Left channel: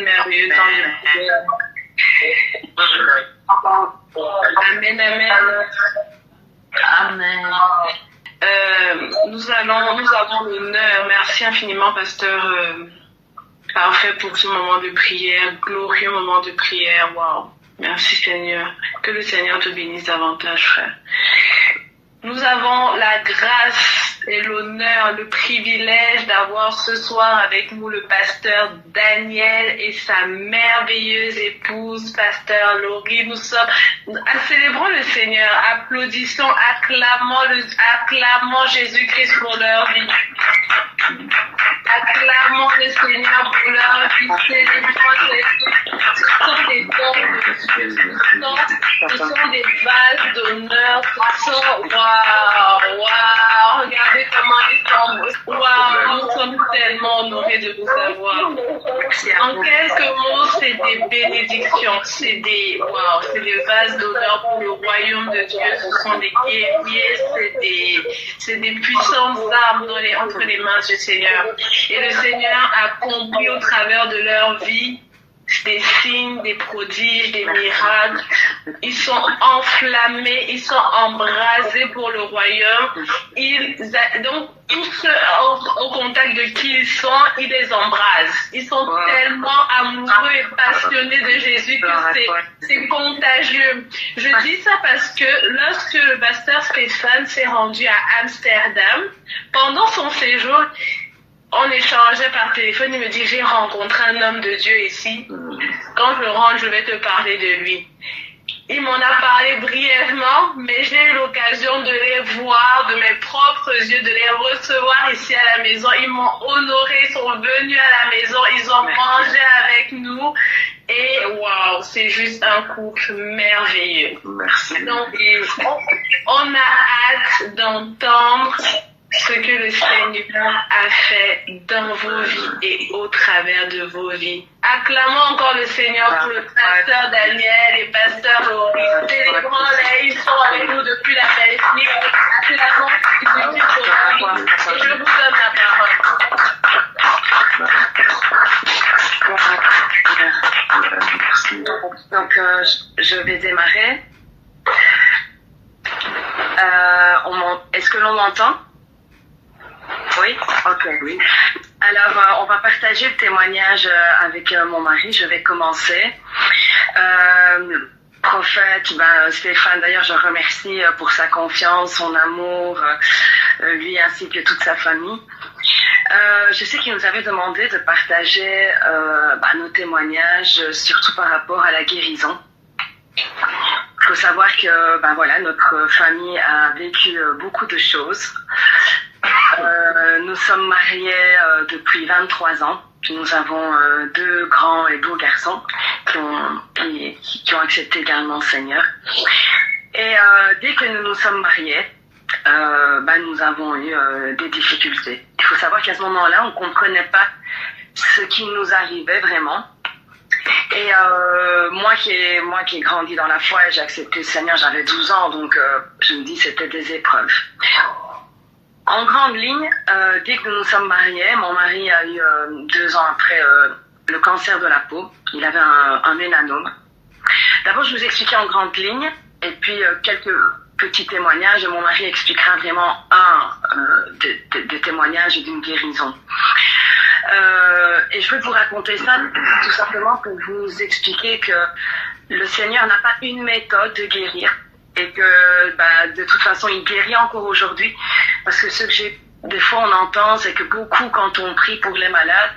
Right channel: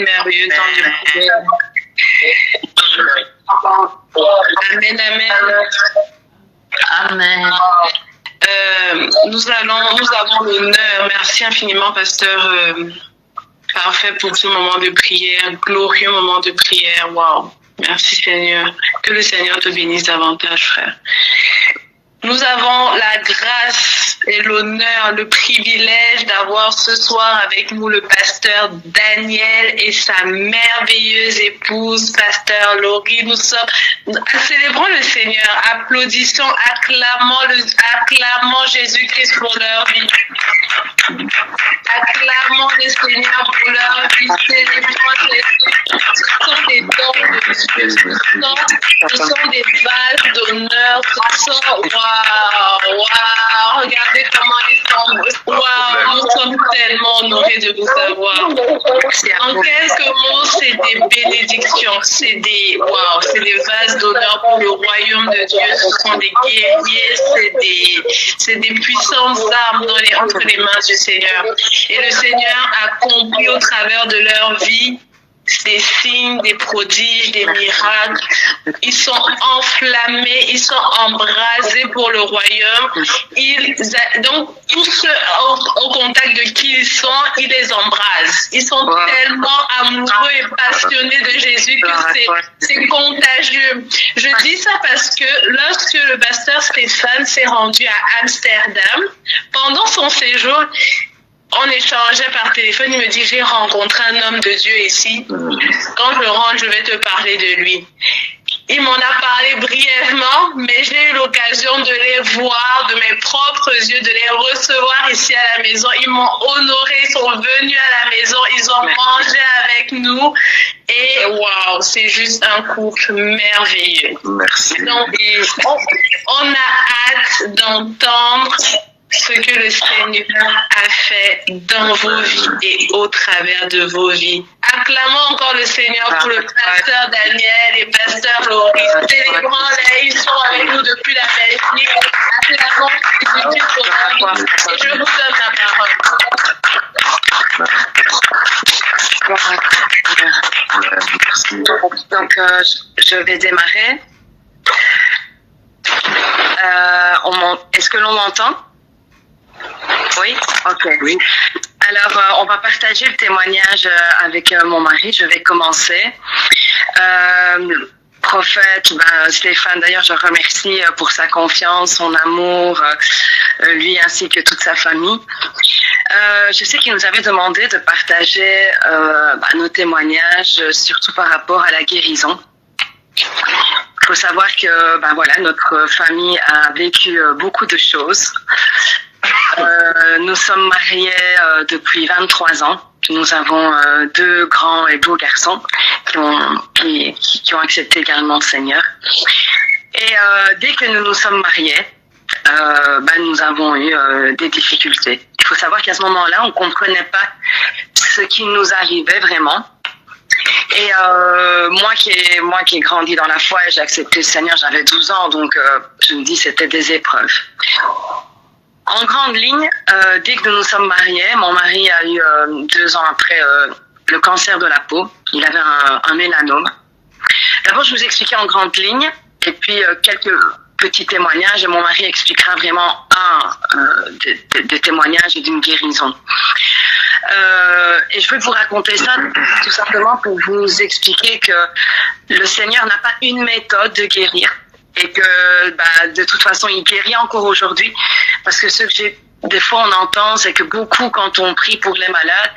quel merveilleux temps de prière. Amen, amen. Amen. Nous avons l'honneur, merci infiniment, pasteur Parfait, pour ce moment de prière, glorieux moment de prière. Waouh, merci Seigneur. Que le Seigneur te bénisse davantage, frère. Nous avons la grâce et l'honneur, le privilège d'avoir ce soir avec nous le pasteur Daniel et sa merveilleuse épouse, pasteur Laurie. Nous célébrons le Seigneur, applaudissons, acclamons Jésus-Christ pour leur vie. Acclamons le Seigneur pour leur vie, célébrons Jésus. Ce sont des dons de Dieu, ce sont des vases d'honneur, ce sont, waouh, regardez comment ils sont, waouh, nous sommes tellement honorés de vous avoir. En quelques mots, c'est des bénédictions, c'est des vases d'honneur pour le royaume de Dieu, ce sont des guerriers, c'est des puissantes armes entre les mains du Seigneur. Et le Seigneur accomplit au travers de leur vie des signes, des prodiges, des miracles. Ils sont enflammés, ils sont embrasés pour le royaume. Donc, tous ceux au contact de qui ils sont, ils les embrasent. Ils sont tellement amoureux et passionnés de Jésus que c'est contagieux. Je dis ça parce que lorsque le pasteur Stéphane s'est rendu à Amsterdam, pendant son séjour, on échangeait par téléphone, il me dit, j'ai rencontré un homme de Dieu ici. Quand je rentre, je vais te parler de lui. Il m'en a parlé brièvement, mais j'ai eu l'occasion de les voir de mes propres yeux, de les recevoir ici à la maison. Ils m'ont honoré, ils sont venus à la maison, ils ont mangé avec nous. Et waouh, c'est juste un couple merveilleux. Merci. Donc, on a hâte d'entendre ce que le Seigneur a fait dans vos vies et au travers de vos vies. Acclamons encore le Seigneur pour le pasteur Daniel et pasteur Laurie. Célébrons-les, ils sont avec nous depuis la Belgique. Acclamons Jésus pour leur vie. Et je vous donne la parole. Donc, je vais démarrer. Est-ce que l'on m'entend? Oui, ok. Oui. Alors, on va partager le témoignage avec mon mari. Je vais commencer. Prophète, Stéphane, d'ailleurs, je remercie pour sa confiance, son amour, lui ainsi que toute sa famille. Je sais qu'il nous avait demandé de partager nos témoignages, surtout par rapport à la guérison. Il faut savoir que notre famille a vécu beaucoup de choses. Nous sommes mariés depuis 23 ans. Nous avons 2 grands et beaux garçons qui ont accepté également le Seigneur. Et dès que nous nous sommes mariés, nous avons eu des difficultés. Il faut savoir qu'à ce moment-là, on ne comprenait pas ce qui nous arrivait vraiment. Et moi qui ai grandi dans la foi et j'ai accepté le Seigneur, j'avais 12 ans, donc je me dis c'était des épreuves. En grande ligne, dès que nous nous sommes mariés, mon mari a eu 2 ans après le cancer de la peau. Il avait un mélanome. D'abord, je vous expliquais en grande ligne, et puis quelques petits témoignages, et mon mari expliquera vraiment des témoignages d'une guérison. Et je veux vous raconter ça tout simplement pour vous expliquer que le Seigneur n'a pas une méthode de guérir. Et que de toute façon, il guérit encore aujourd'hui. Parce que des fois on entend, c'est que beaucoup, quand on prie pour les malades,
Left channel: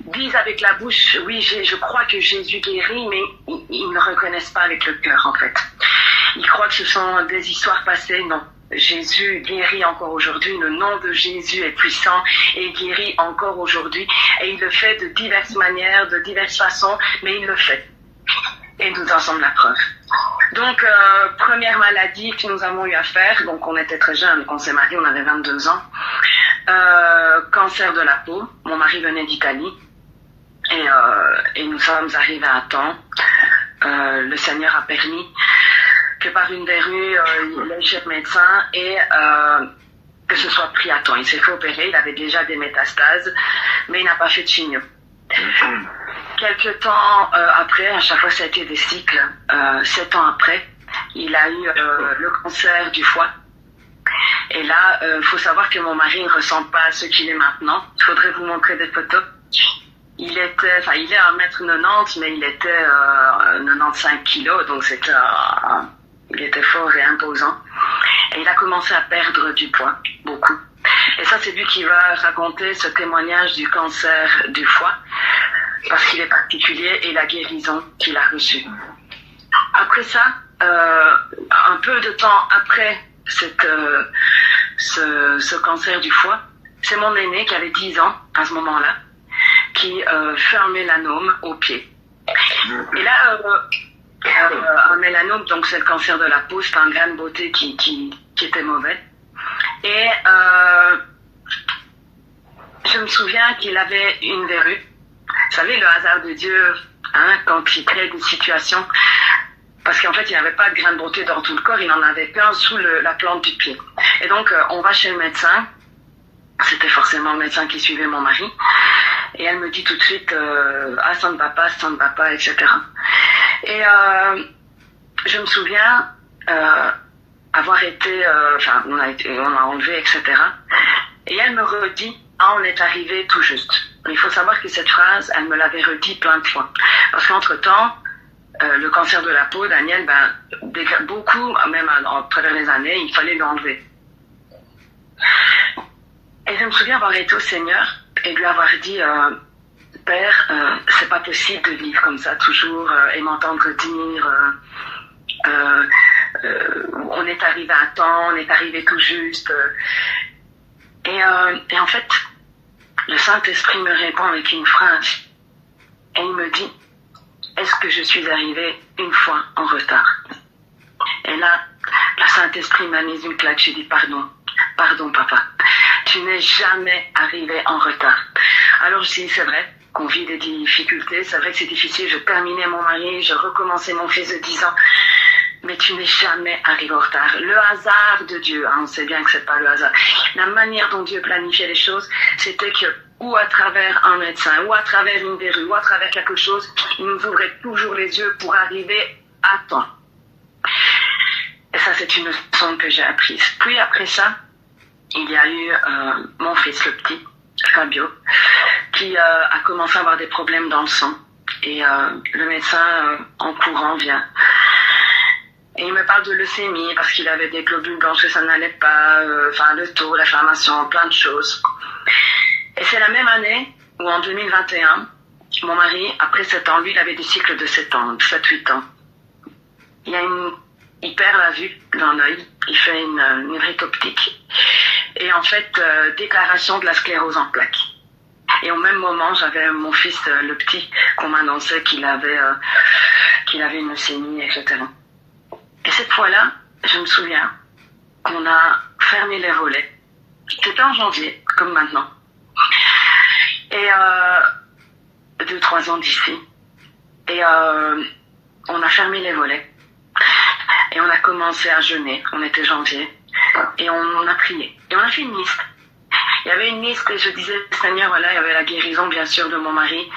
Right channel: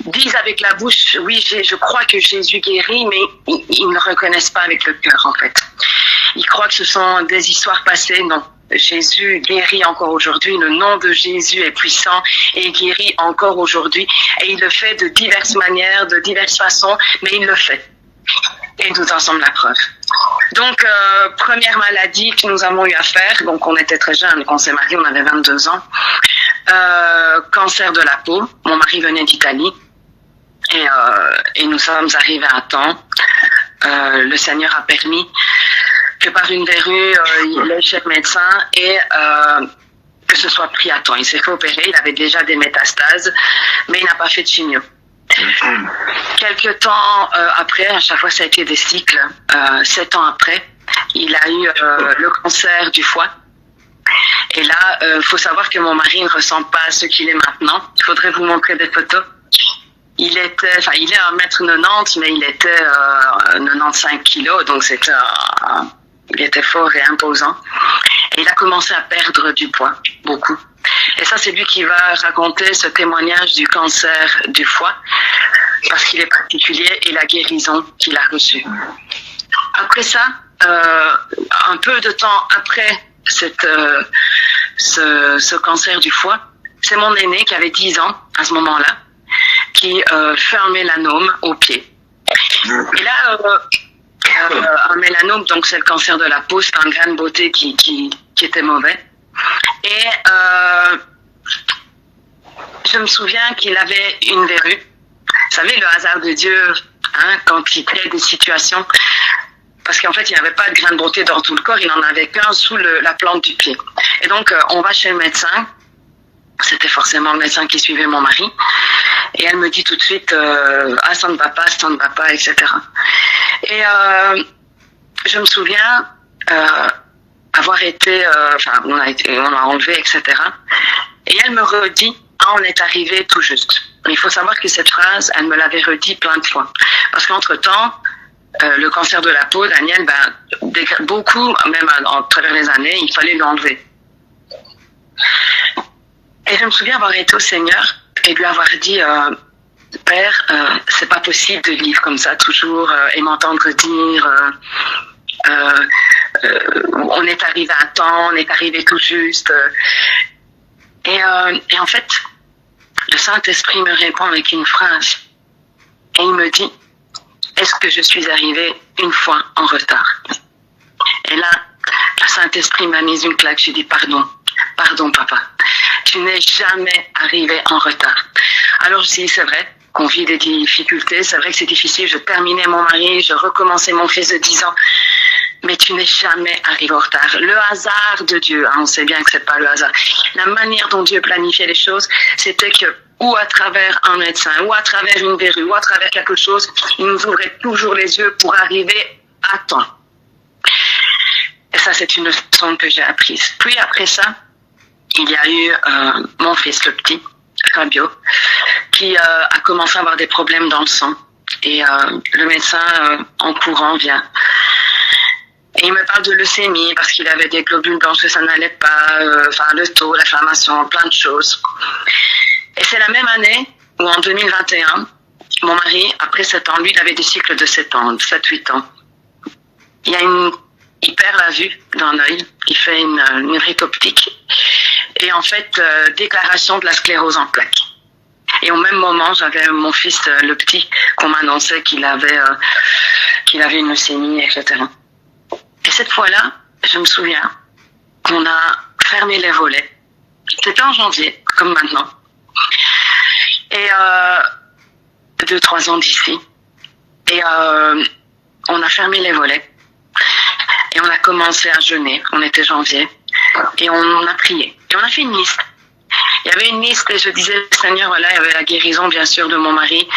disent avec la bouche, oui, je crois que Jésus guérit, mais ils ne reconnaissent pas avec le cœur, en fait. Ils croient que ce sont des histoires passées. Non, Jésus guérit encore aujourd'hui. Le nom de Jésus est puissant et il guérit encore aujourd'hui. Et il le fait de diverses manières, de diverses façons, mais il le fait. Et nous en sommes la preuve. Donc, première maladie que nous avons eu à faire, donc on était très jeunes, quand on s'est mariés, on avait 22 ans. Cancer de la peau, mon mari venait d'Italie et nous sommes arrivés à temps. Le Seigneur a permis que par une verrue, il ait chez le médecin et que ce soit pris à temps. Il s'est fait opérer, il avait déjà des métastases, mais il n'a pas fait de chimio. quelque temps après, à chaque fois ça a été des cycles, 7 ans après, il a eu le cancer du foie. Et là, faut savoir que mon mari ne ressemble pas à ce qu'il est maintenant. Il faudrait vous montrer des photos. Il est à 1m90, mais il était 95 kilos, donc il était fort et imposant. Et il a commencé à perdre du poids, beaucoup. Et ça, c'est lui qui va raconter ce témoignage du cancer du foie, parce qu'il est particulier, et la guérison qu'il a reçue. Après ça, un peu de temps après ce cancer du foie, c'est mon aîné qui avait 10 ans à ce moment-là, qui fait un mélanome au pied. Et là, un mélanome, donc c'est le cancer de la peau, c'est un grain de beauté qui était mauvais. Et je me souviens qu'il avait une verrue. Vous savez, le hasard de Dieu, hein, quand il crée des situations, parce qu'en fait, il n'avait pas de grain de beauté dans tout le corps, il n'en avait qu'un sous la plante du pied. Et donc, on va chez le médecin. C'était forcément le médecin qui suivait mon mari. Et elle me dit tout de suite, ah, ça ne va pas, etc. Et je me souviens avoir été, on a enlevé, etc. Et elle me redit, ah, on est arrivé tout juste. Mais il faut savoir que cette phrase, elle me l'avait redit plein de fois. Parce qu'entre-temps, le cancer de la peau, Daniel, beaucoup, même à travers les années, il fallait l'enlever. Et je me souviens avoir été au Seigneur et lui avoir dit, Père, c'est pas possible de vivre comme ça toujours et m'entendre dire, on est arrivé à temps, on est arrivé tout juste. Et en fait, le Saint-Esprit me répond avec une phrase. Et il me dit, est-ce que je suis arrivée une fois en retard? Et là, le Saint-Esprit m'a mis une claque. J'ai dit, pardon, papa. Tu n'es jamais arrivé en retard. Alors je dis, c'est vrai qu'on vit des difficultés, c'est vrai que c'est difficile. Je terminais mon mari, je recommençais mon fils de 10 ans. Mais tu n'es jamais arrivé en retard. Le hasard de Dieu, hein, on sait bien que c'est pas le hasard. La manière dont Dieu planifiait les choses, c'était que, ou à travers un médecin, ou à travers une verrue, ou à travers quelque chose, il nous ouvrait toujours les yeux pour arriver à temps. Et ça, c'est une leçon que j'ai apprise. Puis après ça, il y a eu mon fils, le petit, Fabio, qui a commencé à avoir des problèmes dans le sang. Et le médecin, en courant, vient. Et il me parle de leucémie, parce qu'il avait des globules blancs, que ça n'allait pas, le taux, l'inflammation, plein de choses. Et c'est la même année où, en 2021, mon mari, après 7 ans, lui, il avait des cycles de 7 ans, 7-8 ans. Il perd la vue d'un œil, il fait une rite optique. Et en fait, déclaration de la sclérose en plaques. Et au même moment, j'avais mon fils, le petit, qu'on m'annonçait qu'il avait une leucémie, etc. Et cette fois-là, je me souviens qu'on a fermé les volets. C'était en janvier, comme maintenant. Et 2-3 ans d'ici. Et on a fermé les volets. Et on a commencé à jeûner. On était janvier. Et on a prié. Et on a fait une liste. Il y avait une liste et je disais, Seigneur, voilà, il y avait la guérison, bien sûr, de mon mari.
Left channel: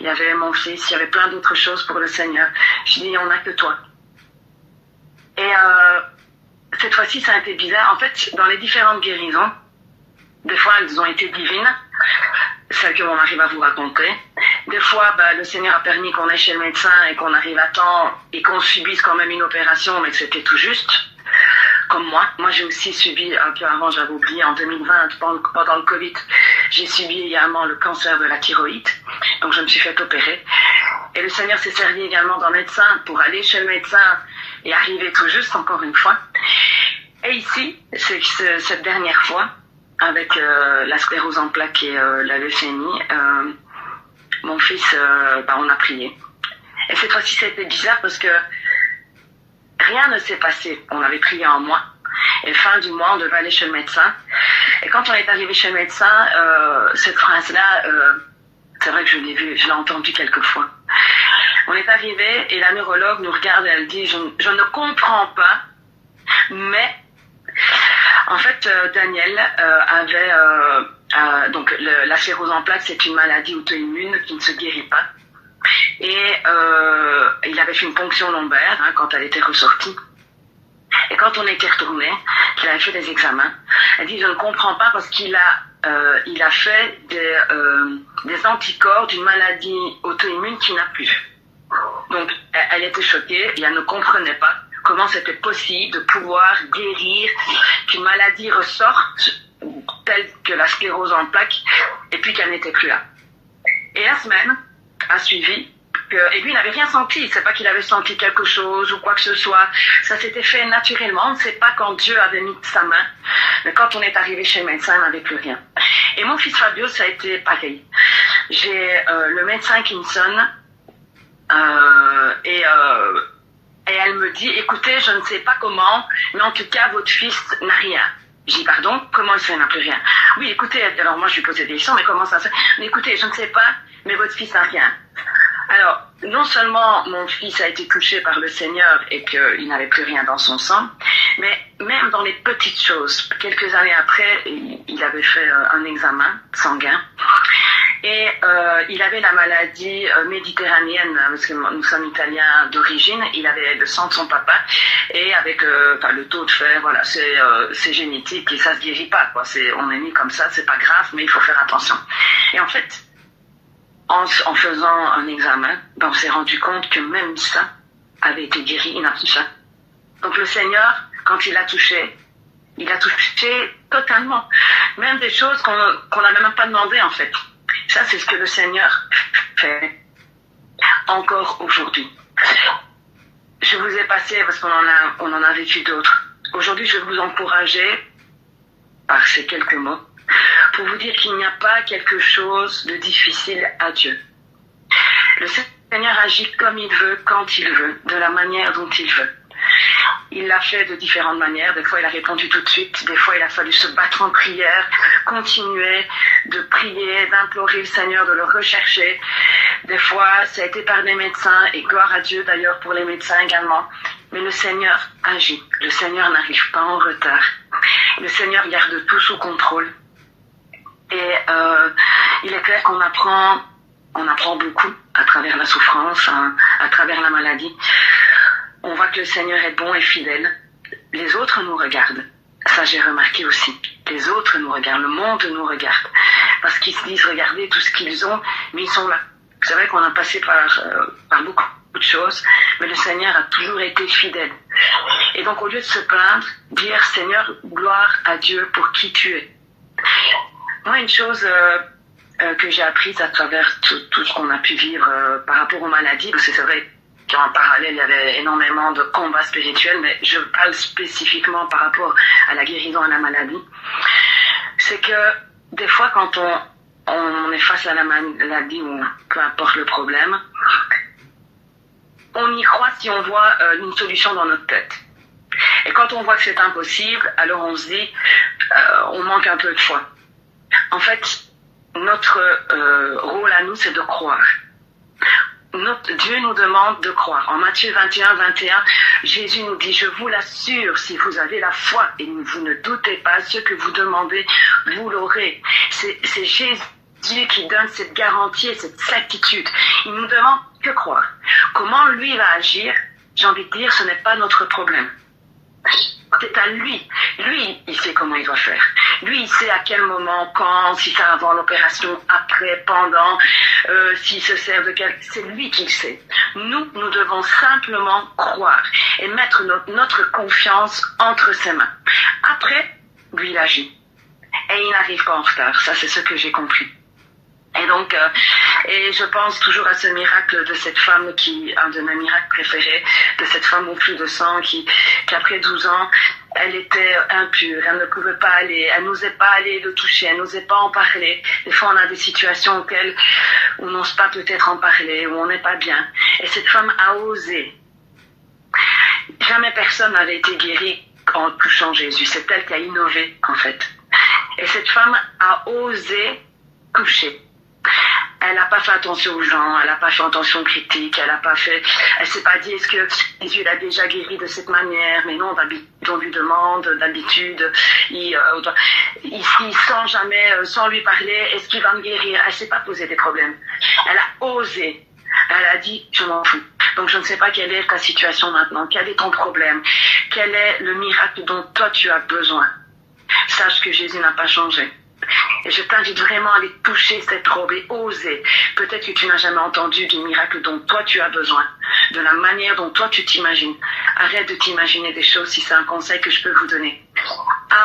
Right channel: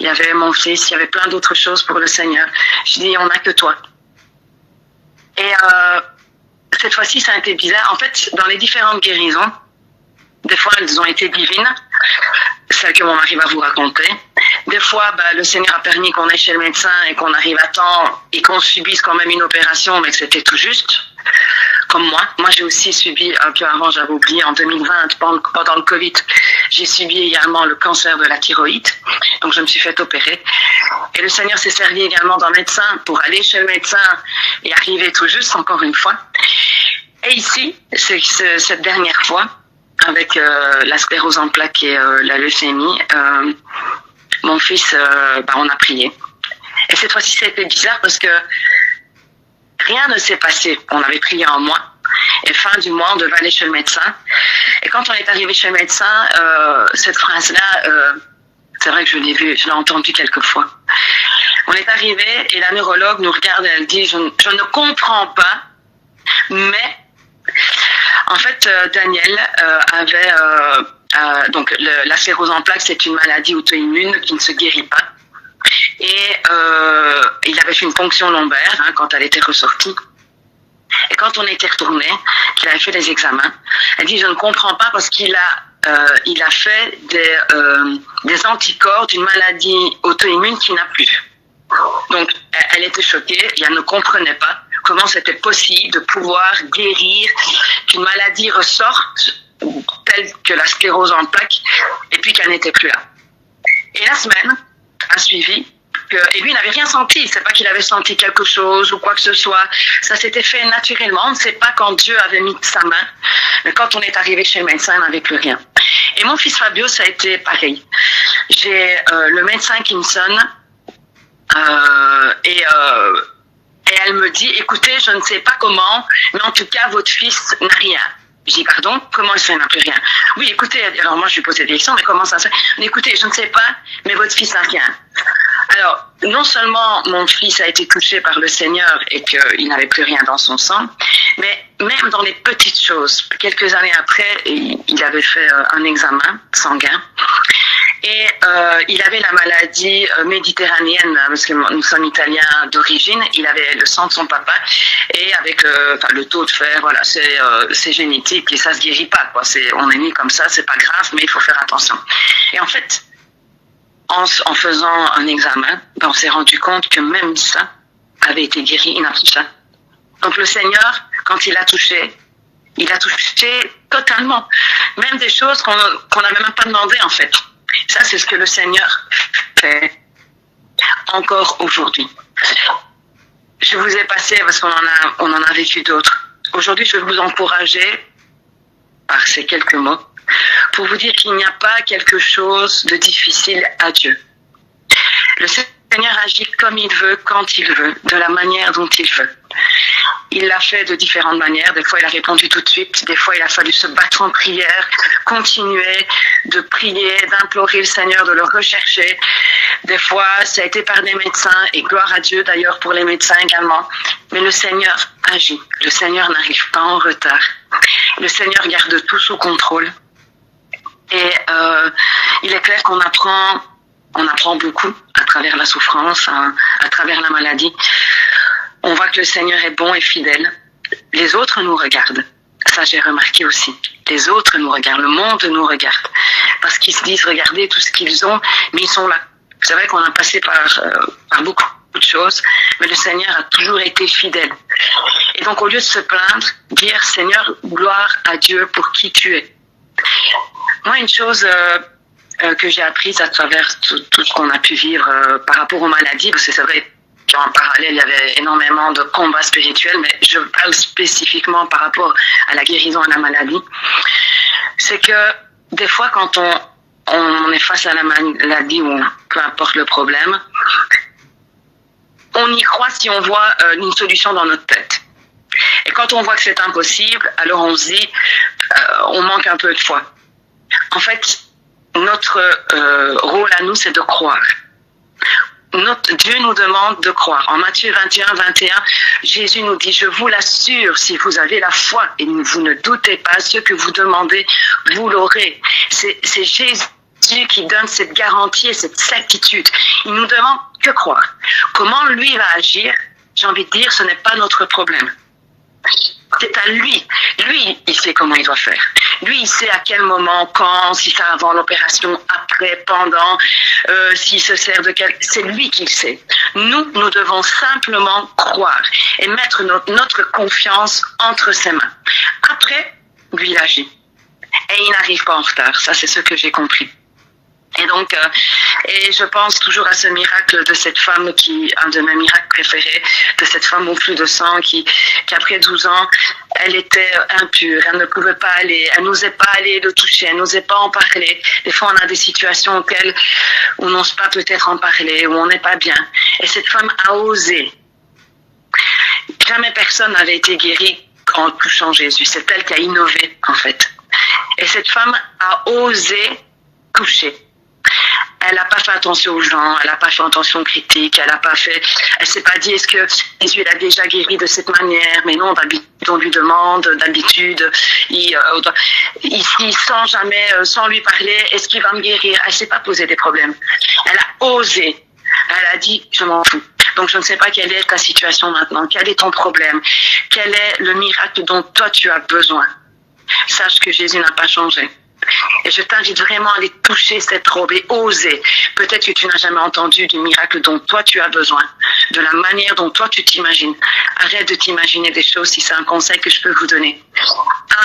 Il y avait mon fils. Il y avait plein d'autres choses pour le Seigneur. Je dis, on n'a que toi. Et cette fois-ci, ça a été bizarre. En fait, dans les différentes guérisons, des fois, elles ont été divines. Celles que mon mari va vous raconter. Des fois, le Seigneur a permis qu'on aille chez le médecin et qu'on arrive à temps et qu'on subisse quand même une opération, mais que c'était tout juste. Comme moi. Moi, j'ai aussi subi, un peu avant, j'avais oublié, en 2020, pendant le Covid, j'ai subi également le cancer de la thyroïde. Donc, je me suis fait opérer. Et le Seigneur s'est servi également d'un médecin pour aller chez le médecin et arriver tout juste, encore une fois. Et ici, c'est cette dernière fois, avec la sclérose en plaques et la leucémie, mon fils, on a prié. Et cette fois-ci, ça a été bizarre parce que rien ne s'est passé. On avait prié un mois. Et fin du mois, on devait aller chez le médecin. Et quand on est arrivé chez le médecin, cette phrase-là, c'est vrai que je l'ai entendue quelques fois. On est arrivé et la neurologue nous regarde et elle dit, je ne comprends pas, mais en fait, Daniel avait... donc la sclérose en plaques, c'est une maladie auto-immune qui ne se guérit pas. Et il avait fait une ponction lombaire quand elle était ressortie. Et quand on était retourné, qu'il avait fait des examens, elle dit je ne comprends pas parce qu'il a fait des anticorps d'une maladie auto-immune qu'il n'a plus. Donc elle était choquée et elle ne comprenait pas comment c'était possible de pouvoir guérir qu'une maladie ressorte telle que la sclérose en plaques et puis qu'elle n'était plus là. Et la semaine a suivi. Et lui, il n'avait rien senti. C'est pas qu'il avait senti quelque chose ou quoi que ce soit. Ça s'était fait naturellement. On ne sait pas quand Dieu avait mis sa main. Mais quand on est arrivé chez le médecin, il n'avait plus rien. Et mon fils Fabio, ça a été pareil. J'ai le médecin qui me sonne et elle me dit, écoutez, je ne sais pas comment, mais en tout cas, votre fils n'a rien. Je dis, pardon, comment ça n'a plus rien? Oui, écoutez, alors moi je lui posais des questions, mais comment ça se fait? Écoutez, je ne sais pas, mais votre fils n'a rien. Alors, non seulement mon fils a été touché par le Seigneur et qu'il n'avait plus rien dans son sang, mais même dans les petites choses. Quelques années après, il avait fait un examen sanguin et il avait la maladie méditerranéenne, parce que nous sommes italiens d'origine, il avait le sang de son papa et avec le taux de fer, voilà, c'est génétique et ça se guérit pas, quoi. On est né comme ça, c'est pas grave, mais il faut faire attention. Et en fait, en faisant un examen, on s'est rendu compte que même ça avait été guéri, il n'a plus ça. Donc le Seigneur, quand il a touché totalement. Même des choses qu'on n'avait même pas demandé en fait. Ça, c'est ce que le Seigneur fait encore aujourd'hui. Je vous ai passé, parce qu'on en a vécu d'autres. Aujourd'hui, je vais vous encourager par ces quelques mots pour vous dire qu'il n'y a pas quelque chose de difficile à Dieu. Le Seigneur agit comme il veut, quand il veut, de la manière dont il veut. Il l'a fait de différentes manières. Des fois, il a répondu tout de suite. Des fois, il a fallu se battre en prière, continuer de prier, d'implorer le Seigneur, de le rechercher. Des fois, ça a été par des médecins, et gloire à Dieu d'ailleurs pour les médecins également. Mais le Seigneur agit. Le Seigneur n'arrive pas en retard. Le Seigneur garde tout sous contrôle. Et il est clair qu'on apprend beaucoup à travers la souffrance, à travers la maladie. On voit que le Seigneur est bon et fidèle. Les autres nous regardent. Ça, j'ai remarqué aussi. Les autres nous regardent. Le monde nous regarde. Parce qu'ils se disent, regardez tout ce qu'ils ont, mais ils sont là. C'est vrai qu'on a passé par beaucoup de choses, mais le Seigneur a toujours été fidèle. Et donc, au lieu de se plaindre, dire, Seigneur, gloire à Dieu pour qui tu es. Moi, une chose que j'ai apprise à travers tout ce qu'on a pu vivre par rapport aux maladies, parce que c'est vrai qu'en parallèle, il y avait énormément de combats spirituels, mais je parle spécifiquement par rapport à la guérison et à la maladie, c'est que des fois, quand on est face à la maladie ou peu importe le problème, on y croit si on voit une solution dans notre tête. Et quand on voit que c'est impossible, alors on se dit, on manque un peu de foi. En fait, notre rôle à nous, c'est de croire. Dieu nous demande de croire. En Matthieu 21, Jésus nous dit, je vous l'assure, si vous avez la foi et vous ne doutez pas, ce que vous demandez, vous l'aurez. C'est Jésus qui donne cette garantie et cette certitude. Il nous demande que croire. Comment lui va agir, j'ai envie de dire, ce n'est pas notre problème. C'est à lui. Lui, il sait comment il doit faire. Lui, il sait à quel moment, quand, si c'est avant l'opération, après, pendant, s'il se sert de quel... C'est lui qui le sait. Nous devons simplement croire et mettre notre confiance entre ses mains. Après, lui, il agit. Et il n'arrive pas en retard. Ça, c'est ce que j'ai compris. Et donc, et je pense toujours à ce miracle de cette femme un de mes miracles préférés, de cette femme au flux de sang qu'après 12 ans, elle était impure, elle ne pouvait pas aller, elle n'osait pas aller le toucher, elle n'osait pas en parler. Des fois, on a des situations auxquelles on n'ose pas peut-être en parler, où on n'est pas bien. Et cette femme a osé. Jamais personne n'avait été guéri en touchant Jésus. C'est elle qui a innové, en fait. Et cette femme a osé toucher. Elle n'a pas fait attention aux gens, elle n'a pas fait attention aux critiques, elle s'est pas dit est-ce que Jésus l'a déjà guéri de cette manière, mais non, on lui demande d'habitude, il sent jamais, sans lui parler, est-ce qu'il va me guérir? Elle s'est pas posé des problèmes. Elle a osé Elle a dit, je m'en fous. Donc je ne sais pas quelle est ta situation maintenant, quel est ton problème, quel est le miracle dont toi tu as besoin. Sache que Jésus n'a pas changé. Et je t'invite vraiment à aller toucher cette robe et oser. Peut-être que tu n'as jamais entendu du miracle dont toi tu as besoin, de la manière dont toi tu t'imagines. Arrête de t'imaginer des choses si c'est un conseil que je peux vous donner.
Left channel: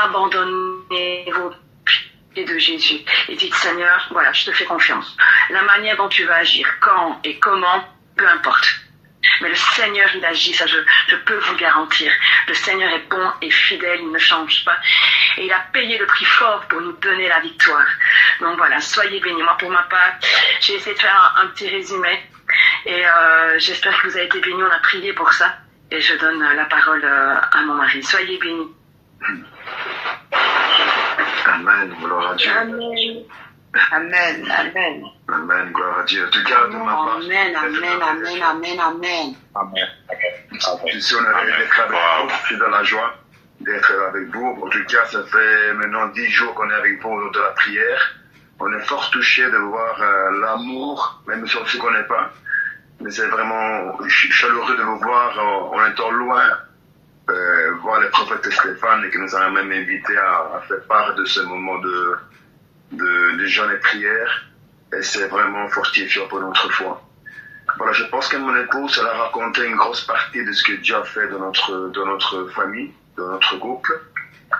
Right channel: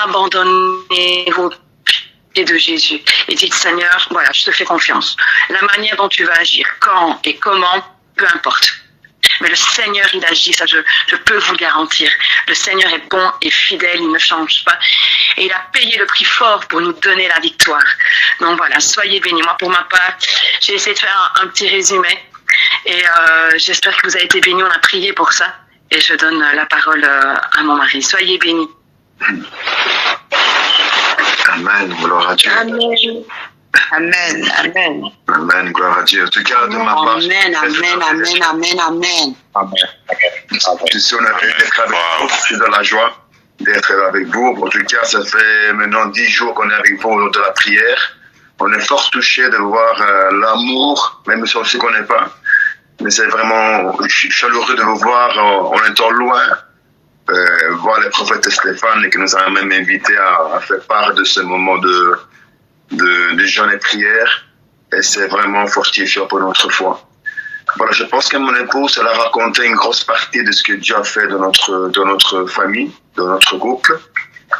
Abandonnez-vous de Jésus et dites Seigneur, voilà, je te fais confiance. La manière dont tu vas agir, quand et comment, peu importe. Mais le Seigneur, il agit, ça je peux vous le garantir. Le Seigneur est bon et fidèle, il ne change pas. Et il a payé le prix fort pour nous donner la victoire. Donc voilà, soyez bénis. Moi, pour ma part, j'ai essayé de faire un petit résumé. Et j'espère que vous avez été bénis, on a prié pour ça. Et je donne la parole à mon mari. Soyez bénis. Amen, gloire à Dieu. Amen. Amen. Amen. Amen, gloire à Dieu. En tout cas, de ma part, Amen. Amen. Amen. Amen. Amen. je suis honoré d'être avec vous. Je suis dans la joie d'être avec vous. En tout cas, ça fait maintenant 10 jours qu'on est avec vous lors de la prière. On est fort touché de voir l'amour, même si on ne se connaît pas. Mais c'est vraiment, je suis chaleureux de vous voir en étant loin. Voir le prophète Stéphane qui nous a même invités à faire part de ce moment de jeûne et prière. Et c'est vraiment fortifiant pour notre foi. Voilà, je pense que mon épouse, elle a raconté une grosse partie de ce que Dieu a fait de notre famille, de notre couple.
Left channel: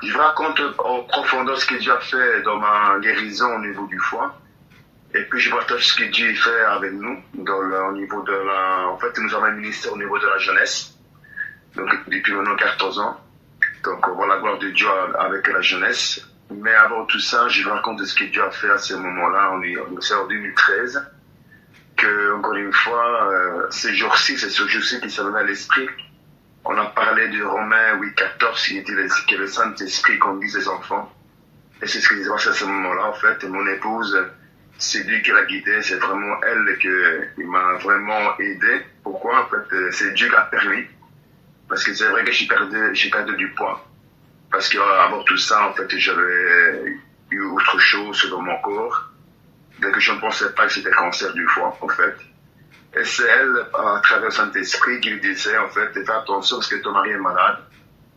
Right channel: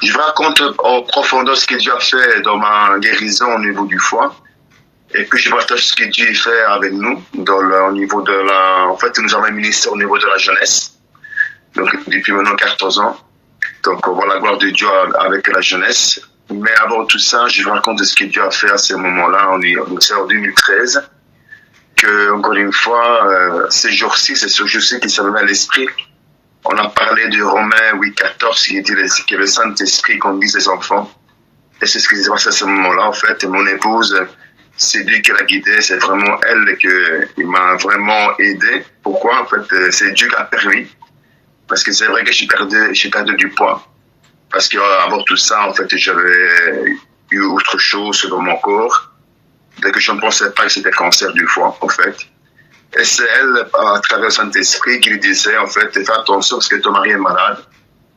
Je vous raconte en profondeur ce que Dieu a fait dans ma guérison au niveau du foie. Et puis je partage ce que Dieu fait avec nous au niveau de en fait, nous avons un ministère au niveau de la jeunesse. Donc depuis maintenant 14 ans. Donc on voit la gloire de Dieu avec la jeunesse. Mais avant tout ça, je vous raconte ce que Dieu a fait à ce moment-là. C'est en 2013 que, encore une fois, ces jours-ci, c'est ce jour-ci qui s'est levé à l'esprit. On a parlé de Romains 8,14 qui dit que le Saint-Esprit conduise les enfants. Et c'est ce qui s'est passé à ce moment-là, en fait. Et mon épouse, c'est lui qui l'a guidée. C'est vraiment elle qui m'a vraiment aidé. Pourquoi? En fait, c'est Dieu qui a permis. Parce que c'est vrai que j'ai perdu du poids. Parce qu'avant tout ça, en fait, j'avais eu autre chose dans mon corps. Dès que je ne pensais pas que c'était cancer du foie, en fait. Et c'est elle, à travers le Saint-Esprit, qui lui disait, en fait, fais attention parce que ton mari est malade.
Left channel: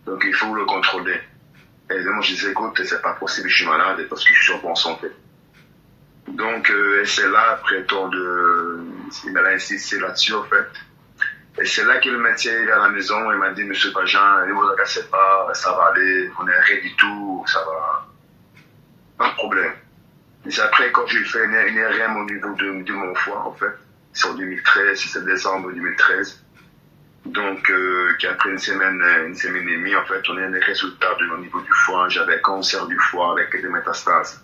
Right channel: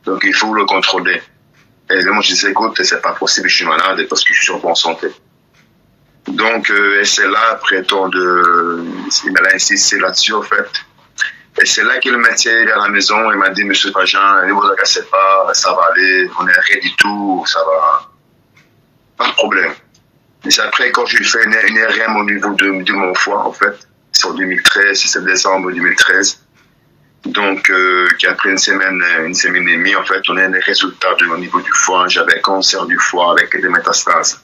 Donc, il faut le contrôler. Et moi, je disais, écoute, c'est pas possible, je suis malade parce que je suis en bonne santé. Donc, et c'est là, après tant il m'a insisté là-dessus, en fait. Et c'est là que le médecin est à la maison et m'a dit, Monsieur Pajan, ne vous agacez pas, ça va aller, on est rien du tout, ça va. Pas de problème. Et c'est après, quand j'ai fait une IRM au niveau de mon foie, en fait, c'est en 2013, c'est décembre 2013. Donc, après une semaine et demie, en fait, on a les résultats au niveau du foie. J'avais cancer du foie avec des métastases.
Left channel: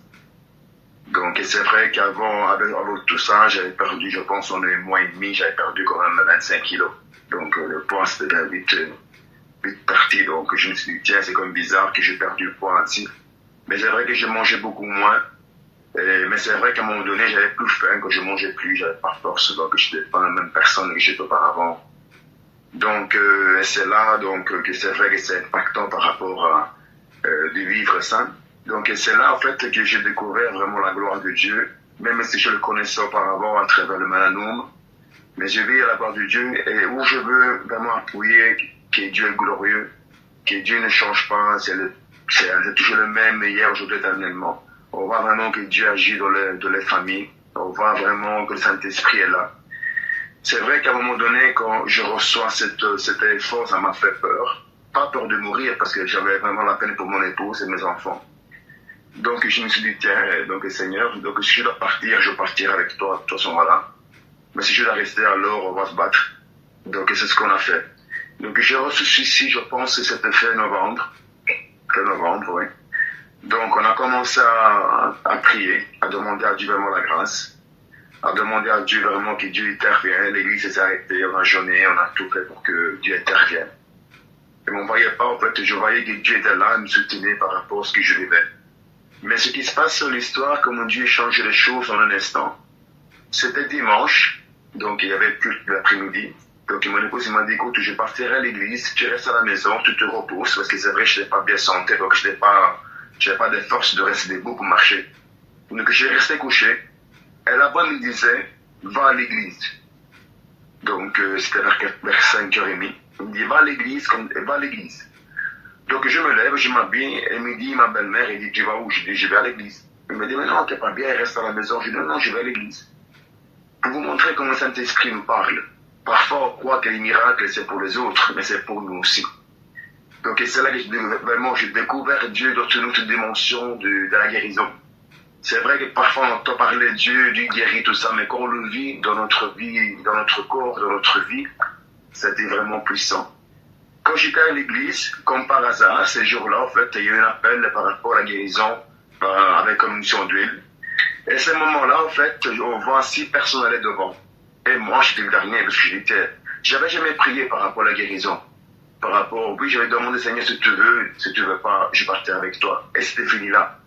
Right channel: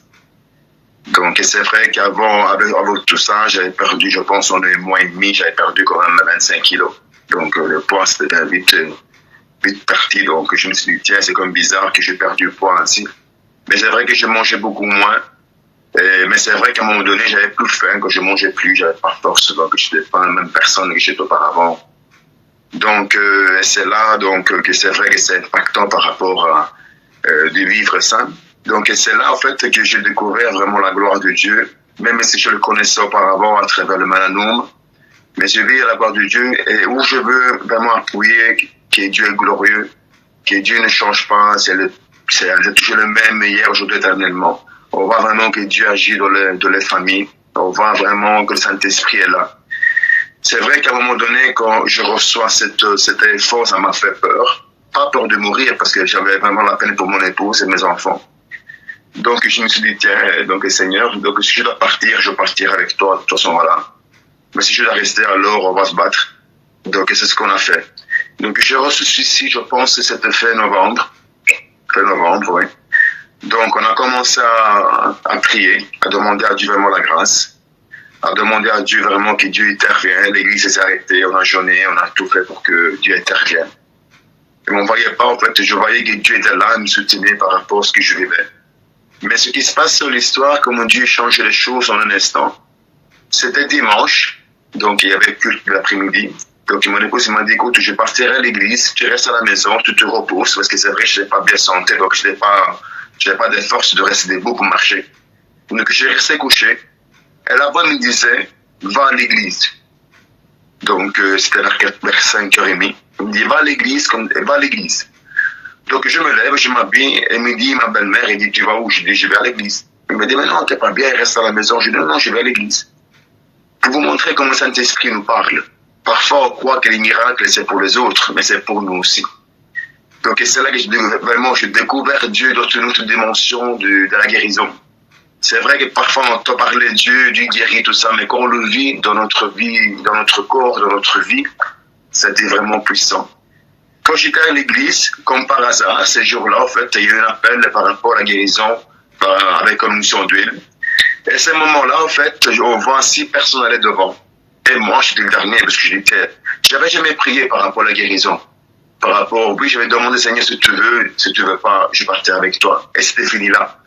Donc, c'est vrai qu'avant, avec tout ça, j'avais perdu, je pense, en un mois et demi, j'avais perdu quand même 25 kilos. Donc, le poids, c'était vite parti. Donc, je me suis dit, tiens, c'est comme bizarre que j'ai perdu le poids ainsi. Mais c'est vrai que je mangeais beaucoup moins. Mais c'est vrai qu'à un moment donné, j'avais plus faim, que je mangeais plus, j'avais pas force, donc je n'étais pas la même personne que j'étais auparavant. Donc, c'est là que c'est vrai que c'est impactant par rapport à de vivre sain. Donc, c'est là, en fait, que j'ai découvert vraiment la gloire de Dieu, même si je le connaissais auparavant à travers le Malanum. Mais je vis la gloire de Dieu et où je veux vraiment appuyer que Dieu est glorieux, que Dieu ne change pas, c'est toujours le même hier, aujourd'hui, éternellement. On voit vraiment que Dieu agit dans les familles. On voit vraiment que le Saint-Esprit est là. C'est vrai qu'à un moment donné, quand je reçois cet effort, ça m'a fait peur. Pas peur de mourir, parce que j'avais vraiment la peine pour mon épouse et mes enfants. Donc je me suis dit, tiens, donc Seigneur, donc si je dois partir, je partirai avec toi, de toute façon, voilà. Mais si je dois rester, alors on va se battre. Donc c'est ce qu'on a fait. Donc j'ai reçu ceci, je pense que c'était fin novembre. Fin novembre, oui. Donc on a commencé à prier, à demander à Dieu vraiment la grâce, à demander à Dieu vraiment que Dieu intervienne. L'église s'est arrêtée, on a jeûné, on a tout fait pour que Dieu intervienne. Et on ne voyait pas, en fait, je voyais que Dieu était là, me soutenait par rapport à ce que je vivais. Mais ce qui se passe sur l'histoire, comment Dieu change les choses en un instant, c'était dimanche, donc il y avait culte l'après-midi. Donc mon épouse m'a dit, écoute, je partirai à l'église, tu restes à la maison, tu te reposes, parce que c'est vrai que je n'étais pas bien santé, donc je n'avais pas de force de rester debout pour marcher. Donc j'ai resté couché. Et la voix me disait, va à l'église. Donc, c'était vers 5h30. Il me dit, va à l'église, va à l'église. Donc, je me lève, je m'habille, et me dit, ma belle-mère, elle dit, tu vas où? Je dis, je vais à l'église. Il me dit, mais non, t'es pas bien, reste à la maison. Je dis, non, je vais à l'église. Pour vous montrer comment le Saint-Esprit nous parle. Parfois, on croit que les miracles, c'est pour les autres, mais c'est pour nous aussi. Donc, c'est là que j'ai découvert Dieu dans une autre dimension de la guérison. C'est vrai que parfois, on entend parler de Dieu, Dieu guérit, tout ça, mais quand on le vit dans notre vie, dans notre corps, dans notre vie, c'était vraiment puissant. Quand j'étais à l'église, comme par hasard, ces jours-là, en fait, il y a eu un appel par rapport à la guérison avec une mission d'huile. Et à ce moment-là, en fait, on voit 6 personnes aller devant. Et moi, j'étais le dernier parce que j'avais jamais prié par rapport à la guérison. Par rapport, oui, j'avais demandé, Seigneur, si tu veux pas, je partais avec toi. Et c'était fini là.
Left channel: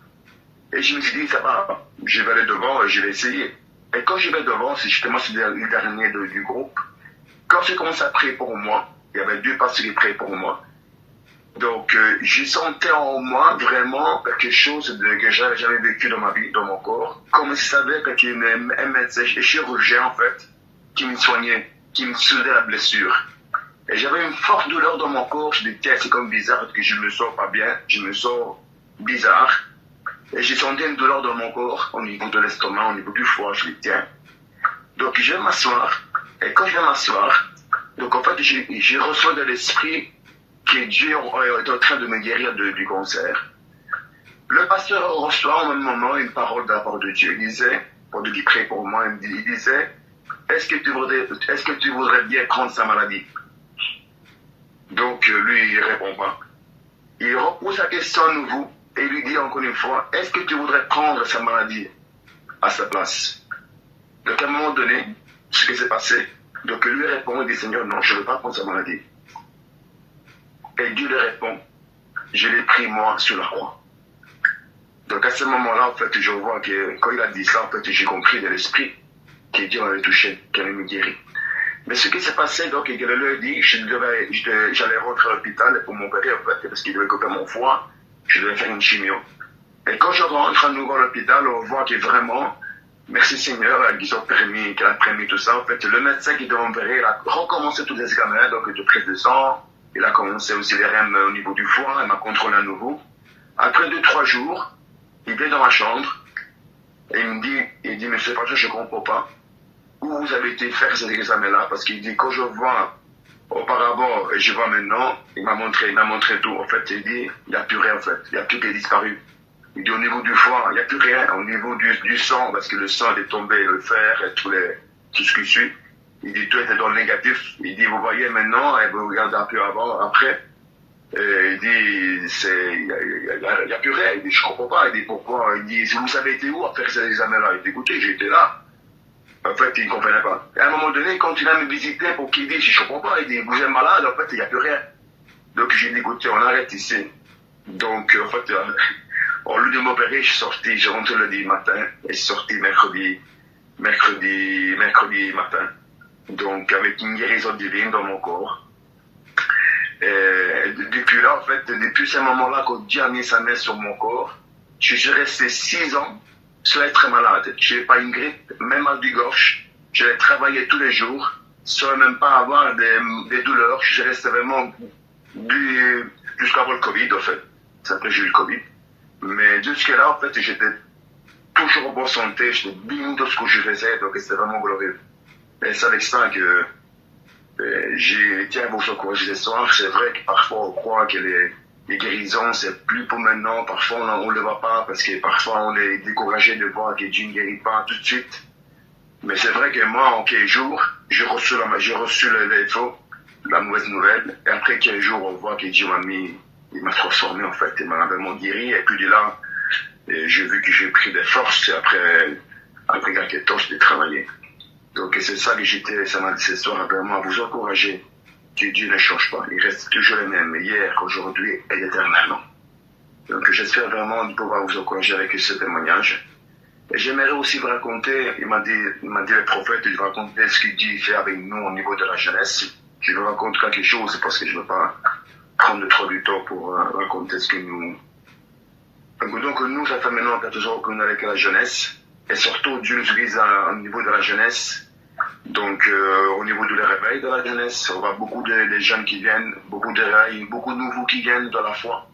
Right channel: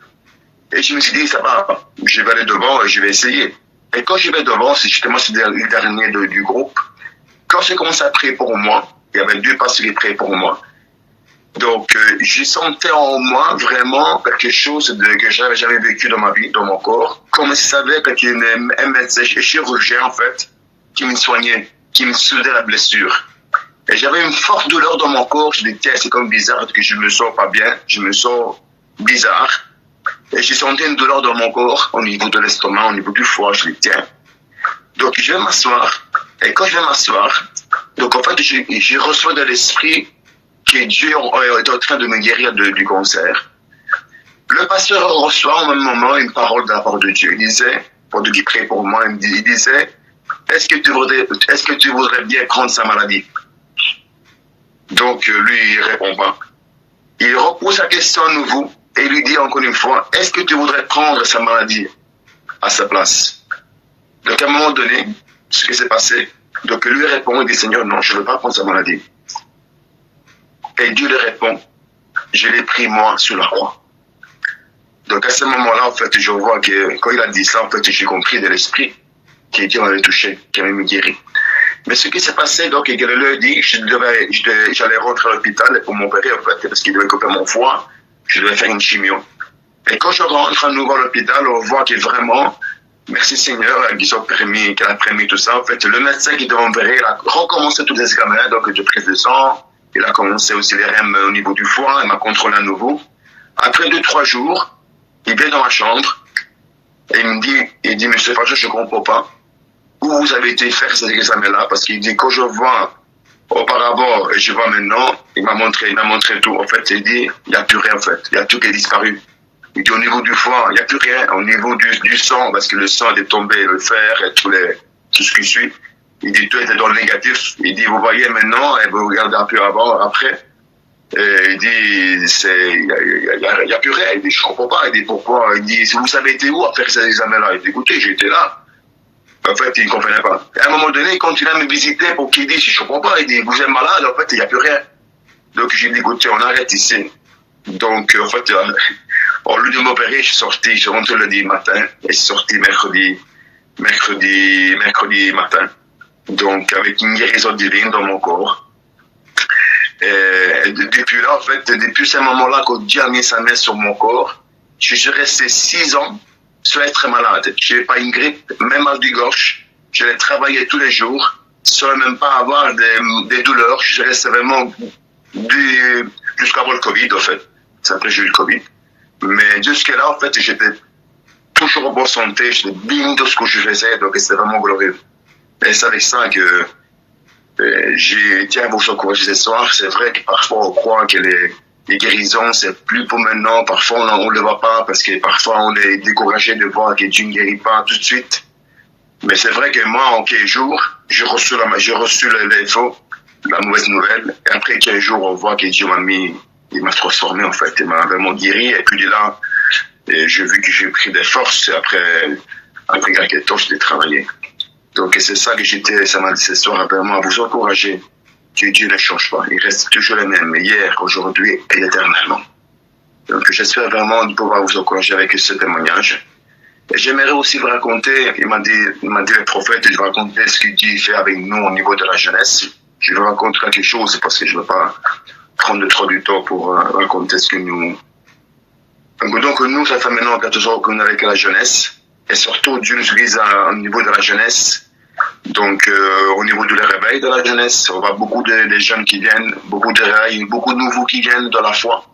Et je me suis dit, ça va, je vais aller devant et je vais essayer. Et quand je vais devant, c'est justement le dernier du groupe. Quand j'ai commencé à prier pour moi, il y avait 2 pasteurs qui priaient pour moi. Donc, je sentais en moi vraiment quelque chose que j'avais jamais vécu dans ma vie, dans mon corps. Comme si ça savait qu'il y avait un médecin chirurgien, en fait, qui me soignait, qui me soudait la blessure. Et j'avais une forte douleur dans mon corps. Je me dis, tiens, c'est comme bizarre que je me sens pas bien, je me sens bizarre. Et j'ai senti une douleur dans mon corps, au niveau de l'estomac, au niveau du foie. Je me dis, tiens. Donc, je vais m'asseoir. Et quand je vais m'asseoir, donc en fait, je reçois de l'esprit que Dieu est en train de me guérir du cancer. Le pasteur reçoit au même moment une parole de la part de Dieu. Il disait, pendant qu'il priait pour moi, il disait, est-ce que tu voudrais bien prendre sa maladie? Donc, lui, il répond pas. Il repose la question à nouveau et lui dit encore une fois, est-ce que tu voudrais prendre sa maladie à sa place? Donc, à un moment donné, ce qui s'est passé, donc lui répond, il dit, Seigneur, non, je ne veux pas prendre sa maladie. Et Dieu lui répond, je l'ai pris moi sur la croix. Donc, à ce moment-là, en fait, je vois que quand il a dit ça, en fait, j'ai compris de l'esprit que Dieu m'avait touché, qu'il m'avait guéri. Mais ce qui s'est passé, donc, il leur dit, j'allais rentrer à l'hôpital pour m'opérer, en fait, parce qu'il devait couper mon foie, je devais faire une chimio. Et quand je rentre à nouveau à l'hôpital, on voit que vraiment, merci Seigneur, qu'elle a permis tout ça. En fait, le médecin qui devait m'opérer, il a recommencé tous les examens, donc de prise de sang, il a commencé aussi les REM au niveau du foie, il m'a contrôlé à nouveau. Après 2-3 jours, il vient dans ma chambre, et il dit, Monsieur Facho, je ne comprends pas où vous avez été faire ces examens-là, parce qu'il dit, quand je vois auparavant et je vois maintenant, il m'a montré tout. En fait, il dit, il n'y a plus rien en fait, il y a tout qui est disparu. Il dit, au niveau du foie, il n'y a plus rien. Au niveau du sang, parce que le sang est tombé, le fer et tout ce qui suit. Il dit, tout était dans le négatif. Il dit, vous voyez maintenant, et vous regardez un peu avant, après. Et il dit, il n'y a plus rien. Il dit, je ne comprends pas. Il dit, pourquoi? Il dit, vous avez été où à faire ces examens-là? Il dit, écoutez, j'étais là. En fait, il ne comprenait pas. Et à un moment donné, il continue à me visiter pour qu'il dise, je ne comprends pas. Il dit, vous êtes malade, en fait, il n'y a plus rien. Donc, j'ai dit, écoutez, on arrête ici. Donc, en fait, au lieu de m'opérer, je suis sorti, je rentre le lundi matin, et je suis sorti mercredi matin. Donc, avec une guérison divine dans mon corps. Et depuis là, en fait, depuis ce moment-là, quand Dieu a mis sa main sur mon corps, je suis resté 6 ans sans être malade. Je n'ai pas une grippe, même mal du gorge. Je l'ai travaillé tous les jours, sans même pas avoir des douleurs. Je restais vraiment jusqu'avant le Covid, en fait. C'est après j'ai eu le Covid. Mais jusque-là, en fait, j'étais toujours en bonne santé, j'étais bien dans ce que je faisais, donc c'était vraiment glorieux. Et c'est avec ça que j'ai été à vous encourager ce soir. C'est vrai que parfois on croit que les guérisons, c'est plus pour maintenant. Parfois on ne le voit pas parce que parfois on est découragé de voir que Dieu ne guérit pas tout de suite. Mais c'est vrai que moi, en 15 jours, j'ai reçu l'info, la mauvaise nouvelle. Et après 15 jours, on voit que Dieu il m'a transformé en fait, il m'a vraiment guéri. Et puis de là, j'ai vu que j'ai pris des forces. Et après quelques temps, je l'ai travaillé. Donc c'est ça que ça m'a dit ce soir, vraiment à vous encourager que Dieu ne change pas. Il reste toujours le même, hier, aujourd'hui et éternellement. Donc j'espère vraiment de pouvoir vous encourager avec ce témoignage. Et j'aimerais aussi vous raconter, il m'a dit le prophète, je vais raconter ce que Dieu fait avec nous au niveau de la jeunesse. Je vais raconter quelque chose parce que je ne veux pas prendre trop du temps pour raconter ce que nous... Donc nous, ça fait maintenant 14 ans qu'on est avec la jeunesse. Et surtout, Dieu nous utilise au niveau de la jeunesse Donc, au niveau du réveil de la jeunesse, on voit beaucoup de jeunes qui viennent, beaucoup de réveils, beaucoup de nouveaux qui viennent de la foi.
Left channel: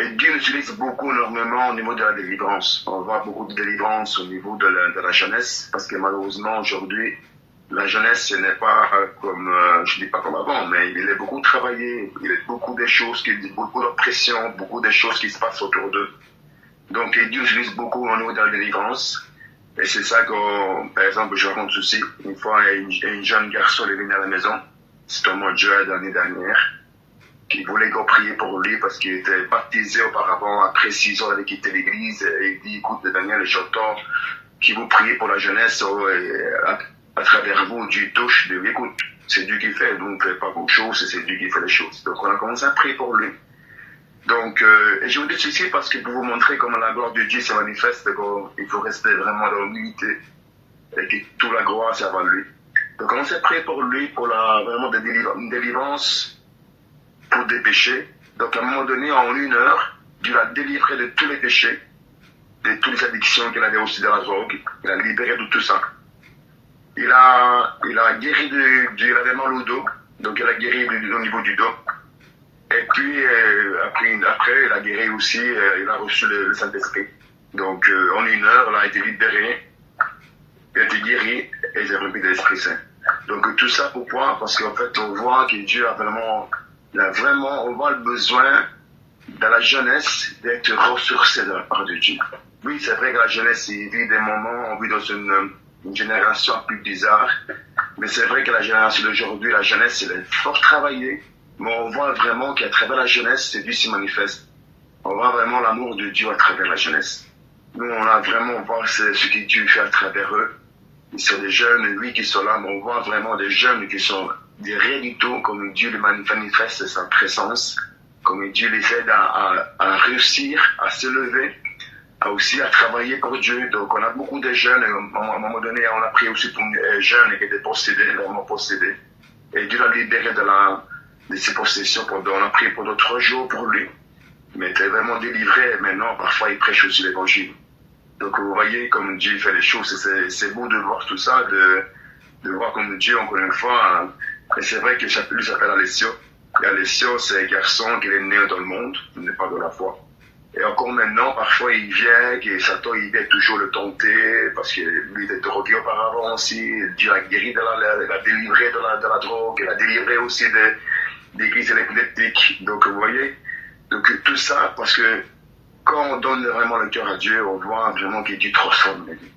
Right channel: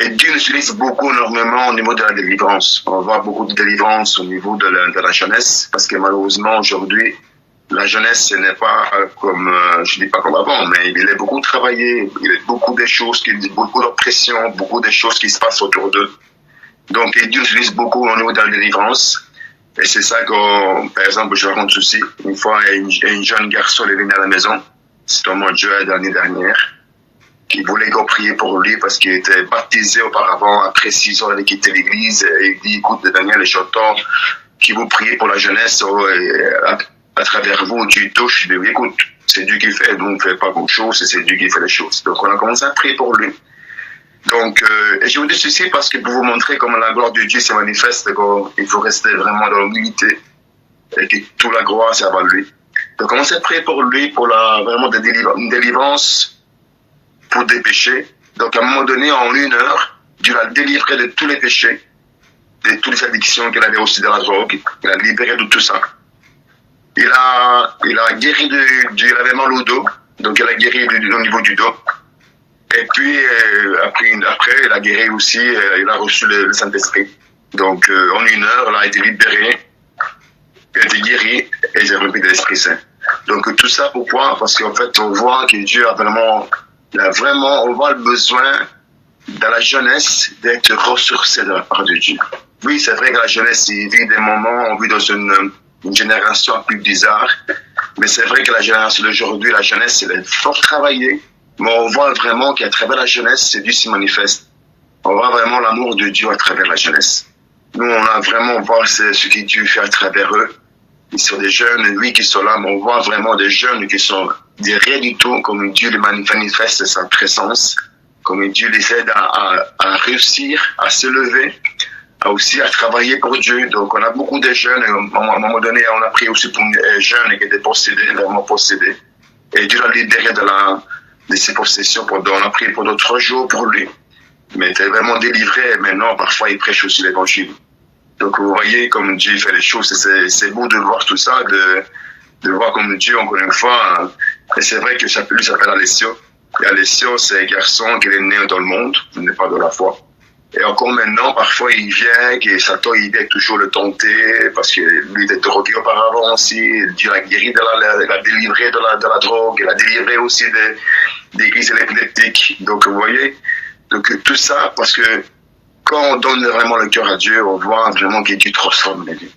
Et Dieu nous utilise beaucoup, énormément au niveau de la délivrance. On voit beaucoup de délivrance au niveau de la jeunesse, parce que malheureusement, aujourd'hui, la jeunesse, ce n'est pas comme, je dis pas comme avant, mais il est beaucoup travaillé, il y a beaucoup de choses, beaucoup d'oppression, beaucoup de choses qui se passent autour d'eux. Donc, Dieu nous utilise beaucoup au niveau de la délivrance. Et c'est ça que, par exemple, je raconte aussi. Une fois, un jeune garçon est venu à la maison, c'était au mois de juin l'année dernière, qui voulait qu'on prie pour lui parce qu'il était baptisé auparavant. Après 6 ans, il a quitté l'église. Et il dit, écoute, Daniel, j'entends qui vous priez pour la jeunesse à travers vous, Dieu touche. Il dit, écoute, c'est Dieu qui fait, nous on ne fait pas beaucoup de choses, c'est Dieu qui fait les choses. Donc on a commencé à prier pour lui. Donc, et je vous dis ceci parce que pour vous montrer comment la gloire de Dieu se manifeste, il faut rester vraiment dans l'humilité et que toute la gloire c'est à lui. Donc, on s'est prié pour lui, pour vraiment une délivrance pour des péchés. Donc, à un moment donné, en 1 heure, Dieu l'a délivré de tous les péchés, de toutes les addictions qu'il avait aussi de la drogue. Il l'a libéré de tout ça. Il a guéri il avait mal au dos, donc il a guéri au niveau du dos. Et puis, après, il a guéri aussi, il a reçu le Saint-Esprit. Donc, en 1 heure, il a été libéré, il a été guéri, et il a rempli de l'Esprit Saint. Donc, tout ça, pourquoi? Parce qu'en fait, on voit que Dieu on voit le besoin de la jeunesse d'être ressourcée de la part de Dieu. Oui, c'est vrai que la jeunesse, il vit des moments, on vit dans une génération plus bizarre, mais c'est vrai que la génération d'aujourd'hui, la jeunesse, elle est fort travaillée. Mais on voit vraiment qu'à travers la jeunesse, Dieu s'y manifeste. On voit vraiment l'amour de Dieu à travers la jeunesse. Nous, on a vraiment voir ce que Dieu fait à travers eux. Ils sont des jeunes, oui, qui sont là, mais on voit vraiment des jeunes qui sont des rien du tout, comme Dieu les manifeste sa présence, comme Dieu les aide à réussir, à se lever, aussi à travailler pour Dieu. Donc, on a beaucoup de jeunes. À un moment donné, on a prié aussi pour un jeune qui était possédé, vraiment possédé. Et Dieu l'a libéré de ses possessions. On a prié pendant 3 jours pour lui. Mais il était vraiment délivré. Maintenant, parfois, il prêche aussi l'évangile. Donc, vous voyez comme Dieu fait les choses. C'est beau de voir tout ça, de voir comme Dieu, encore une fois. Et c'est vrai que lui s'appelle Alessio. Et Alessio, c'est un garçon qui est né dans le monde, il n'est pas de la foi. Et encore maintenant, parfois, il vient, et Satan, il vient toujours le tenter, parce que lui était drogué auparavant aussi. Dieu l'a guéri, il l'a délivré de la drogue, il l'a délivré aussi des crises épileptiques. Donc, vous voyez, donc tout ça, parce que quand on donne vraiment le cœur à Dieu, on voit vraiment que Dieu transforme les vies.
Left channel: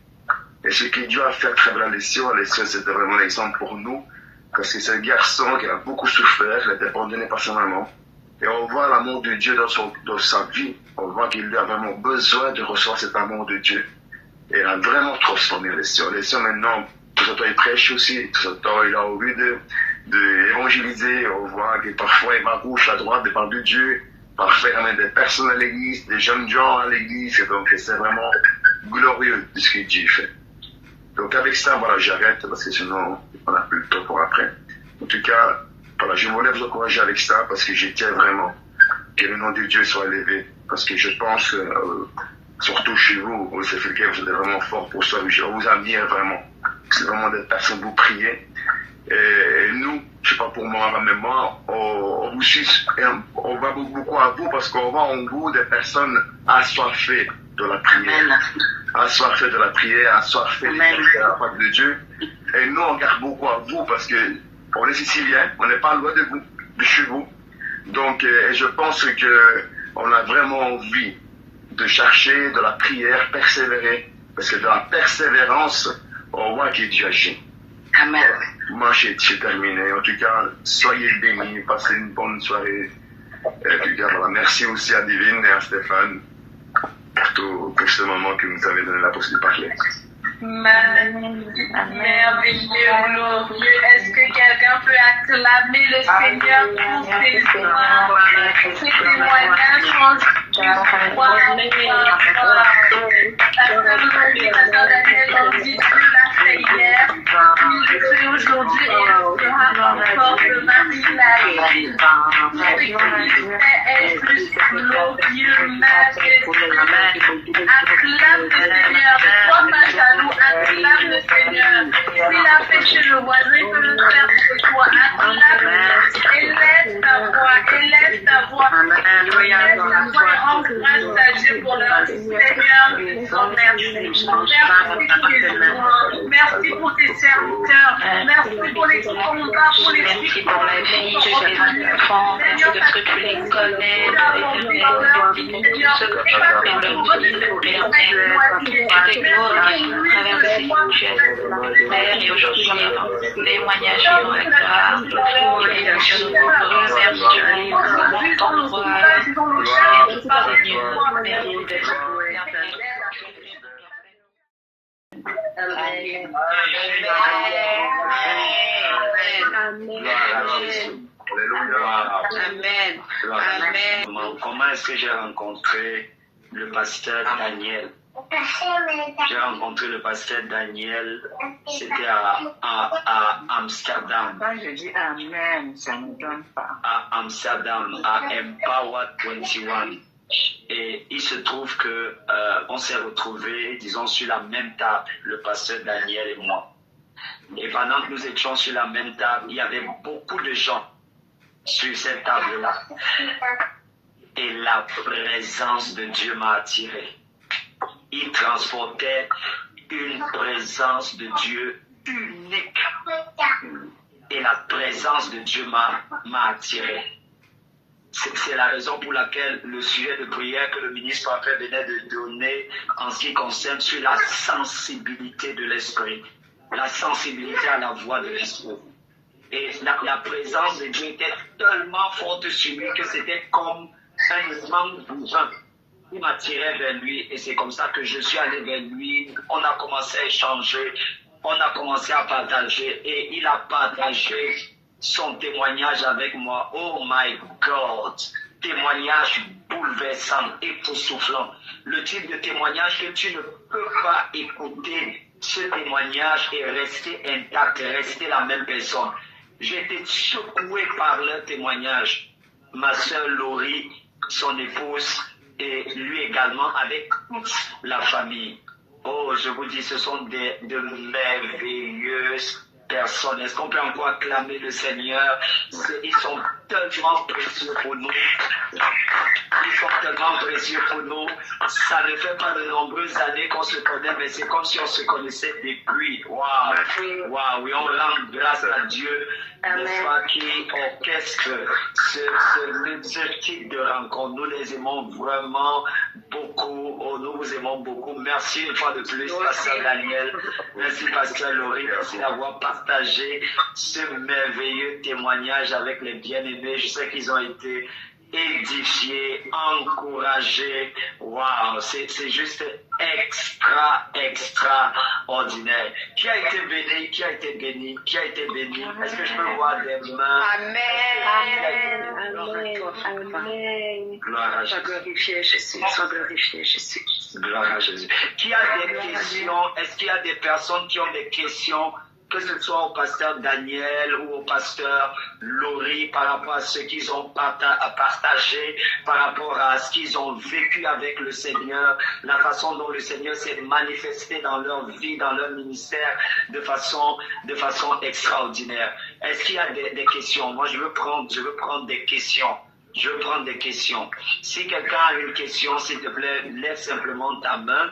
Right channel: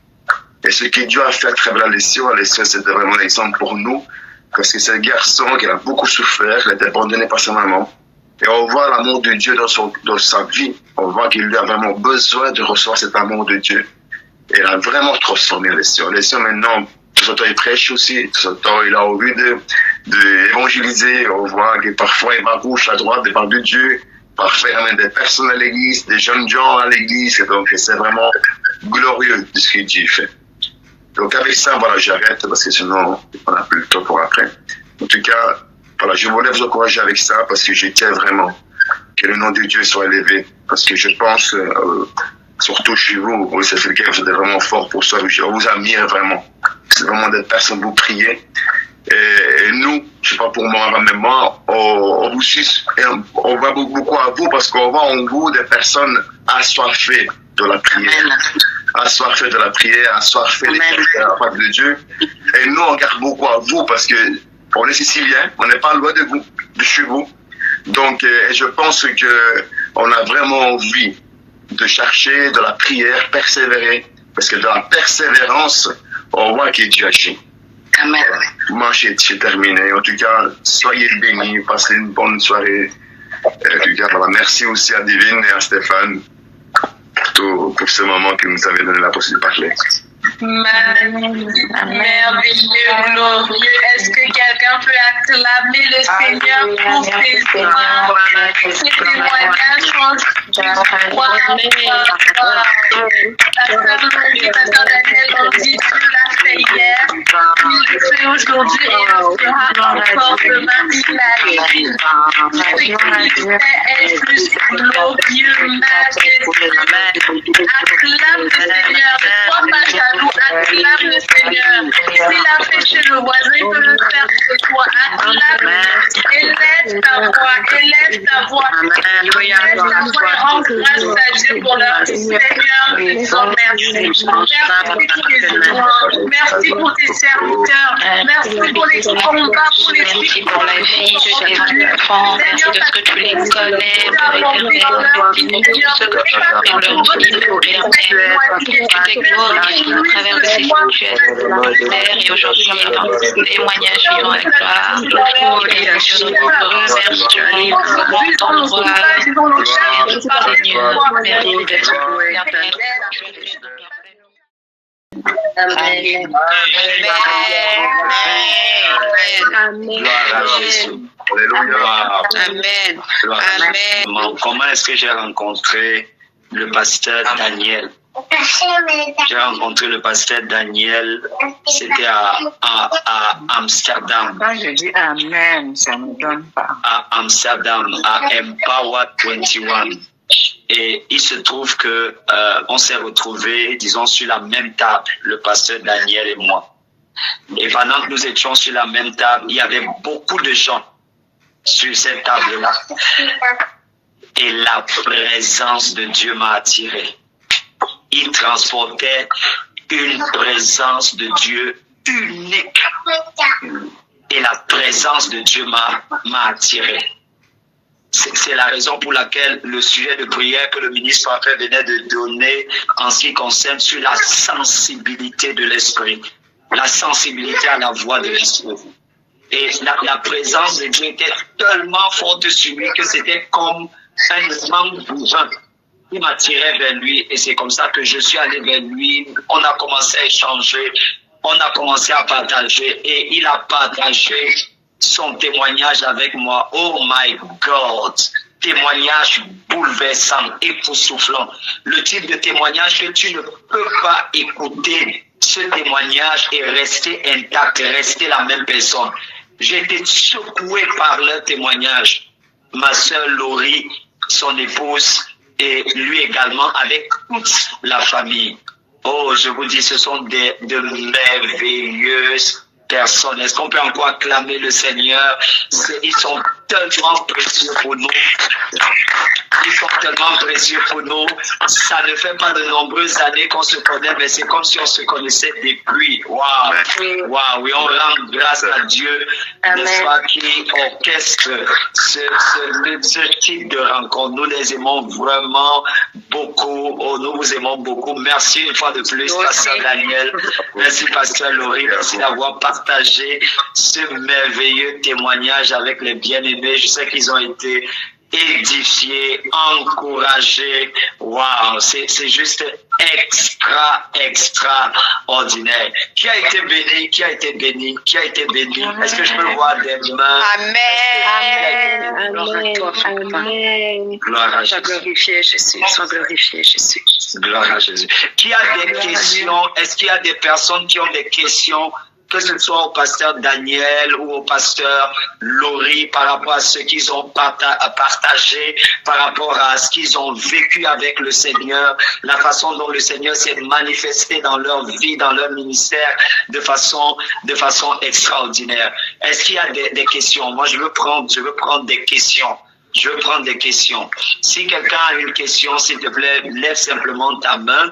Et ce que Dieu a fait à travers Alessio, c'était vraiment un exemple pour nous, parce que c'est un garçon qui a beaucoup souffert, il a été abandonné par sa maman. Et on voit l'amour de Dieu dans sa vie. On voit qu'il a vraiment besoin de recevoir cet amour de Dieu. Et il a vraiment transformé Alessio. Alessio, maintenant, tout ce temps, il prêche aussi. Tout ce temps, il a envie d'évangéliser. On voit que parfois, il va à gauche, à droite, devant de Dieu. Parfois, il ramène des personnes à l'église, des jeunes gens à l'église. Donc, c'est vraiment glorieux de ce que Dieu fait. Donc, avec ça, voilà, j'arrête parce que sinon, on n'a plus le temps pour après. En tout cas, voilà, je voulais vous encourager avec ça parce que je tiens vraiment que le nom de Dieu soit élevé. Parce que je pense, surtout chez vous, c'est quelqu'un vous êtes vraiment fort pour ça. Je vous admire vraiment. C'est vraiment des personnes vous priez. Et nous, je sais pas pour moi, même moi, on vous suit, on va beaucoup à vous parce qu'on voit en vous des personnes assoiffées de la prière. Assoiffées de la prière, assoiffées de la parole de Dieu. Et nous, on regarde beaucoup à vous parce que on est sicilien, on n'est pas loin de vous, de chez vous. Donc, je pense qu'on a vraiment envie de chercher de la prière, persévérer. Parce que dans la persévérance, on voit que Dieu agit. Amen. Moi, j'ai terminé. En tout cas, soyez bénis, passez une bonne soirée. En tout cas, voilà, merci aussi à Divine et à Stéphane pour ce moment que nous avez donné la possibilité de parler. Merveilleux, glorieux. Est-ce que quelqu'un peut acclamer le Seigneur pour ses témoignages? Pasteur Daniel, on dit Dieu l'a fait hier, Il le fait aujourd'hui et il sera encore demain toute la vie. Est plus glorieux, majestueux. Acclame le Seigneur, ne sois pas jaloux, acclame le Seigneur. S'il a fait chez le voisin, il peut le faire chez toi. Acclame, élève ta voix, élève ta voix. Élève ta voix et rends grâce à Dieu pour leur vie. Seigneur, je te remercie. Merci pour tes louanges, merci pour tes serviteurs, merci pour les combats, pour les Merci pour la vie de tes enfants, merci de ce que tu les connais, Seigneur, ce que tu as fait dans leur vie, Père, tu t'es glorifié à travers de ces situations, Père, et aujourd'hui on entend ce témoignage vivant avec gloire, Dieu nous remercie, tu es libre, ton droit, merci Seigneur, merci d'être Amen. Amen. Amen. Comment est-ce que j'ai rencontré le pasteur Daniel? J'ai rencontré le pasteur Daniel, c'était à Amsterdam. Quand je dis Amen, ça ne me donne pas. À Amsterdam, à Empower 21. Et il se trouve que on s'est retrouvés, disons, sur la même table, le pasteur Daniel et moi. Et pendant que nous étions sur la même table, il y avait beaucoup de gens sur cette table-là. Et la présence de Dieu m'a attiré. Il transportait une présence de Dieu unique. Et la présence de Dieu m'a attiré. C'est la raison pour laquelle le sujet de prière que le ministre Parfait venait de donner en ce qui concerne sur la sensibilité de l'esprit, la sensibilité à la voix de l'esprit. Et la présence de Dieu était tellement forte sur lui que c'était comme un aimant bourrin qui m'attirait vers lui. Et c'est comme ça que je suis allé vers lui. On a commencé à échanger, on a commencé à partager et il a partagé son témoignage avec moi. Oh my God! Témoignage bouleversant, époustouflant. Le type de témoignage que tu ne peux pas écouter ce témoignage et rester intact, rester la même personne. J'ai été secoué par leur témoignage. Ma sœur Laurie, son épouse, et lui également, avec toute la famille. Oh, je vous dis, ce sont de merveilleuses personnes. Est-ce qu'on peut encore acclamer le Seigneur? Ils sont tellement précieux pour nous. Ils sont tellement précieux pour nous. Ça ne fait pas de nombreuses années qu'on se connaît, mais c'est comme si on se connaissait depuis. Waouh! Waouh! Oui, on rend grâce à Dieu, n'est-ce pas, qui orchestre ce type de rencontre. Nous les aimons vraiment beaucoup. Oh, nous vous aimons beaucoup. Merci une fois de plus, Pasteur Daniel. Merci, Pasteur Laurie. Merci d'avoir partagé ce merveilleux témoignage avec les bien-aimés. Je sais qu'ils ont été édifiés, encouragés. Waouh, c'est juste extraordinaire. Qui a été béni? Qui a été béni? Qui a été béni? Est-ce que je peux voir des mains? Amen. Amen. Gloire à Jésus. Sois glorifié, Jésus. Sois glorifié, Jésus. Gloire à Jésus. Qui a des questions? Est-ce qu'il y a des personnes qui ont des questions, que ce soit au pasteur Daniel ou au pasteur Laurie, par rapport à ce qu'ils ont partagé, par rapport à ce qu'ils ont vécu avec le Seigneur, la façon dont le Seigneur s'est manifesté dans leur vie, dans leur ministère, de façon extraordinaire. Est-ce qu'il y a des questions? Moi, je veux prendre des questions. Je veux prendre des questions. Si quelqu'un a une question, s'il te plaît, lève simplement ta main.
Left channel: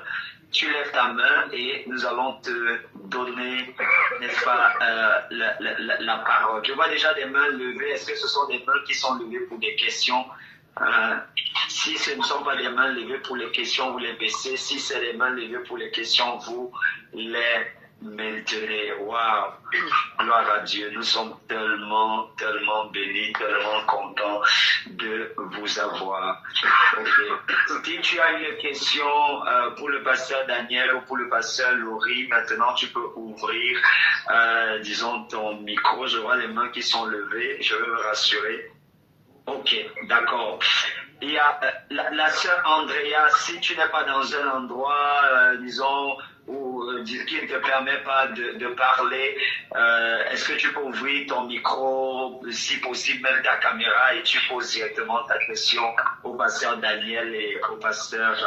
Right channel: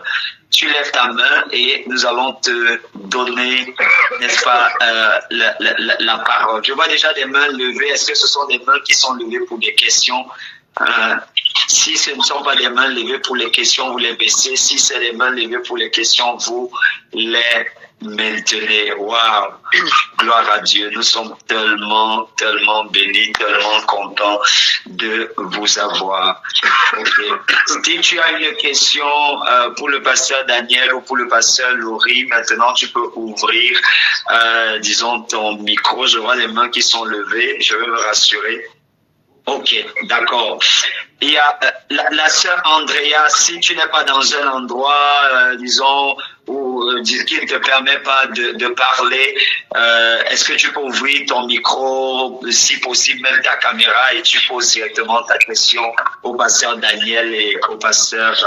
Tu lèves ta main et nous allons te donner, n'est-ce pas, la parole. Je vois déjà des mains levées. Est-ce que ce sont des mains qui sont levées pour des questions? Si ce ne sont pas des mains levées pour les questions, vous les baissez. Si c'est des mains levées pour les questions, vous les maintenez. Waouh! Gloire à Dieu. Nous sommes tellement bénis, tellement contents de vous avoir. Okay. Si tu as une question pour le pasteur Daniel ou pour le pasteur Laurie, maintenant tu peux ouvrir, disons, ton micro. Je vois les mains qui sont levées. Je veux me rassurer. Ok, d'accord. Il y a la sœur Andrea, si tu n'es pas dans un endroit, disons, où qui ne te permet pas de parler, est-ce que tu peux ouvrir ton micro, si possible même ta caméra, et tu poses directement ta question au pasteur Daniel et au pasteur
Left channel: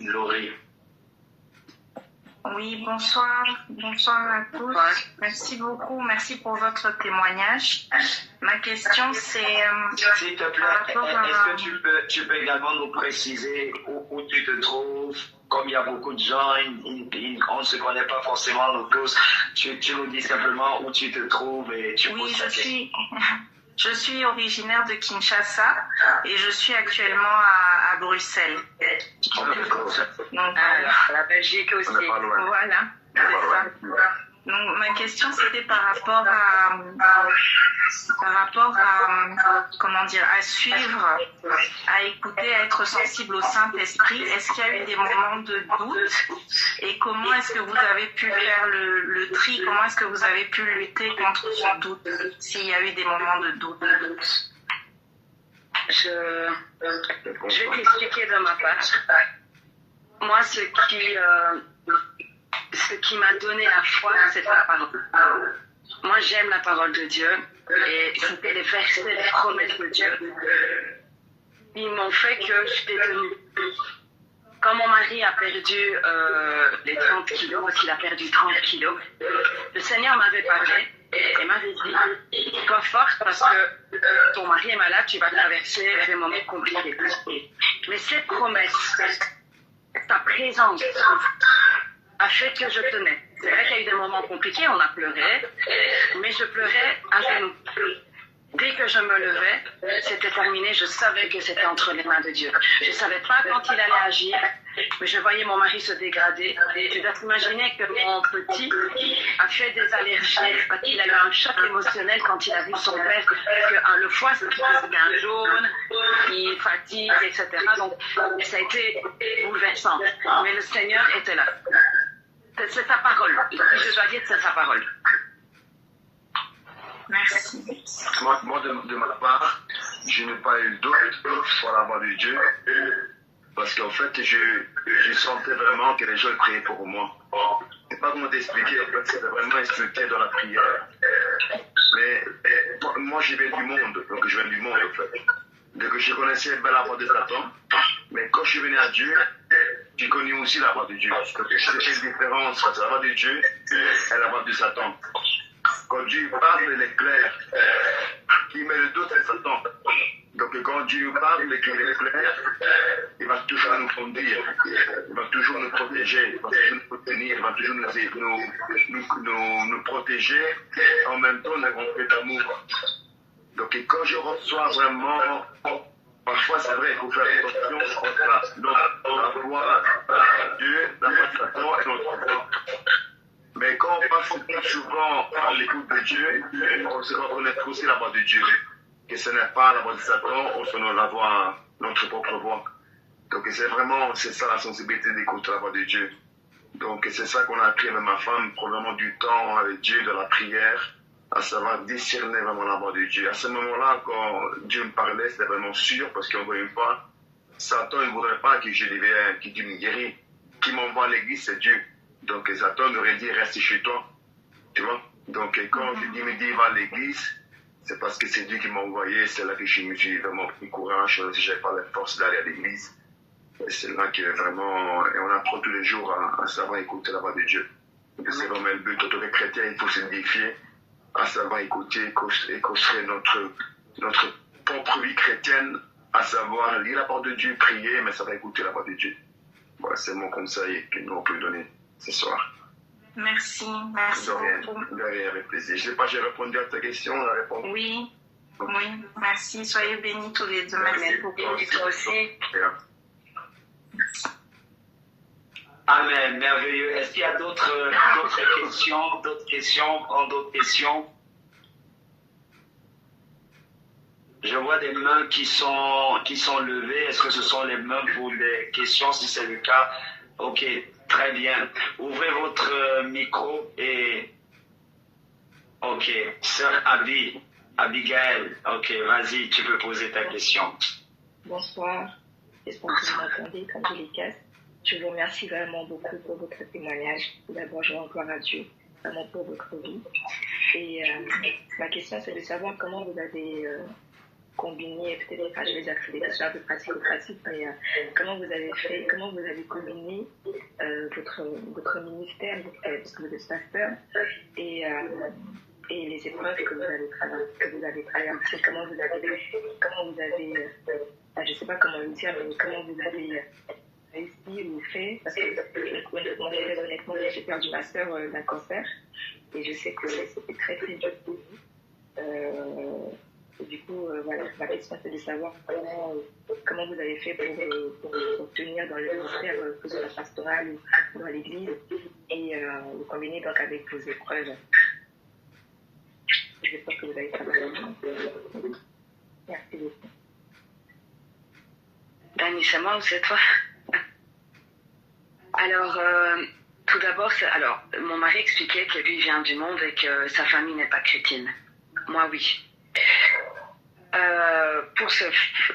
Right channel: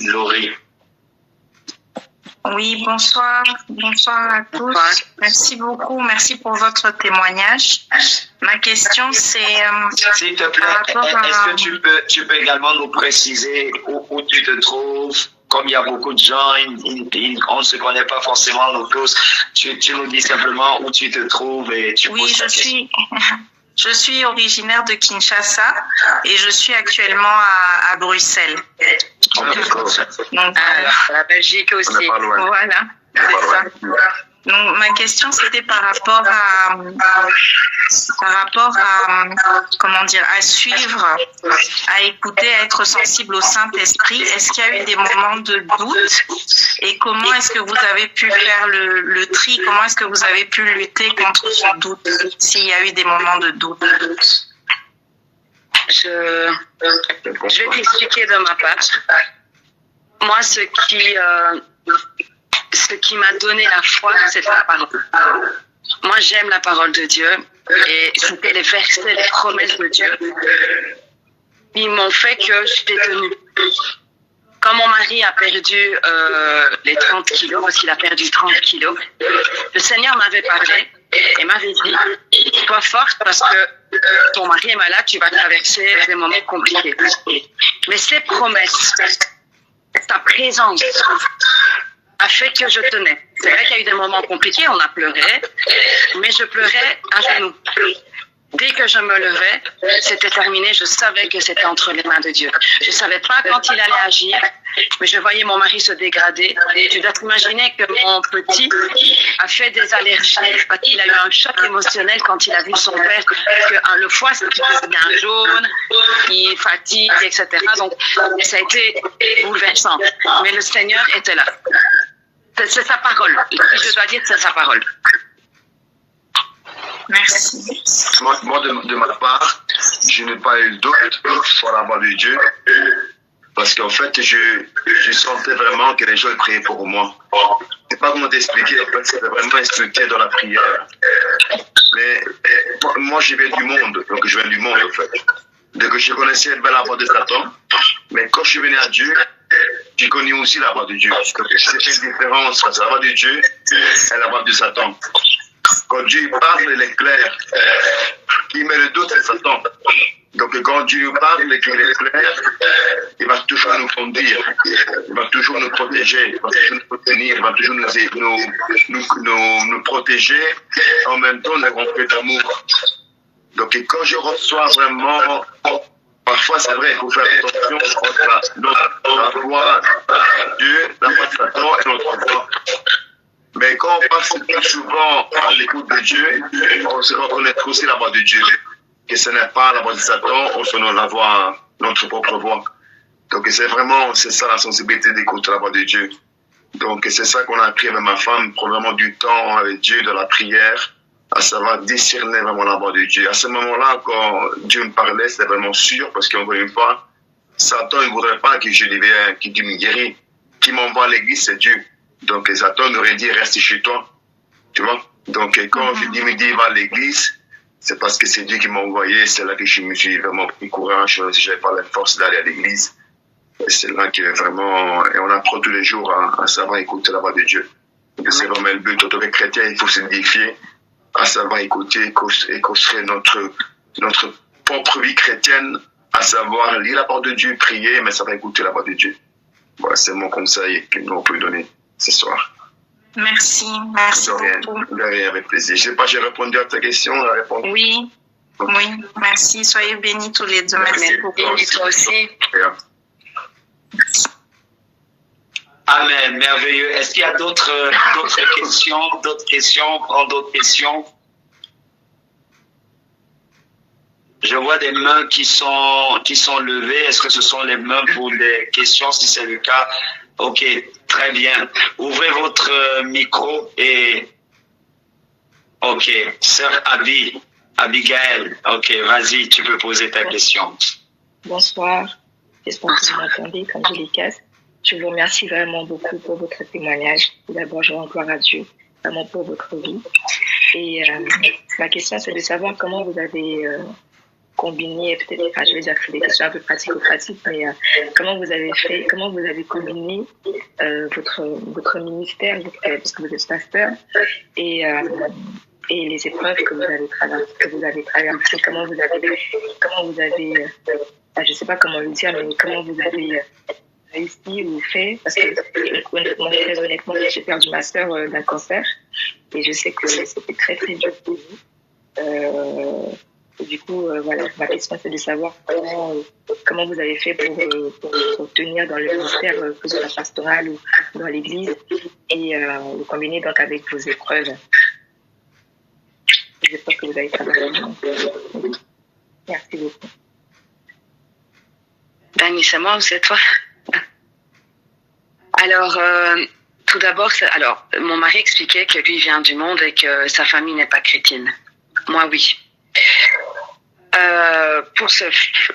Laurie. Oui, bonsoir. Bonsoir à tous. Merci beaucoup. Merci pour votre témoignage. Ma question, c'est... S'il te plaît, est-ce que tu peux également nous préciser où tu te trouves? Comme il y a beaucoup de gens, on ne se connaît pas forcément nous tous. Tu nous dis simplement où tu te trouves et tu poses ta question. Je suis originaire de Kinshasa et je suis actuellement à Bruxelles. Donc, la Belgique aussi. Voilà, c'est ça. Donc, ma question, c'était par rapport à comment dire, à suivre, à écouter, à être sensible au Saint-Esprit. Est-ce qu'il y a eu des moments de doute? Et comment est-ce que vous avez pu faire le tri? Comment est-ce que vous avez pu lutter contre ce doute, s'il y a eu des moments de doute? Je vais t'expliquer de ma part. Moi, ce qui m'a donné la foi, c'est la parole. Moi, j'aime la parole de Dieu et c'était les versets, les promesses de Dieu. Ils m'ont fait que j'étais tenue. Quand mon mari a perdu les 30 kilos, parce qu'il a perdu 30 kilos, le Seigneur m'avait parlé et m'avait dit, sois forte parce que ton mari est malade, tu vas traverser des moments compliqués. Mais ces promesses, ta présence a fait que je tenais. C'est vrai qu'il y a eu des moments compliqués, on a pleuré, mais je pleurais à genoux. Dès que je me levais, c'était terminé, je savais que c'était entre les mains de Dieu. Je ne savais pas quand il allait agir, mais je voyais mon mari se dégrader. Tu dois t'imaginer que mon petit a fait des allergies, parce qu'il a eu un choc émotionnel quand il a vu son père, que le foie devient jaune, il fatigue, etc. Donc, ça a été bouleversant. Mais le Seigneur était là. C'est sa parole. Je dois dire que c'est sa parole. Merci. Moi, de ma part, je n'ai pas eu le doute sur la voix de Dieu, parce qu'en fait, je sentais vraiment que les gens priaient pour moi. Je ne sais pas comment t'expliquer, en fait, c'était vraiment instructé dans la prière. Mais moi, je viens du monde, donc je viens du monde, en fait. Donc, je connaissais bien la voix de Satan, mais quand je suis venu à Dieu, j'ai connu aussi la voix de Dieu. Donc, c'est une différence entre la voix de Dieu et la voix de Satan. Quand Dieu parle, il est clair. Qui met le doute, c'est Satan. Donc quand Dieu parle et qu'il est clair, il va toujours nous conduire, il va toujours nous protéger, il va toujours nous soutenir, il va toujours nous protéger, en même temps nous remplir d'amour. Donc quand je reçois vraiment, parfois c'est vrai, il faut faire attention entre la voix de Dieu, la voix de Satan et notre voix. Mais quand on passe plus souvent à l'écoute de Dieu, on se reconnaît aussi la voix de Dieu. Que ce n'est pas la voix de Satan, on se donne la voix, notre propre voix. Donc c'est ça la sensibilité d'écouter la voix de Dieu. Donc c'est ça qu'on a appris avec ma femme, prendre vraiment du temps avec Dieu, de la prière, à savoir discerner vraiment la voix de Dieu. À ce moment-là, quand Dieu me parlait, c'était vraiment sûr, parce qu'encore une fois, Satan ne voudrait pas que je devienne, que Dieu me guérisse. Qui m'envoie à l'église, c'est Dieu. Donc Satan aurait dit reste chez toi, tu vois. Donc quand Dieu me dit va à l'église, c'est parce que c'est Dieu qui m'a envoyé. C'est là que je me suis vraiment pris courage. Si j'avais pas la force d'aller à l'église, et c'est là que vraiment, et on apprend tous les jours à savoir écouter la voix de Dieu. Donc c'est vraiment le but. En tant que chrétien, il faut s'édifier, à savoir écouter et construire notre propre vie chrétienne, à savoir lire la parole de Dieu, prier, mais savoir écouter la voix de Dieu. Voilà, c'est mon conseil que nous pouvons donner ce soir. Merci beaucoup. De rien, avec plaisir. Je ne sais pas, j'ai répondu à ta question, la réponse. Oui, merci. Soyez bénis tous les deux. Merci beaucoup. Et toi aussi. Amen, merveilleux. Est-ce qu'il y a d'autres questions? Je vois des mains qui sont levées. Est-ce que ce sont les mains pour des questions? Si c'est le cas, ok, très bien. Ouvrez votre micro et... Ok, sœur Abigail, ok, vas-y, tu peux poser ta question. Bonsoir. J'espère que vous m'entendez comme je les casse. Je vous remercie vraiment beaucoup pour votre témoignage. Tout d'abord, je rends gloire à Dieu, vraiment pour votre vie. Et ma question, c'est de savoir comment vous avez combiné, peut-être, enfin, je vais dire que c'est des questions un peu pratico-pratiques, mais comment vous avez combiné votre ministère, parce que vous êtes pasteur, et les épreuves que vous avez traversées, comment vous avez je ne sais pas comment le dire, mais comment vous avez réussi ou fait, parce que très honnêtement, j'ai perdu ma sœur d'un cancer, et je sais que c'était très très dur pour vous. Et du coup, voilà, ma question c'est de savoir comment vous avez fait pour tenir dans le ministère, que ce soit pastoral ou dans l'église, et le combiner donc avec vos épreuves. J'espère que vous avez travaillé. Merci beaucoup. Dani, c'est moi ou c'est toi? Alors, tout d'abord, mon mari expliquait que lui vient du monde et que sa famille n'est pas chrétienne. Moi, oui. Pour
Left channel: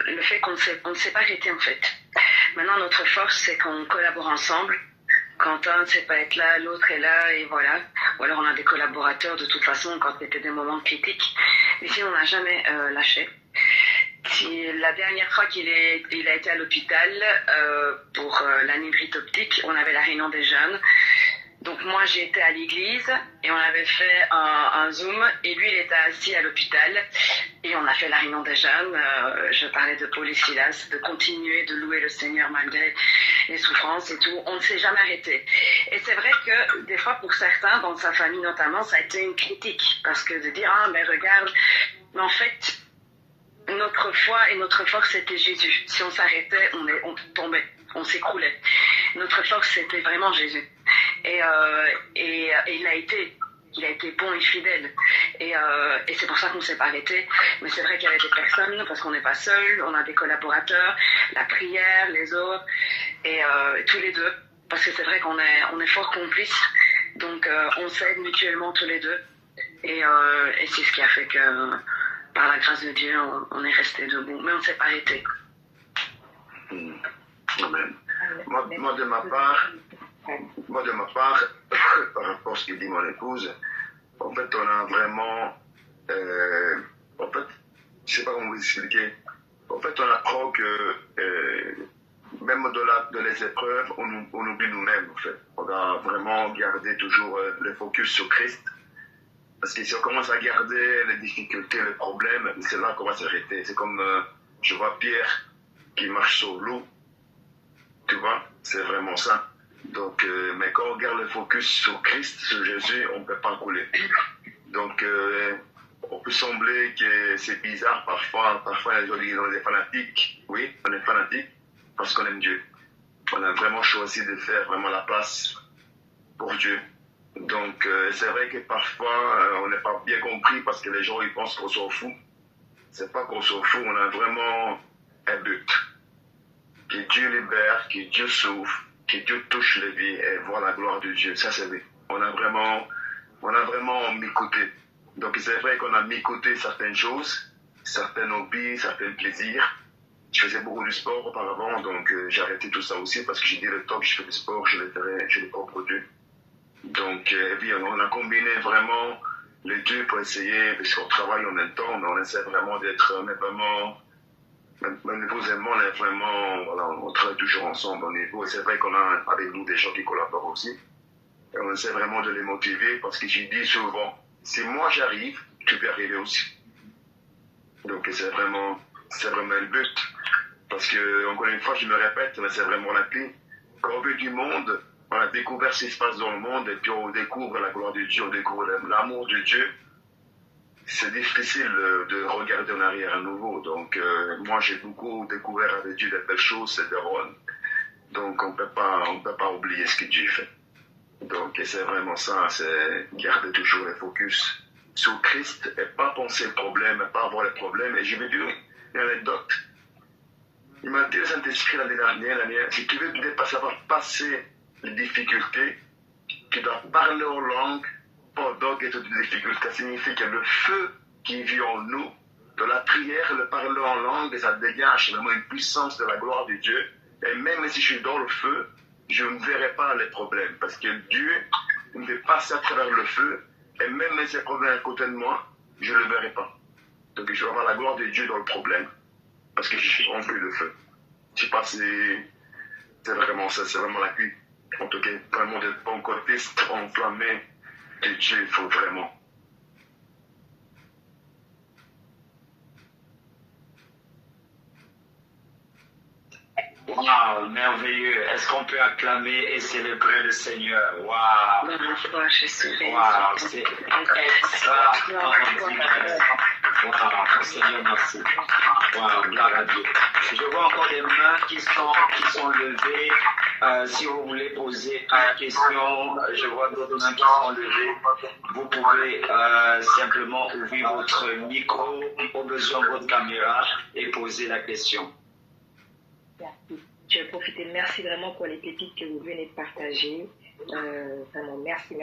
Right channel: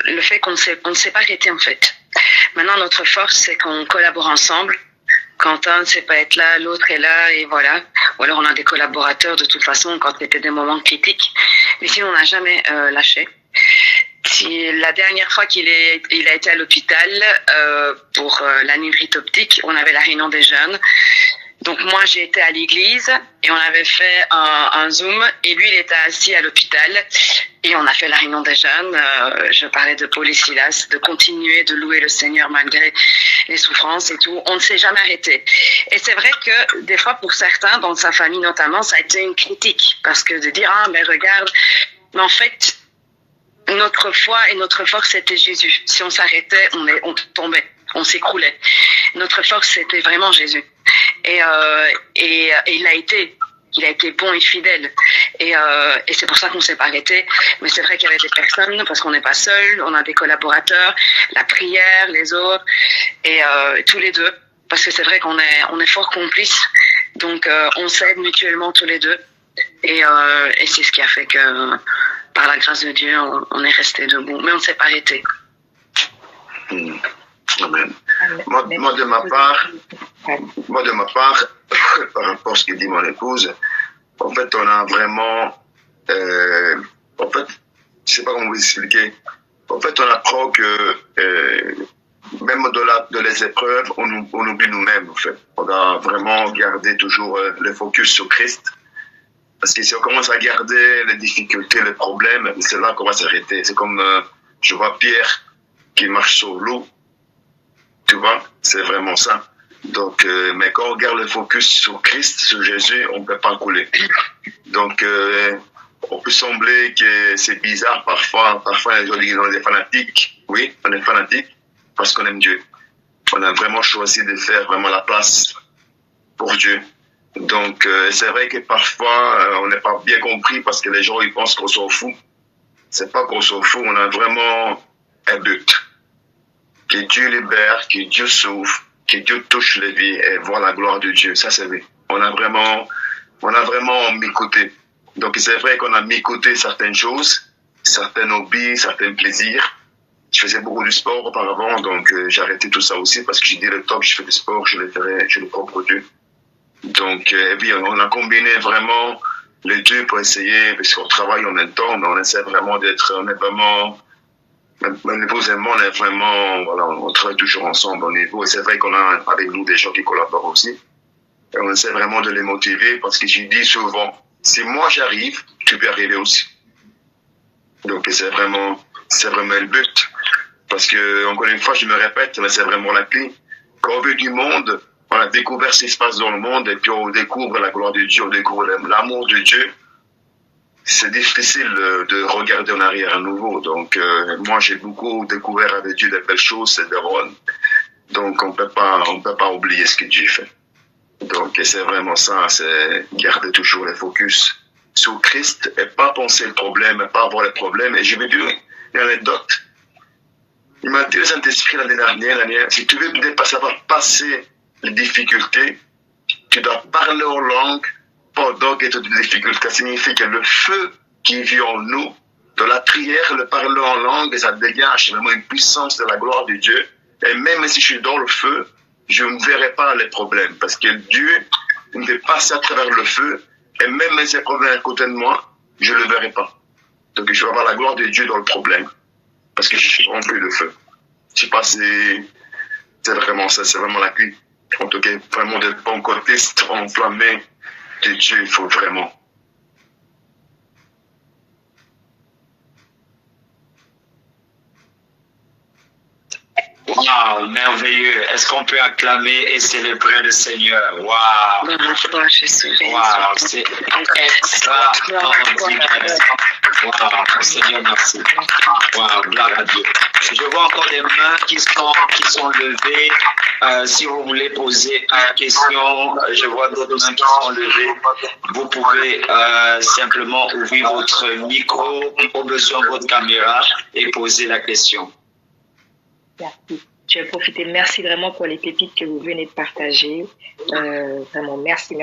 le fait qu'on ne s'est pas arrêté, en fait. Maintenant, notre force, c'est qu'on collabore ensemble. Quand un ne sait pas être là, l'autre est là, et voilà. Ou alors, on a des collaborateurs, de toute façon, quand c'était des moments critiques. Mais sinon, on n'a jamais lâché. La dernière fois qu'il a été à l'hôpital pour la nivrite optique, on avait la réunion des jeunes. Donc moi, j'ai été à l'église et on avait fait un Zoom et lui, il était assis à l'hôpital et on a fait la réunion des jeunes. Je parlais de Paul et Silas, de continuer de louer le Seigneur malgré les souffrances et tout. On ne s'est jamais arrêté. Et c'est vrai que des fois, pour certains, dans sa famille notamment, ça a été une critique parce que de dire « Ah, mais regarde », mais en fait, notre foi et notre force, c'était Jésus. Si on s'arrêtait, on tombait, on s'écroulait. Notre force, c'était vraiment Jésus. Et il a été bon et fidèle. Et c'est pour ça qu'on ne s'est pas arrêté. Mais c'est vrai qu'il y avait des personnes, parce qu'on n'est pas seul, on a des collaborateurs, la prière, les autres, et tous les deux. Parce que c'est vrai qu'on est fort complices. Donc, on s'aide mutuellement tous les deux. Et c'est ce qui a fait que, par la grâce de Dieu, on est resté debout. Mais on ne s'est pas arrêté. Amen. Moi, de ma part, par rapport à ce que dit mon épouse, en fait, on a vraiment, en fait, je sais pas comment vous expliquer. En fait, on apprend que même au-delà de les épreuves, on oublie nous-mêmes. En fait, on doit vraiment garder toujours le focus sur Christ. Parce que si on commence à garder les difficultés, les problèmes, c'est là qu'on va s'arrêter. C'est comme je vois Pierre qui marche sur l'eau. Tu vois, c'est vraiment ça. Donc, mais quand on garde le focus sur Christ, sur Jésus, on ne peut pas couler. Donc, on peut sembler que c'est bizarre parfois. Parfois, les gens disent qu'on est fanatiques. Oui, on est fanatiques parce qu'on aime Dieu. On a vraiment choisi de faire vraiment la place pour Dieu. Donc, c'est vrai que parfois, on n'est pas bien compris parce que les gens, ils pensent qu'on s'en fout. C'est pas qu'on s'en fout, on a vraiment un but. Que Dieu libère, que Dieu sauve, que Dieu touche les vies et voir la gloire de Dieu. Ça, c'est vrai. On a vraiment mis côté. Donc, c'est vrai qu'on a mis côté certaines choses, certains hobbies, certains plaisirs. Je faisais beaucoup de sport auparavant, donc j'ai arrêté tout ça aussi parce que j'ai dit le temps que je fais du sport, je le prends pour Dieu. Donc, oui, on a combiné vraiment les deux pour essayer, parce qu'on travaille en même temps, mais on essaie vraiment on est vraiment, on est vraiment, voilà, on travaille toujours ensemble au niveau, et c'est vrai qu'on a avec nous des gens qui collaborent aussi, et on essaie vraiment de les motiver, parce que je dis souvent, si moi j'arrive, tu peux arriver aussi. Donc, c'est vraiment le but, parce que, encore une fois, je me répète, mais c'est vraiment la clé. Quand on veut du monde, on a découvert ce qui se passe dans le monde et puis on découvre la gloire de Dieu, on découvre l'amour de Dieu. C'est difficile de regarder en arrière à nouveau. Donc, moi, j'ai beaucoup découvert avec Dieu des belles choses, c'est des rôles. Donc, on peut pas oublier ce que Dieu fait. Donc, c'est vraiment ça, c'est garder toujours le focus sur Christ et pas penser le problème, pas avoir les problèmes. Et je vais dire une anecdote. Il m'a dit le Saint-Esprit l'année dernière, si tu veux savoir passer les difficultés, tu dois parler en langue pendant que tu as des difficultés. Ça signifie que le feu qui vit en nous Dans la prière, le parler en langue, ça dégage vraiment une puissance de la gloire de Dieu. Et même si je suis dans le feu, je ne verrai pas les problèmes. Parce que Dieu me fait passer à travers le feu. Et même si ces problèmes à côté de moi, je ne le verrai pas. Donc je vais avoir la gloire de Dieu dans le problème. Parce que je suis rempli de feu. Je sais pas si c'est vraiment ça, c'est vraiment la clé. En tout cas, vraiment d'être bon côté, enflammé de Dieu, il faut vraiment. Wow, merveilleux. Est-ce qu'on peut acclamer et célébrer le Seigneur? Wow. Wow, c'est extraordinaire. Wow, Seigneur, merci. Wow, gloire à Dieu. Je vois encore des mains qui sont levées. Si vous voulez poser une question, je vois d'autres mains qui sont levées. Vous pouvez simplement ouvrir votre micro, au besoin votre caméra et poser la question. Merci. Je vais profiter. Merci vraiment pour les pépites que vous venez de partager. Vraiment, merci.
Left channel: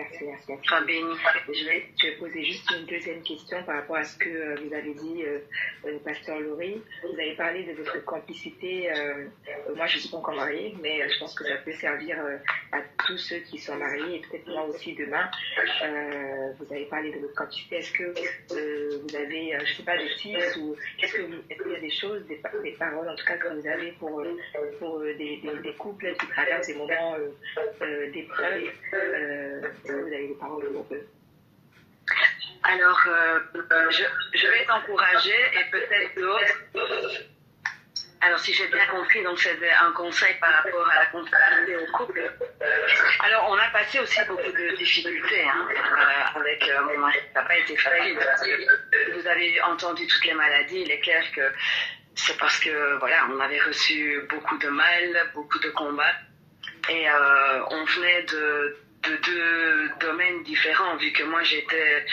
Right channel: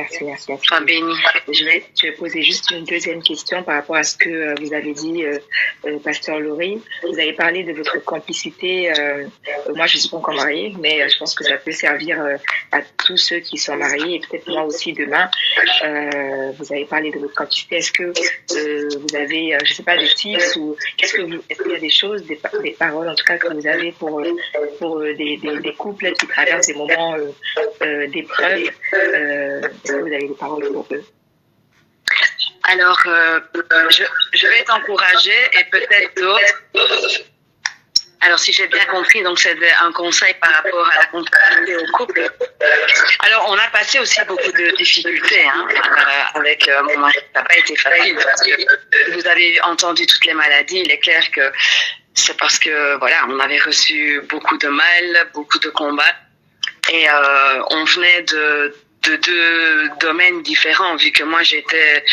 Sois béni. Je vais poser juste une deuxième question par rapport à ce que vous avez dit, Pasteur Laurie. Vous avez parlé de votre complicité. Moi, je ne suis pas encore mariée, mais je pense que ça peut servir à tous ceux qui sont mariés et peut-être moi aussi demain. Vous avez parlé de votre complicité. Est-ce que vous avez, je ne sais pas, des tips ou est-ce qu'il y a des choses, des paroles en tout cas que vous avez pour des couples qui traversent des moments d'épreuve? Est-ce que vous avez des paroles pour eux? Alors, je vais t'encourager et peut-être d'autres. Alors, si j'ai bien compris, donc c'est un conseil par rapport à la complicité au couple. Alors, on a passé aussi beaucoup de difficultés avec mon mari. Ça n'a pas été facile parce que vous avez entendu toutes les maladies. Il est clair que c'est parce que, voilà, on avait reçu beaucoup de mal, beaucoup de combats. Et on venait de deux domaines différents, vu que moi, j'étais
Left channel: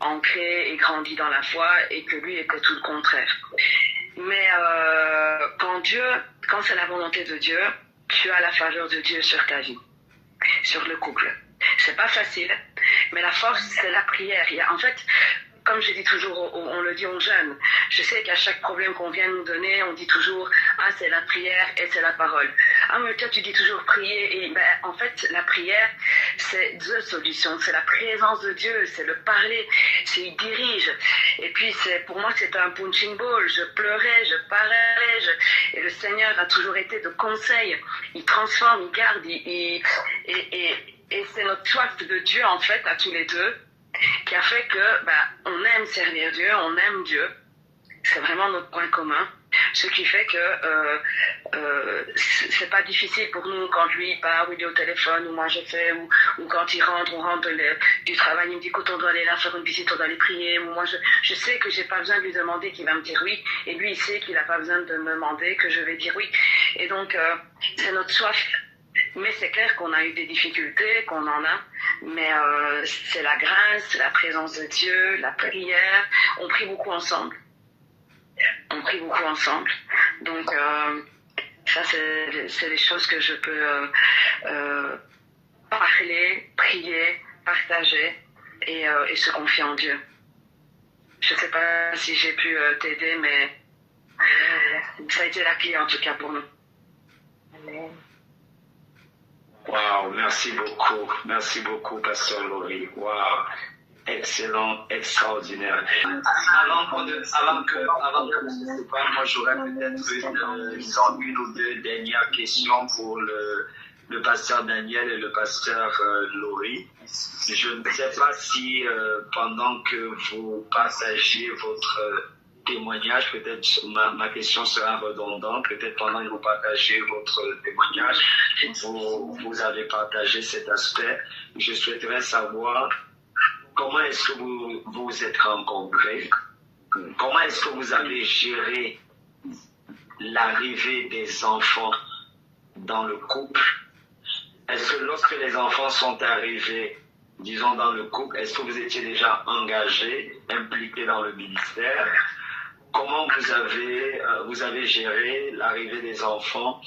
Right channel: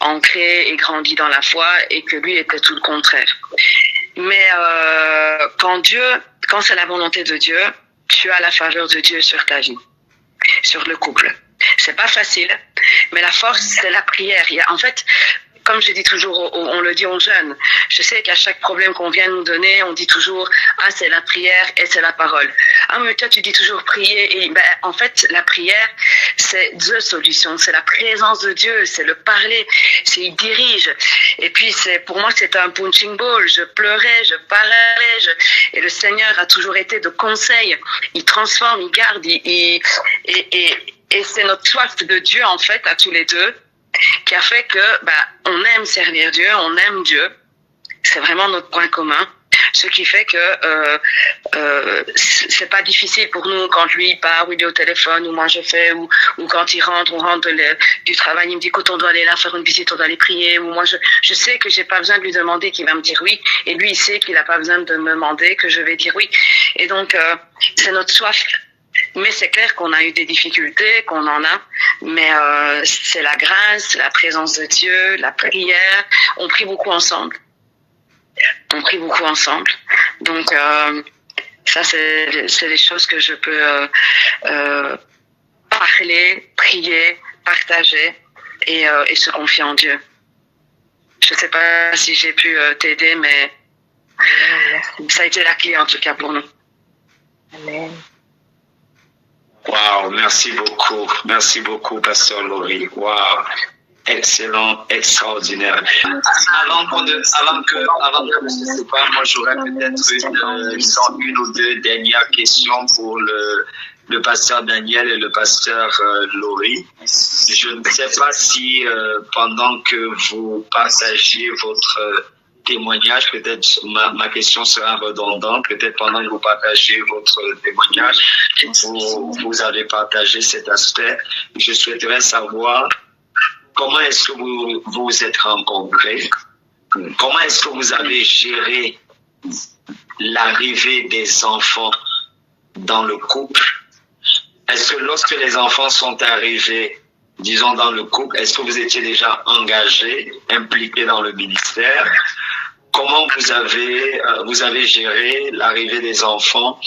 ancrée et grandie dans la foi et que lui était tout le contraire. Mais quand c'est la volonté de Dieu, tu as la faveur de Dieu sur ta vie, sur le couple. C'est pas facile, mais la force, c'est la prière. En fait, comme je dis toujours, on le dit aux jeunes, je sais qu'à chaque problème qu'on vient nous donner, on dit toujours « Ah, c'est la prière et c'est la parole ». Ah, mais toi, tu dis toujours prier. Et en fait, la prière, c'est deux solutions. C'est la présence de Dieu, c'est le parler, c'est il dirige. Et puis, pour moi, c'est un punching ball. Je pleurais, je parlais, et le Seigneur a toujours été de conseil. Il transforme, il garde, et c'est notre soif de Dieu, en fait, à tous les deux, qui a fait que on aime servir Dieu, on aime Dieu. C'est vraiment notre point commun. Ce qui fait que c'est pas difficile pour nous quand lui part ou il est au téléphone ou moi je fais ou quand il rentre, on rentre du travail, il me dit écoute on doit aller là faire une visite, on doit aller prier ou moi je sais que j'ai pas besoin de lui demander qu'il va me dire oui et lui il sait qu'il a pas besoin de me demander que je vais dire oui et donc c'est notre soif. Mais c'est clair qu'on a eu des difficultés, qu'on en a, mais c'est la grâce, la présence de Dieu, la prière. On prie beaucoup ensemble. Donc, ça, c'est des choses que je peux parler, prier, partager et se confier en Dieu. Je ne sais pas si j'ai pu t'aider, mais ça a été la clé en tout cas pour nous. Amen. Wow, merci beaucoup, Pasteur Laurie. Wow, excellent, extraordinaire. Avant que je ne sais pas, moi j'aurais peut-être une ou deux dernières questions pour le pasteur Daniel et le pasteur Laurie. Je ne sais pas si pendant que vous partagiez votre témoignage, peut-être ma question sera redondante, peut-être pendant que vous partagez votre témoignage, vous avez partagé cet aspect. Je souhaiterais savoir comment est-ce que vous vous êtes rencontrés, comment est-ce que vous avez géré l'arrivée des enfants dans le couple. Est-ce que lorsque les enfants sont arrivés, disons dans le couple, est-ce que vous étiez déjà engagé, impliqué dans le ministère? Comment vous avez géré l'arrivée des enfants?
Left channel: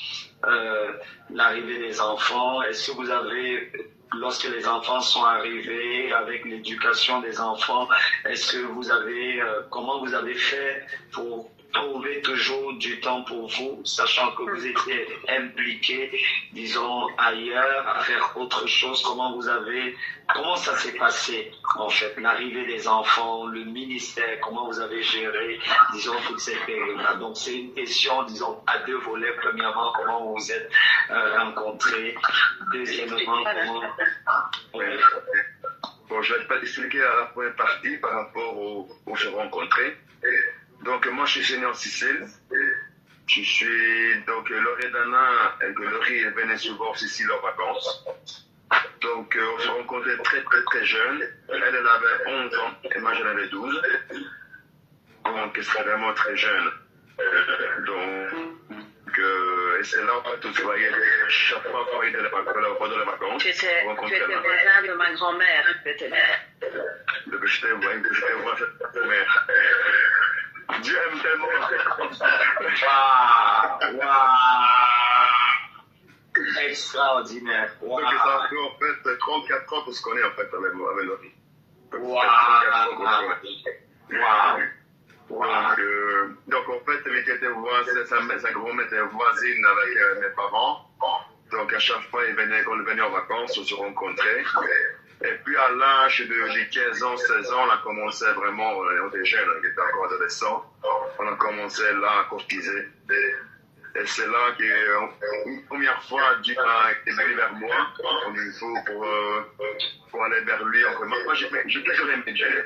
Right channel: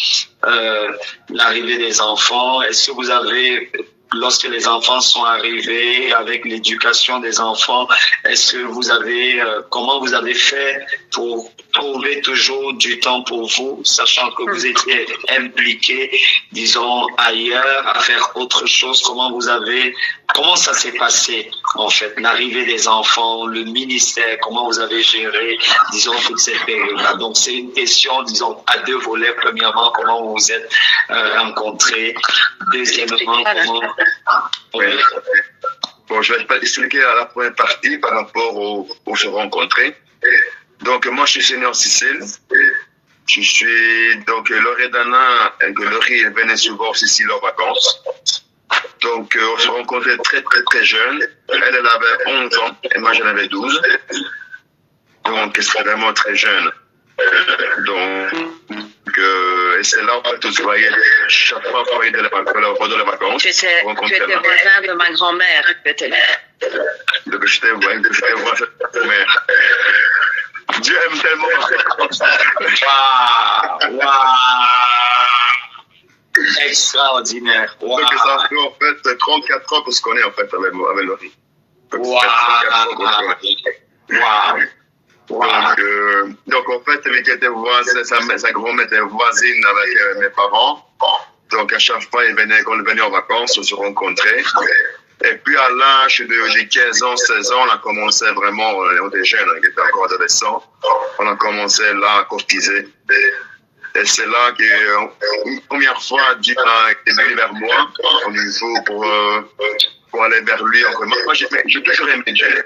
Est-ce que vous avez lorsque les enfants sont arrivés, avec l'éducation des enfants, est-ce que vous avez, comment vous avez fait pour trouver toujours du temps pour vous, sachant que vous étiez impliqués, disons, ailleurs, à faire autre chose? Comment ça s'est passé, en fait, l'arrivée des enfants, le ministère, comment vous avez géré, disons, toute cette période-là? Donc, c'est une question, disons, à deux volets. Premièrement, comment vous vous êtes rencontrés? Deuxièmement, comment... Oui. Bon, je vais expliquer à la première partie par rapport aux se rencontrer. Donc, moi, je suis senior Sicile. Je suis, donc, Loredana et Laurie venaient souvent en Sicile en vacances. Donc, on se rencontrait très, très, très jeune. Elle avait 11 ans et moi, j'en avais 12. Donc, c'était vraiment très jeune. Et c'est là où tu voyais chaque fois qu'on de les vacances. Tu étais voisin de ma grand-mère, peut-être. Donc, j'étais voisin de sa mère. Dieu aime tellement. Waouh! Extraordinaire. Wow. Donc, ça fait en fait 34 ans qu'on se connaît en fait avec Laurie. Wow. Donc, en fait, elle était voisine, sa grand-mère était voisine avec mes parents. Donc, à chaque fois, quand ils venaient en vacances, on se rencontrait. Et puis, à l'âge de 15 ans, 16 ans, on a commencé vraiment, on était jeunes, on était encore adolescents. On a commencé là à courtiser. Et c'est là qu'une première fois, Dieu est venu vers moi, au niveau pour aller vers lui. Moi, j'ai toujours aimé Dieu.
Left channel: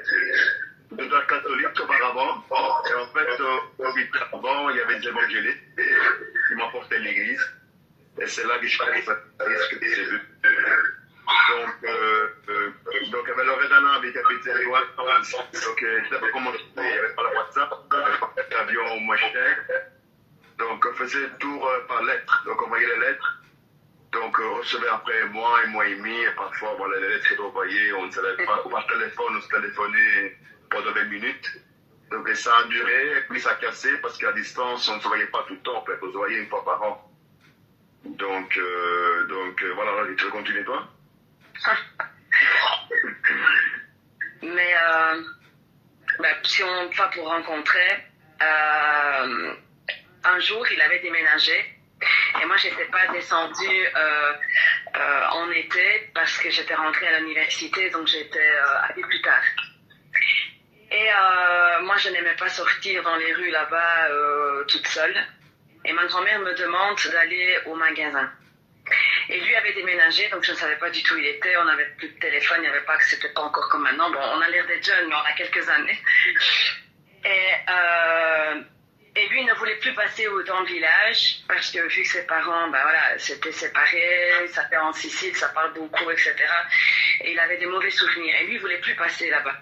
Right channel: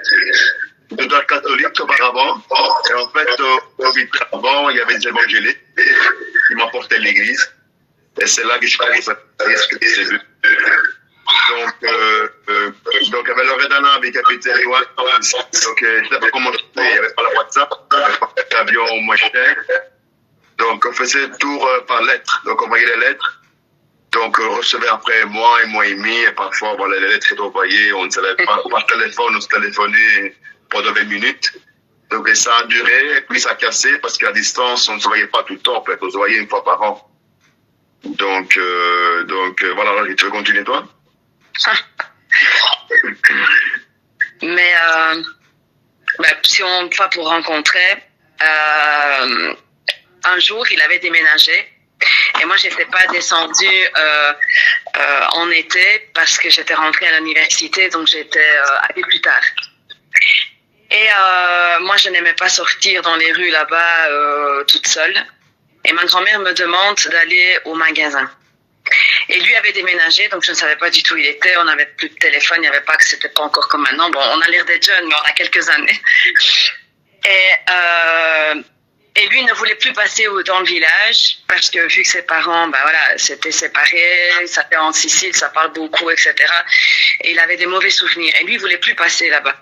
J'étais catholique auparavant. Et en fait, avant, il y avait des évangéliques qui m'apportaient à l'église. Et c'est là que je suis arrivé à ce que j'ai vu. Donc, avec Loredana, avec Capitaine Loire, donc, je ne sais pas comment je faisais. Il n'y avait pas la WhatsApp, il n'y avait pas d'avion moins cher. Donc, on faisait le tour par lettres. Donc, on voyait les lettres. Donc, on recevait après un mois et demi. Et parfois, bon, les lettres étaient envoyées. On ne savait pas. Par téléphone, on se téléphonait pendant 20 minutes. Donc, et ça a duré. Et puis, ça a cassé parce qu'à distance, on ne se voyait pas tout le temps. En fait. On se voyait une fois par an. Donc voilà. Tu veux continuer, toi? Mais si on va pour rencontrer, un jour, il avait déménagé et moi, je n'étais pas descendue en été parce que j'étais rentrée à l'université, donc j'étais allée plus tard. Et moi, je n'aimais pas sortir dans les rues là-bas toute seule. Et ma grand-mère me demande d'aller au magasin. Et lui avait déménagé, donc je ne savais pas du tout où il était. On n'avait plus de téléphone, il n'y avait pas que c'était pas encore comme maintenant. Bon, on a l'air d'être jeunes, mais on a quelques années. Et lui ne voulait plus passer dans le village parce que vu que ses parents, s'étaient séparés, ça fait en Sicile, ça parle beaucoup, etc. Et il avait des mauvais souvenirs. Et lui, il voulait plus passer là-bas.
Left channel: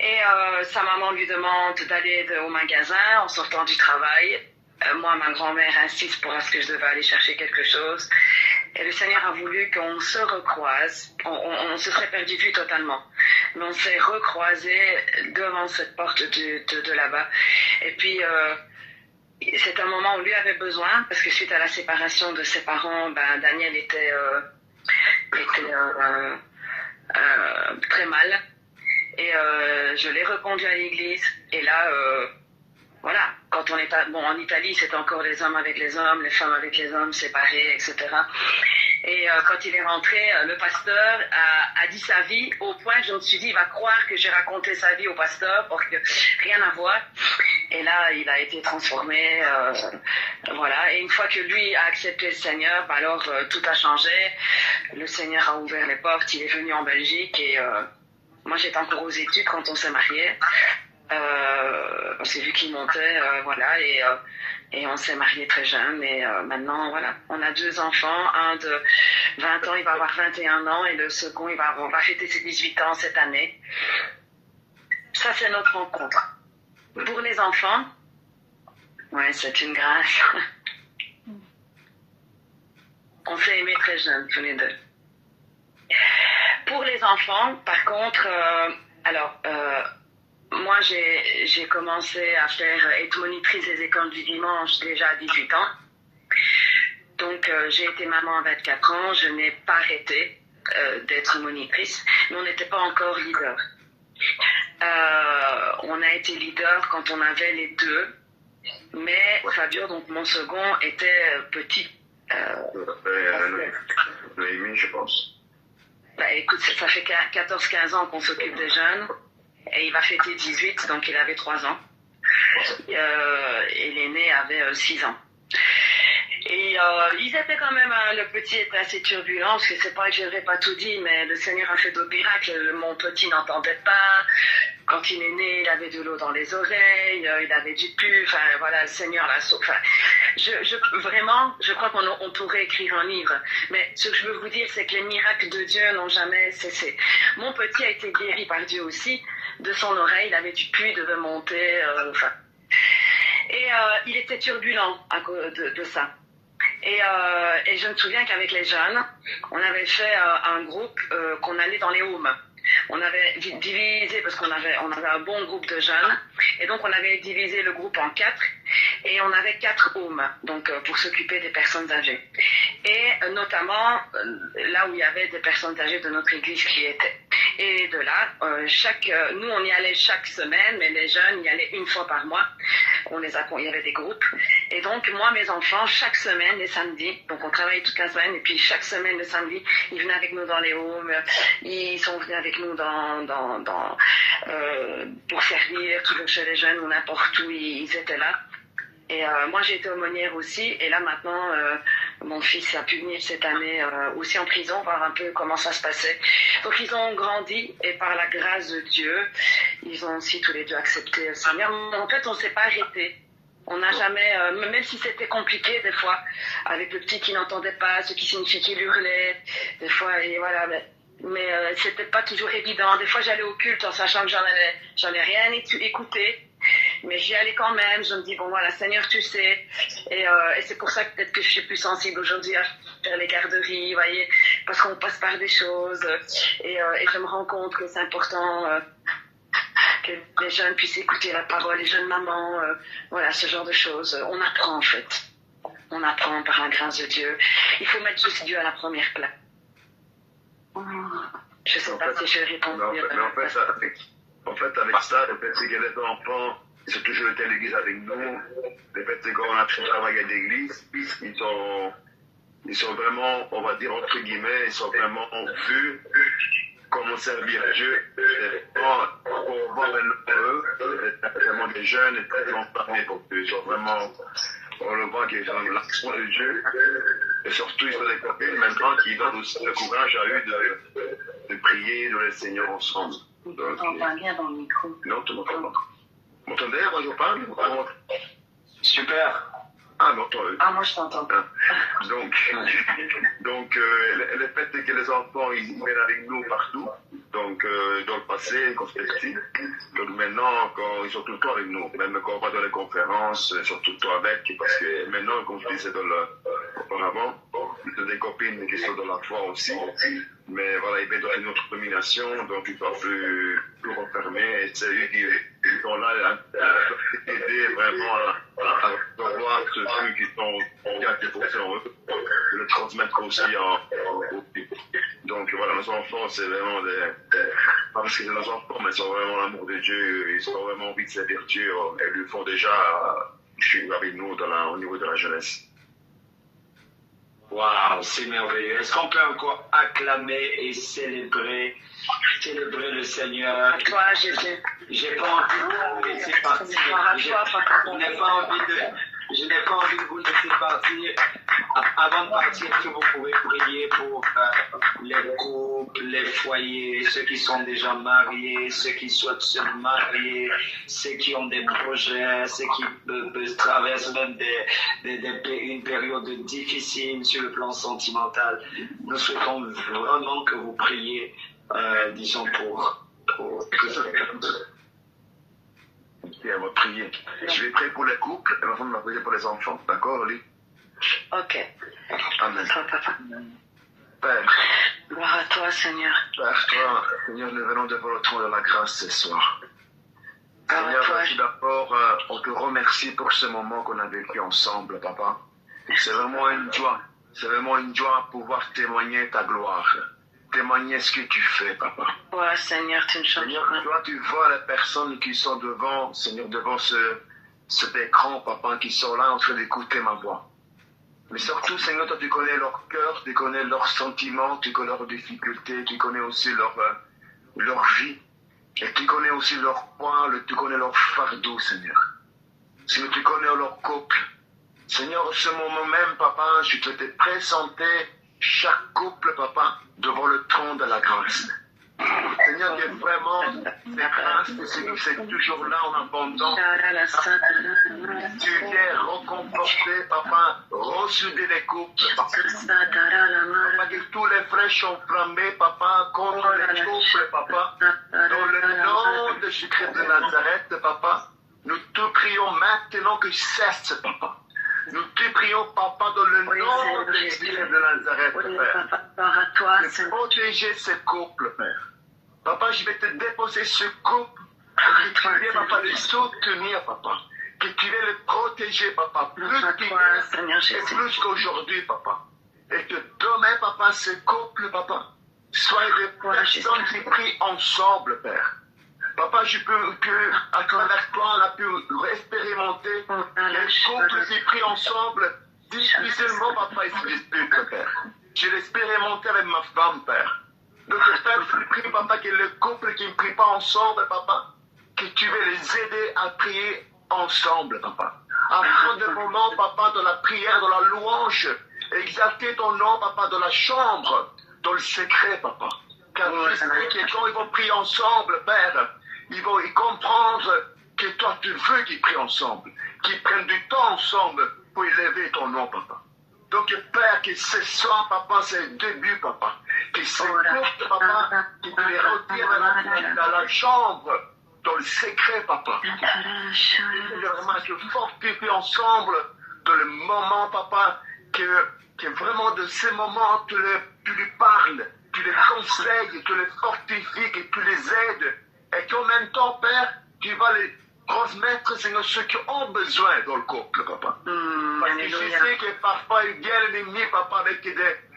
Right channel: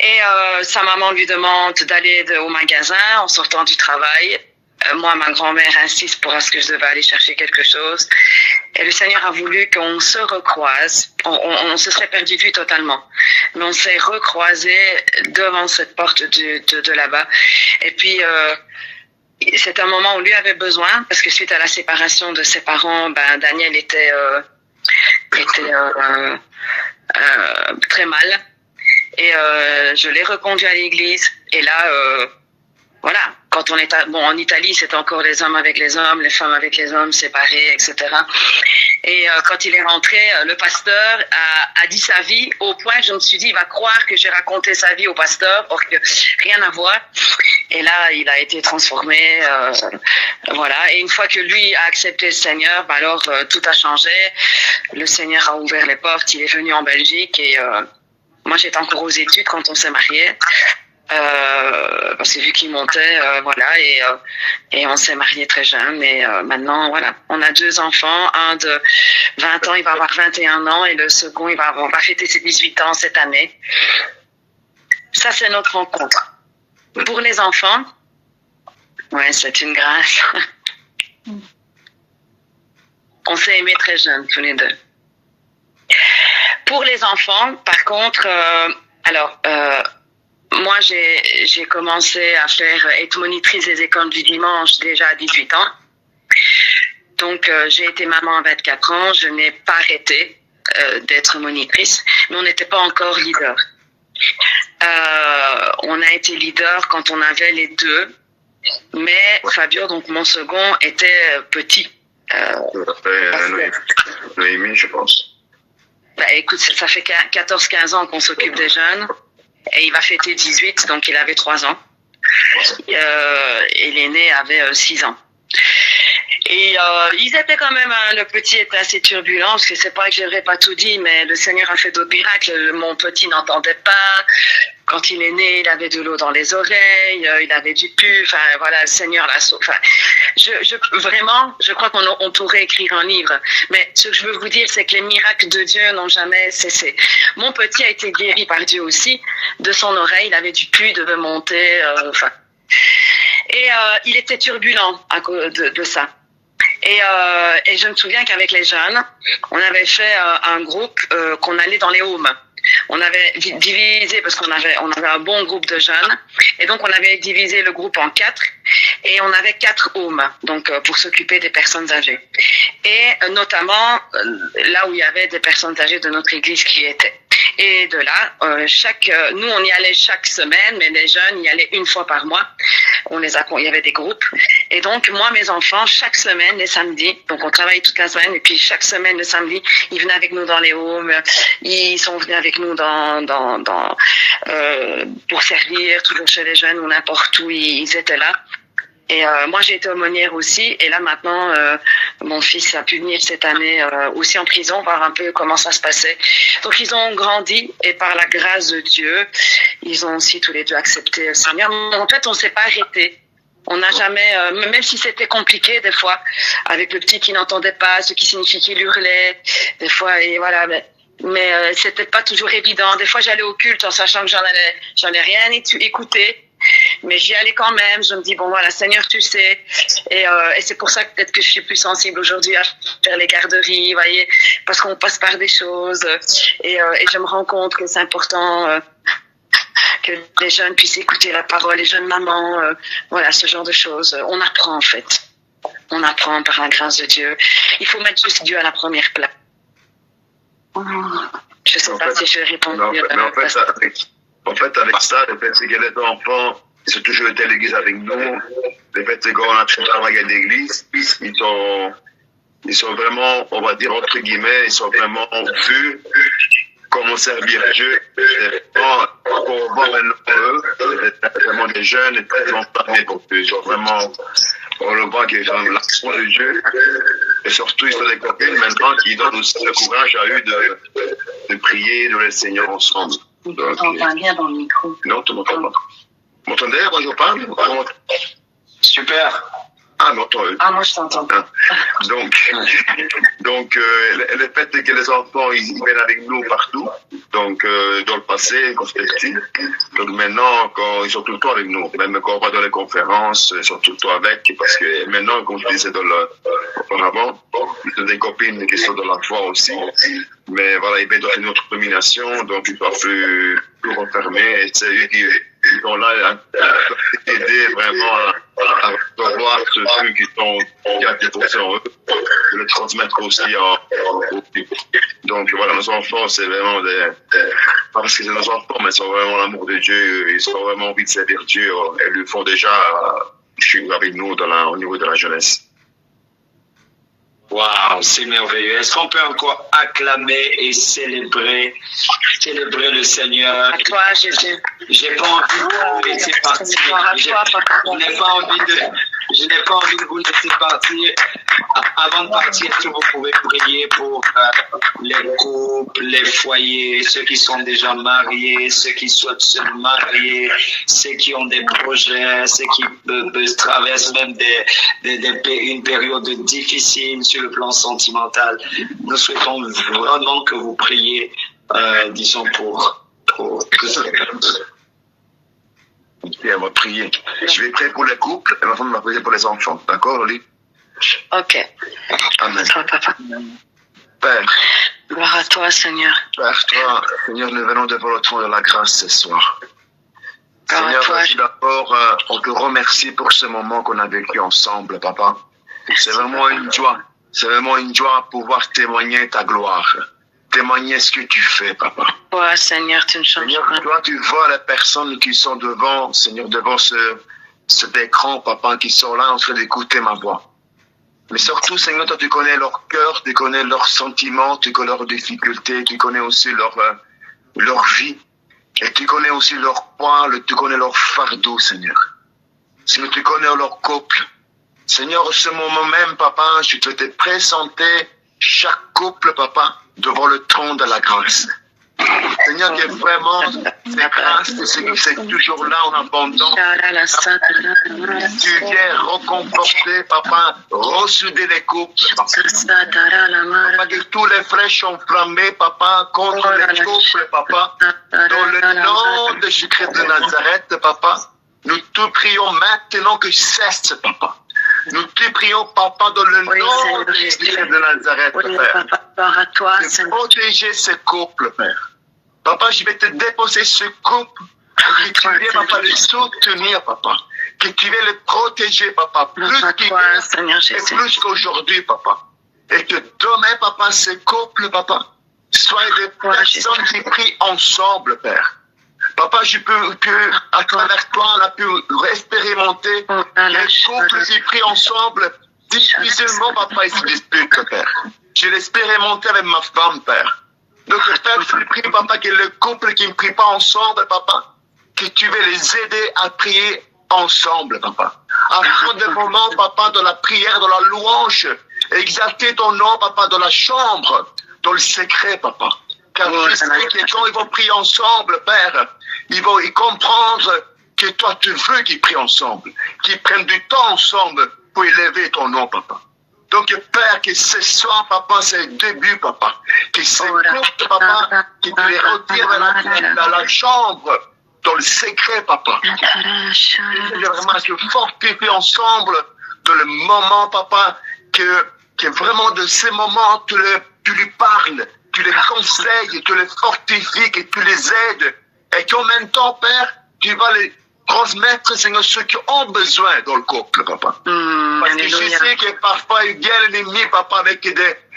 Et sa maman lui demande d'aller au magasin en sortant du travail. Moi, ma grand-mère insiste pour ce que je devais aller chercher quelque chose. Et le Seigneur a voulu qu'on se recroise. On se serait perdu de vue totalement. Mais on s'est recroisés devant cette porte de là-bas. Et puis, c'est un moment où lui avait besoin, parce que suite à la séparation de ses parents, Daniel était très mal. Et je l'ai reconduit à l'église. Et là, voilà. Quand on est en Italie, c'est encore les hommes avec les hommes, les femmes avec les hommes, séparés, etc. Et quand il est rentré, le pasteur a dit sa vie au point que je me suis dit, il va croire que j'ai raconté sa vie au pasteur, or que rien à voir. Et là, il a été transformé, voilà. Et une fois que lui a accepté le Seigneur, alors tout a changé. Le Seigneur a ouvert les portes, il est venu en Belgique et moi j'étais encore aux études quand on s'est mariés. Parce que vu qu'il montait, voilà, et on s'est mariés très jeunes. Et maintenant, voilà, on a 2 enfants, un de 20 ans, il va avoir 21 ans, et le second, on va fêter ses 18 ans cette année. Ça, c'est notre rencontre. Pour les enfants, ouais, c'est une grâce. On s'est aimés très jeunes, tous les deux. Pour les enfants, par contre, moi, j'ai commencé à être monitrice des écoles du dimanche déjà à 18 ans. Donc, j'ai été maman à 24 ans. Je n'ai pas arrêté. d'être monitrice, mais on n'était pas encore leader. On a été leader quand on avait les deux, mais Fabio, donc mon second, était petit. Noémie, je pense. Écoute, ça fait 14-15 ans qu'on s'occupe des jeunes, et il va fêter 18, donc il avait 3 ans. Et l'aîné avait 6 ans. Et ils étaient quand même, le petit était assez turbulent, parce que c'est pas que j'aurais pas tout dit, mais le Seigneur a fait d'autres miracles. Mon petit n'entendait pas. Quand il est né, il avait de l'eau dans les oreilles, il avait du pu. Enfin, voilà, le Seigneur l'a sauvé. Enfin, vraiment, je crois qu'on pourrait écrire un livre. Mais ce que je veux vous dire, c'est que les miracles de Dieu n'ont jamais cessé. Mon petit a été guéri par Dieu aussi. De son oreille, il avait du pu, devait monter. Et il était turbulent à cause de ça. Et je me souviens qu'avec les jeunes, on avait fait un groupe qu'on allait dans les homes. On avait divisé, parce qu'on avait un bon groupe de jeunes, et donc on avait divisé le groupe en 4, et on avait 4 homes, donc pour s'occuper des personnes âgées. Et notamment là où il y avait des personnes âgées de notre église qui y étaient. Et de là, nous on y allait chaque semaine, mais les jeunes y allaient une fois par mois. Il y avait des groupes. Et donc moi, mes enfants, chaque semaine, les samedis, donc on travaille toute la semaine, et puis chaque semaine, le samedi, ils venaient avec nous dans les homes, ils sont venus avec nous pour servir, toujours chez les jeunes ou n'importe où ils étaient là. Et moi, j'ai été aumônière aussi. Et là, maintenant, mon fils a pu venir cette année aussi en prison, voir un peu comment ça se passait. Donc, ils ont grandi. Et par la grâce de Dieu, ils ont aussi tous les deux accepté le Seigneur. En fait, on ne s'est pas arrêté. On n'a jamais, même si c'était compliqué des fois, avec le petit qui n'entendait pas, ce qui signifie qu'il hurlait, des fois, et voilà. Mais c'était pas toujours évident. Des fois, j'allais au culte en sachant que j'en ai rien écouté. Mais j'y allais quand même. Je me dis, bon voilà, Seigneur, tu sais. Et c'est pour ça que peut-être que je suis plus sensible aujourd'hui à faire les garderies, voyez, parce qu'on passe par des choses. Et je me rends compte que c'est important que les jeunes puissent écouter la parole, les jeunes mamans, voilà, ce genre de choses. On apprend en fait. On apprend par la grâce de Dieu. Il faut mettre juste Dieu à la première place. Je ne sais pas si je vais répondre. En fait, avec ça, le fait que les enfants, ils ont toujours été à l'église avec nous. Le fait qu'on a travaillé à l'église, ils sont vraiment, on va dire entre guillemets, ils sont vraiment vus comment servir Dieu. Pour voir eux, c'est vraiment des jeunes et très enfants pour eux. Ils sont vraiment, on le voit qu'ils ont l'action de Dieu. Et surtout, ils sont des copines maintenant qui donnent aussi le courage à eux de prier, de le Seigneur ensemble. On t'entend bien dans le micro. Non, tu m'entends pas. Vous m'entendez quand je parle? Super. Ah, non, moi je t'entends. Donc, le fait que les enfants, ils viennent avec nous partout, donc dans le passé, quand c'était petit, donc maintenant, quand ils sont tout le temps avec nous, même quand on va dans les conférences, ils sont tout le temps avec, parce que maintenant, comme je disais auparavant, ils ont des copines qui sont dans la foi aussi, mais voilà, ils viennent dans une autre domination, donc ils doivent plus refermer, et c'est eux qui sont là à aider vraiment à voir ce truc qui a poussé en eux, de le transmettre aussi au public. Donc voilà, nos enfants, c'est vraiment pas parce que c'est nos enfants, mais ils ont vraiment l'amour de Dieu, ils ont vraiment envie de servir Dieu, et ils le font déjà avec nous au niveau de la jeunesse. Waouh, c'est merveilleux. Est-ce qu'on peut encore acclamer et célébrer le Seigneur? À toi, Jésus. J'ai pas envie de vous laisser partir. Je n'ai pas envie de vous laisser partir. Avant de partir, est-ce que vous pouvez prier pour les couples, les foyers, ceux qui sont déjà mariés, ceux qui souhaitent se marier, ceux qui ont des projets, ceux qui traversent même une période difficile sur le plan sentimental. Nous souhaitons vraiment que vous priez, disons, pour tout ça. Et on va prier. Je vais prier pour les couples et ma femme va prier pour les enfants. D'accord, Oli? Ok. Amen. Toi, papa. Père. Gloire à toi, Seigneur. Père, toi, Seigneur, nous venons devant le trône de la grâce ce soir. Gloire Seigneur, à toi. d'abord, on te remercie pour ce moment qu'on a vécu ensemble, papa. C'est vraiment une joie. C'est vraiment une joie de pouvoir témoigner ta gloire. témoigner ce que tu fais, papa. Ouais, Seigneur, tu ne changes Seigneur, pas. toi, tu vois les personnes qui sont devant, Seigneur, devant cet écran, papa, qui sont là en train d'écouter ma voix. Mais surtout, Seigneur, toi, tu connais leur cœur, tu connais leurs sentiments, tu connais leurs difficultés, tu connais aussi leur vie. Et tu connais aussi leur poids, tu connais leur fardeau, Seigneur. Seigneur, tu connais leur couple. Seigneur, ce moment même, papa, je te fais présenter chaque couple, papa, devant le trône de la grâce. Seigneur, que vraiment, ces grâces, c'est toujours là en abondance. Tu viens reconforter, papa, ressouder les couples. Papa, que tous les flèches sont enflammées, papa, contre les couples, papa. Dans le nom de Jésus-Christ de Nazareth, papa, nous te prions maintenant que cesse, papa. Nous te prions, papa, dans le nom de Jésus-Christ de Nazareth, Père. De protéger ces couples, Père. Papa, je vais te déposer ce couple, que tu viens, papa, le soutenir, papa. Que tu viens le protéger, papa, plus qu'hier et plus qu'aujourd'hui, papa. Et que demain, papa, ce couple, papa, soit des personnes qui prient ensemble, Père. Papa, je peux que, à travers toi, on a pu expérimenter les couples qui prient ensemble, difficilement, papa, ils se disputent, Père. Je l'ai expérimenté avec ma femme, Père. Donc, Père, je te prie, papa, que le couple qui ne prie pas ensemble, papa, que tu veux les aider à prier ensemble, papa. Afin de moment, papa, de la prière, de la louange, exalter ton nom, papa, dans la chambre, dans le secret, papa. Car je sais que quand ils vont prier ensemble, Père, ils vont y comprendre que toi, tu veux qu'ils prient ensemble, qu'ils prennent du temps ensemble pour élever ton nom, papa. Donc, Père, que ce soit, papa, c'est le début, papa. Que ces couples, papa, que tu les retires dans la chambre, dans le secret, papa. Que vraiment se fortifie ensemble dans le moment, papa, que vraiment de ces moments, tu lui parles, tu les conseilles, tu les fortifies, que tu les aides. Et qu'en même temps, Père, tu vas les transmettre, Seigneur, ceux qui ont besoin dans le couple, papa. Parce que je sais que parfois, il vient l'ennemi, papa, avec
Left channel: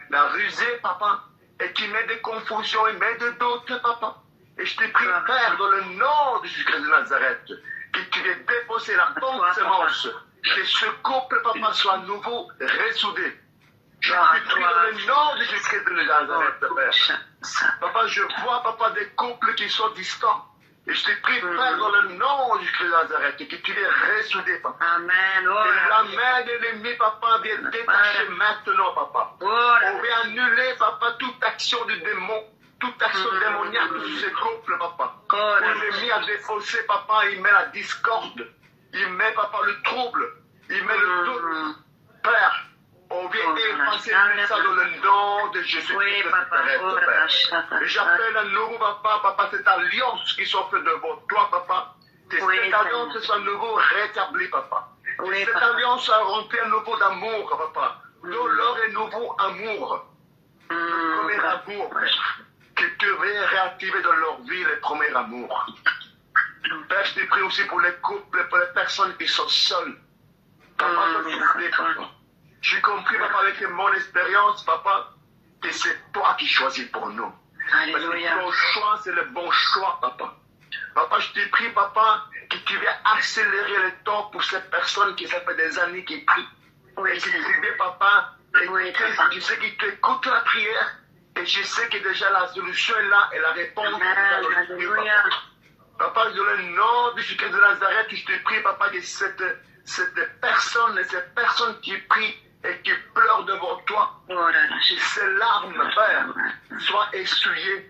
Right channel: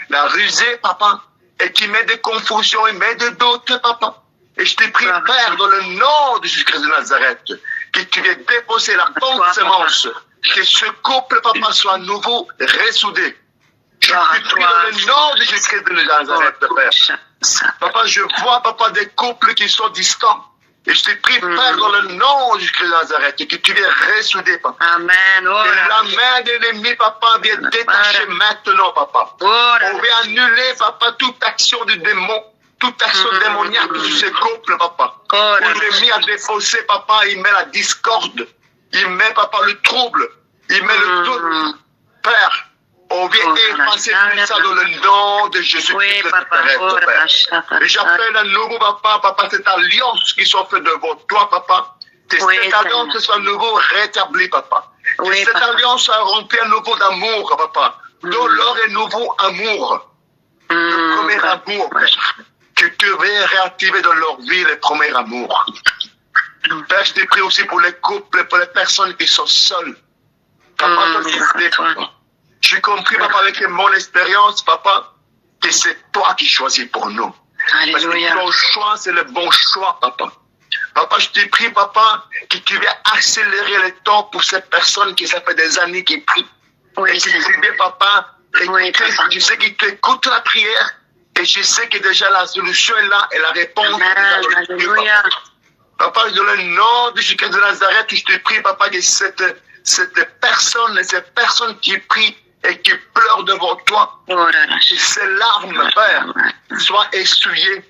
la rusée, papa, et qui met des confusions, il met des doutes, papa. Et je te prie, Père, dans le nom de Jésus-Christ de Nazareth, que tu viennes déposer la bonne semence, que ce couple, papa, soit à nouveau ressoudé. Je te prie dans le nom de Jésus-Christ de Nazareth, Père. Papa, je vois, papa, des couples qui sont distants. Et je te prie, Père, dans le nom de Jésus-Christ de Nazareth, que tu viennes ressouder, papa. Amen. Que la main de l'ennemi, papa, vienne détacher maintenant, papa. On va annuler, papa, toute action du démon, toute action démoniaque sur ce couple, papa. Où l'ennemi a défaussé, papa, il met la discorde, il met, papa, le trouble, il met le doute. Père, on vient effacer tout ça dans le nom de Jésus-Christ de Nazareth, Père. Et j'appelle à nouveau, papa, cette alliance qui soit faite devant toi, papa. Que cette alliance soit à nouveau rétablie, papa. Que cette alliance soit remplie à nouveau d'amour, papa. Dans leur et nouveau amour. Le premier amour, Père. Que tu veux réactiver dans leur vie le premier amour. Père, je te prie aussi pour les couples, pour les personnes qui sont seules. Papa, toi, tu sais, papa. J'ai compris, papa, avec mon expérience, papa, que c'est toi qui choisis pour nous. Alléluia. Parce que ton choix, c'est le bon choix, papa. Papa, je te prie, papa, que tu viennes accélérer le temps pour ces personnes qui, ça fait des années qui prient. Oui, et que tu viens, papa, je sais qu'ils t'écoutent la prière, et je sais que déjà la solution est là, et la réponse est là dans le Dieu, papa. Papa, dans le nom de Jésus-Christ de Nazareth, je te prie, papa, que cette personne qui prie, et qui pleure devant toi, que ces larmes, Père, soient essuyées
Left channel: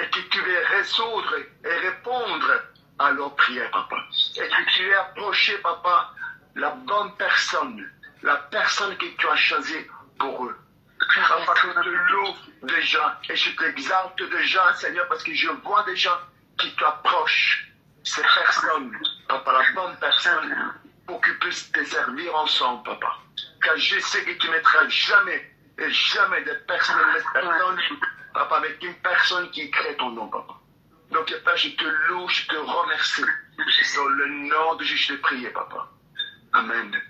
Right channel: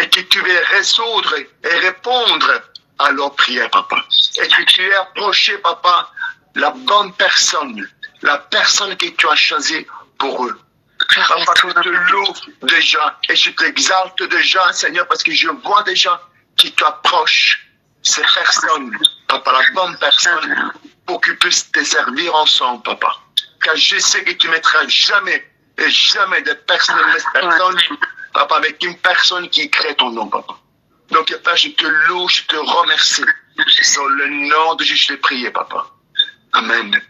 et que tu viennes résoudre et répondre à leurs prières, papa. Et que tu aies approché, papa, la bonne personne, la personne que tu as choisie pour eux. Papa, je te loue déjà et je t'exalte déjà, Seigneur, parce que je vois déjà que tu approches ces personnes, papa, la bonne personne, pour qu'ils puissent te servir ensemble, papa. Car je sais que tu ne mettras jamais et jamais de personne, papa, avec une personne qui crée ton nom, papa. Donc, Père, je te loue, je te remercie. Dans le nom de Jésus, je t'ai prié, papa. Amen.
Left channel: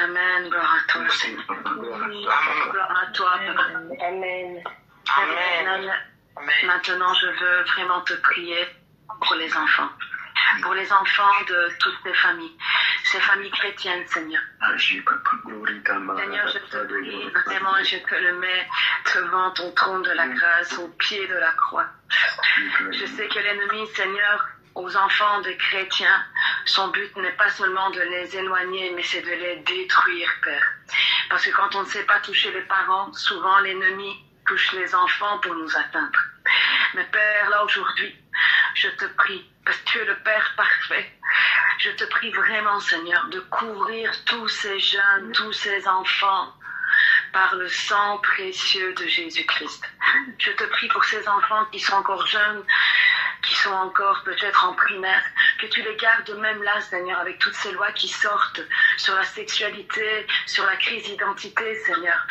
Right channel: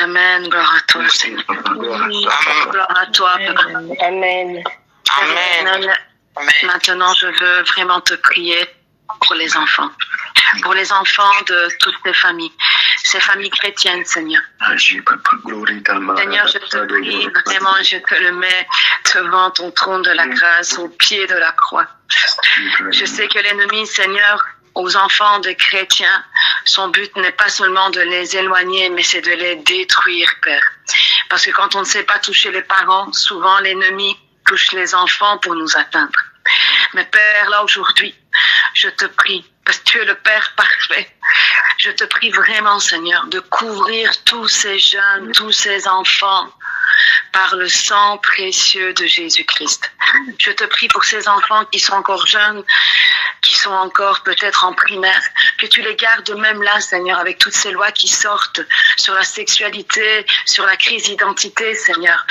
Amen. Gloire à toi, Seigneur. Gloire à toi, papa. Amen. Amen. Maintenant, je veux vraiment te prier pour les enfants de toutes ces familles chrétiennes, Seigneur. Seigneur, je te prie vraiment, je te le mets devant ton trône de la grâce, au pied de la croix. Je sais que l'ennemi, Seigneur, aux enfants de chrétiens, son but n'est pas seulement de les éloigner, mais c'est de les détruire, Père. Parce que quand on ne sait pas toucher les parents, souvent l'ennemi touche les enfants pour nous atteindre. Mais Père, là aujourd'hui, je te prie, parce que tu es le Père parfait, je te prie vraiment, Seigneur, de couvrir tous ces jeunes, tous ces enfants par le sang précieux de Jésus-Christ. Je te prie pour ces enfants qui sont encore jeunes, qui sont encore peut-être en primaire, que tu les gardes même là, Seigneur, avec toutes ces lois qui sortent sur la sexualité, sur la crise d'identité, Seigneur.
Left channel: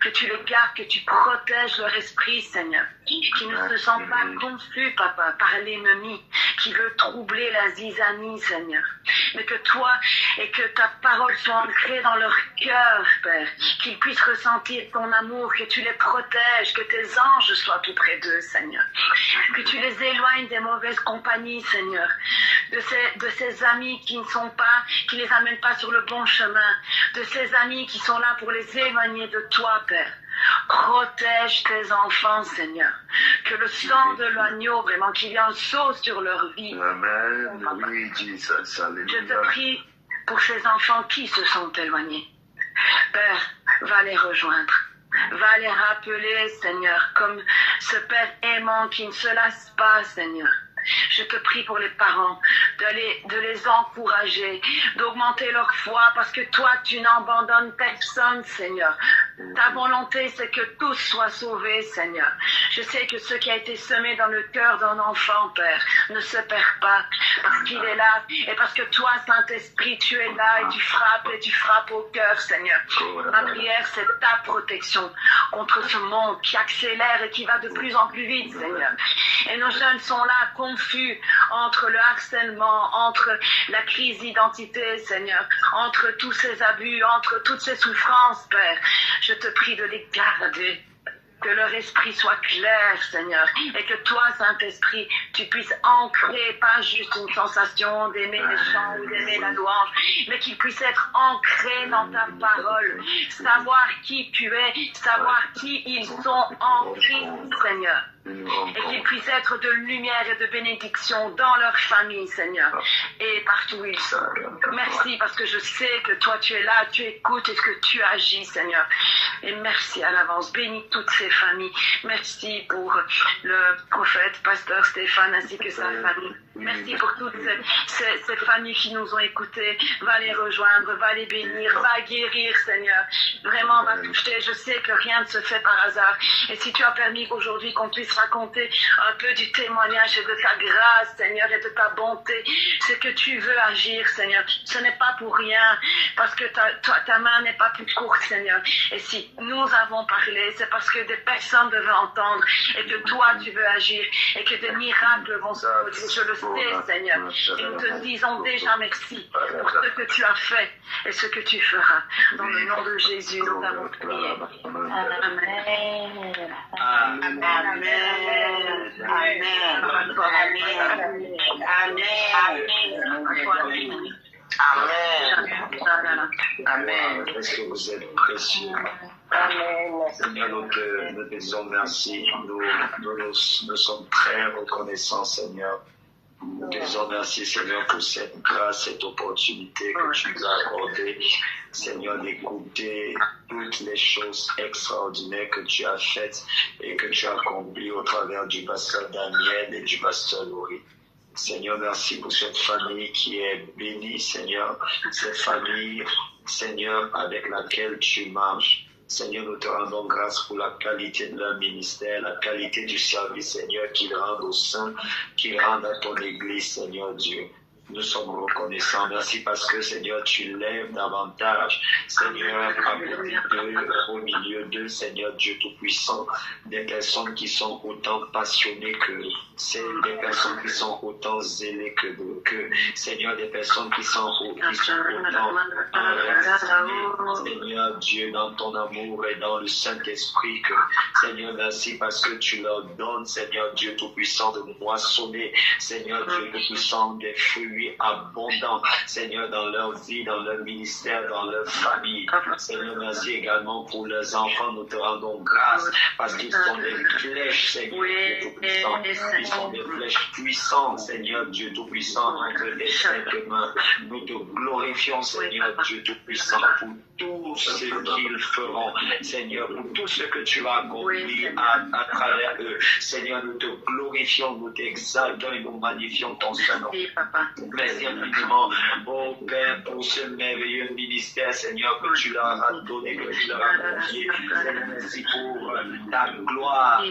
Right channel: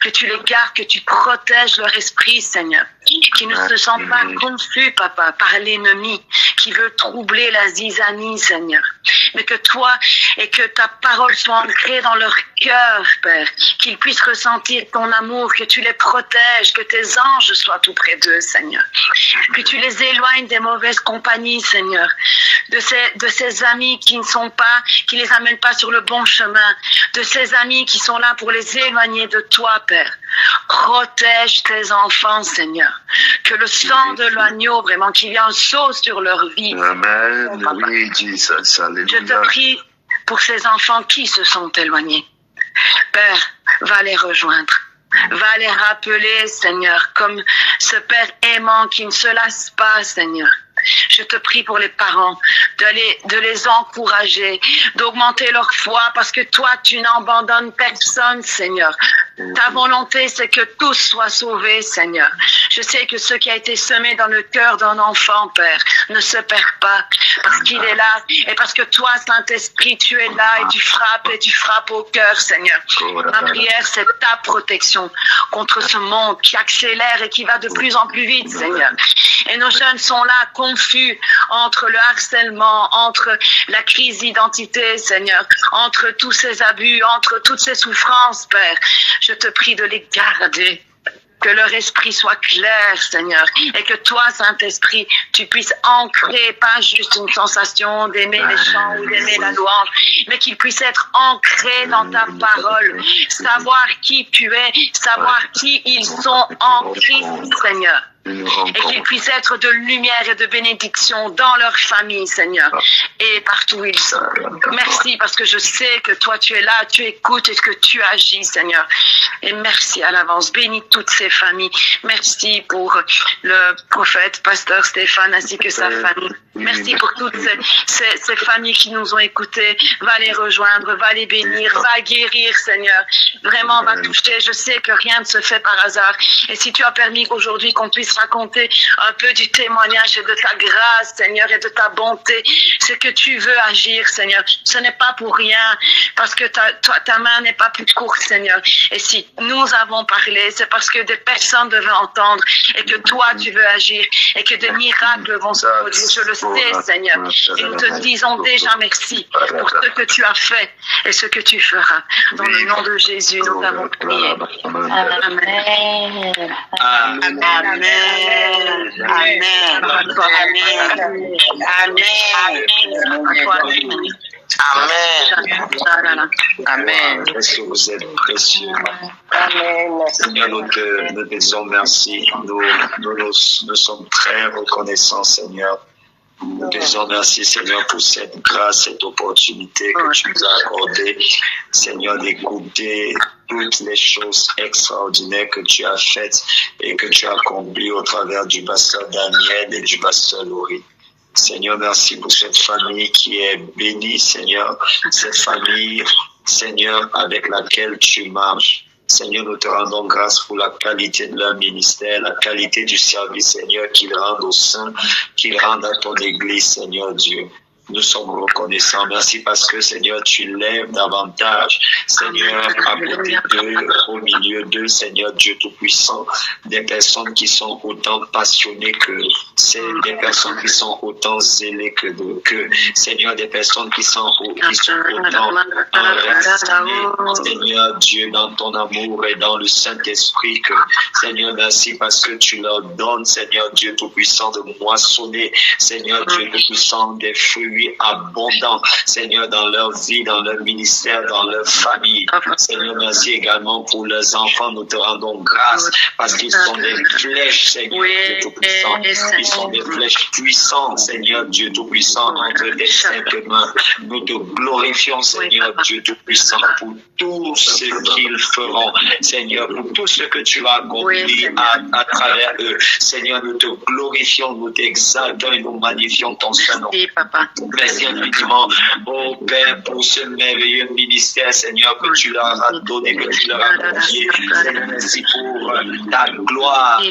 Que tu les gardes, que tu protèges leur esprit, Seigneur. Qu'ils ne se sentent pas confus, Papa, par l'ennemi qui veut troubler la zizanie, Seigneur. Mais que toi et que ta parole soit ancrée dans leur cœur, Père. Qu'ils puissent ressentir ton amour, que tu les protèges, que tes anges soient tout près d'eux, Seigneur. Que tu les éloignes des mauvaises compagnies, Seigneur. De ces amis qui ne sont pas, qui les amènent pas sur le bon chemin. De ces amis qui sont là pour les éloigner de toi, Père. Protège tes enfants, Seigneur. Que le sang de l'agneau, vraiment, qu'il y ait un saut sur leur vie. Amen. Oui, Jesus. Alléluia. Je te prie pour ces enfants qui se sont éloignés. Père, va les rejoindre. Va les rappeler, Seigneur, comme ce Père aimant qui ne se lasse pas, Seigneur. Je te prie pour les parents, de les encourager, d'augmenter leur foi, parce que toi, tu n'abandonnes personne, Seigneur. Ta volonté, c'est que tous soient sauvés, Seigneur. Je sais que ce qui a été semé dans le cœur d'un enfant, Père, ne se perd pas, parce qu'il est là, et parce que toi, Saint-Esprit, tu es là, et tu frappes au cœur, Seigneur. Ma prière, c'est ta protection contre ce monde qui accélère et qui va de plus en plus vite, Seigneur. Et nos jeunes sont là, confus entre le harcèlement, entre la crise d'identité, Seigneur, entre tous ces abus, entre toutes ces souffrances, Père. Je te prie de les garder, que leur esprit soit clair, Seigneur, et que toi, Saint-Esprit, tu puisses ancrer, pas juste une sensation d'aimer les chants ou d'aimer la louange, mais qu'ils puissent être ancrés dans ta parole, savoir qui tu es, savoir qui ils sont en Christ, Seigneur. Et qu'ils puissent être de lumière et de bénédiction dans leur famille, Seigneur, et partout où ils sont. Merci parce que je sais que toi tu es là, tu écoutes et que tu agis, Seigneur. Et merci à l'avance. Bénis toutes ces familles. Merci pour le prophète, pasteur Stéphane, ainsi que sa famille. Merci pour toutes ces familles qui nous ont écoutés. Va les rejoindre, va les bénir, va guérir, Seigneur. Vraiment, va toucher. Je sais que rien ne se fait par hasard. Et si tu as permis qu'aujourd'hui qu'on puisse raconter un peu du témoignage et de ta grâce, Seigneur, et de ta bonté, c'est que tu veux agir, Seigneur. Ce n'est pas pour rien, parce que ta main n'est pas plus courte, Seigneur. Et si nous avons parlé, c'est parce que des personnes devaient entendre, et que toi, tu veux agir, et que des miracles vont se produire. Je le sais, Seigneur. Et nous te disons déjà merci pour ce que tu as fait et ce que tu feras. Dans le nom de Jésus, nous avons prié. Amen. Amen. Amen. Amen. Est-ce que vous êtes précieux? Seigneur, nous te disons merci. Nous sommes très reconnaissants, Seigneur. Nous te disons merci, Seigneur, pour cette grâce, cette opportunité que tu nous as accordée, Seigneur, d'écouter toutes les choses extraordinaires que tu as faites et que tu as accomplies au travers du pasteur Daniel et du pasteur Laurie. Seigneur, merci pour cette famille qui est bénie, Seigneur, cette famille, Seigneur, avec laquelle tu marches. Seigneur, nous te rendons grâce pour la qualité de leur ministère, la qualité du service, Seigneur, qu'ils rendent au sein, qu'ils rendent à ton Église, Seigneur Dieu. Nous sommes reconnaissants. Merci parce que, Seigneur, tu lèves davantage, Seigneur, à côté d'eux, au milieu d'eux, Seigneur Dieu Tout-Puissant, des personnes qui sont autant passionnées que c'est des personnes qui sont autant zélées que Seigneur, des personnes qui sont autant enracinées, Seigneur Dieu, dans ton amour et dans le Saint-Esprit, que, Seigneur, merci parce que tu leur donnes, Seigneur Dieu Tout-Puissant, de moissonner, Seigneur Dieu Tout-Puissant, des fruits abondants, Seigneur, dans leur vie, dans leur ministère, dans leur famille. Seigneur, merci également pour leurs enfants. Nous te rendons grâce parce qu'ils sont des flèches, Seigneur Dieu Tout-Puissant. Ils sont des flèches puissantes, Seigneur Dieu Tout-Puissant, entre tes saintes mains. Nous te glorifions, Seigneur Dieu Tout-Puissant, pour tout ce qu'ils feront, Seigneur, pour tout ce que tu as accompli à travers eux. Seigneur, nous te glorifions, nous t'exaltons et nous magnifions ton Saint-Nom. Merci infiniment, oh Père, pour ce merveilleux ministère, Seigneur, que tu leur as donné, que tu leur as confié. Merci pour ta gloire.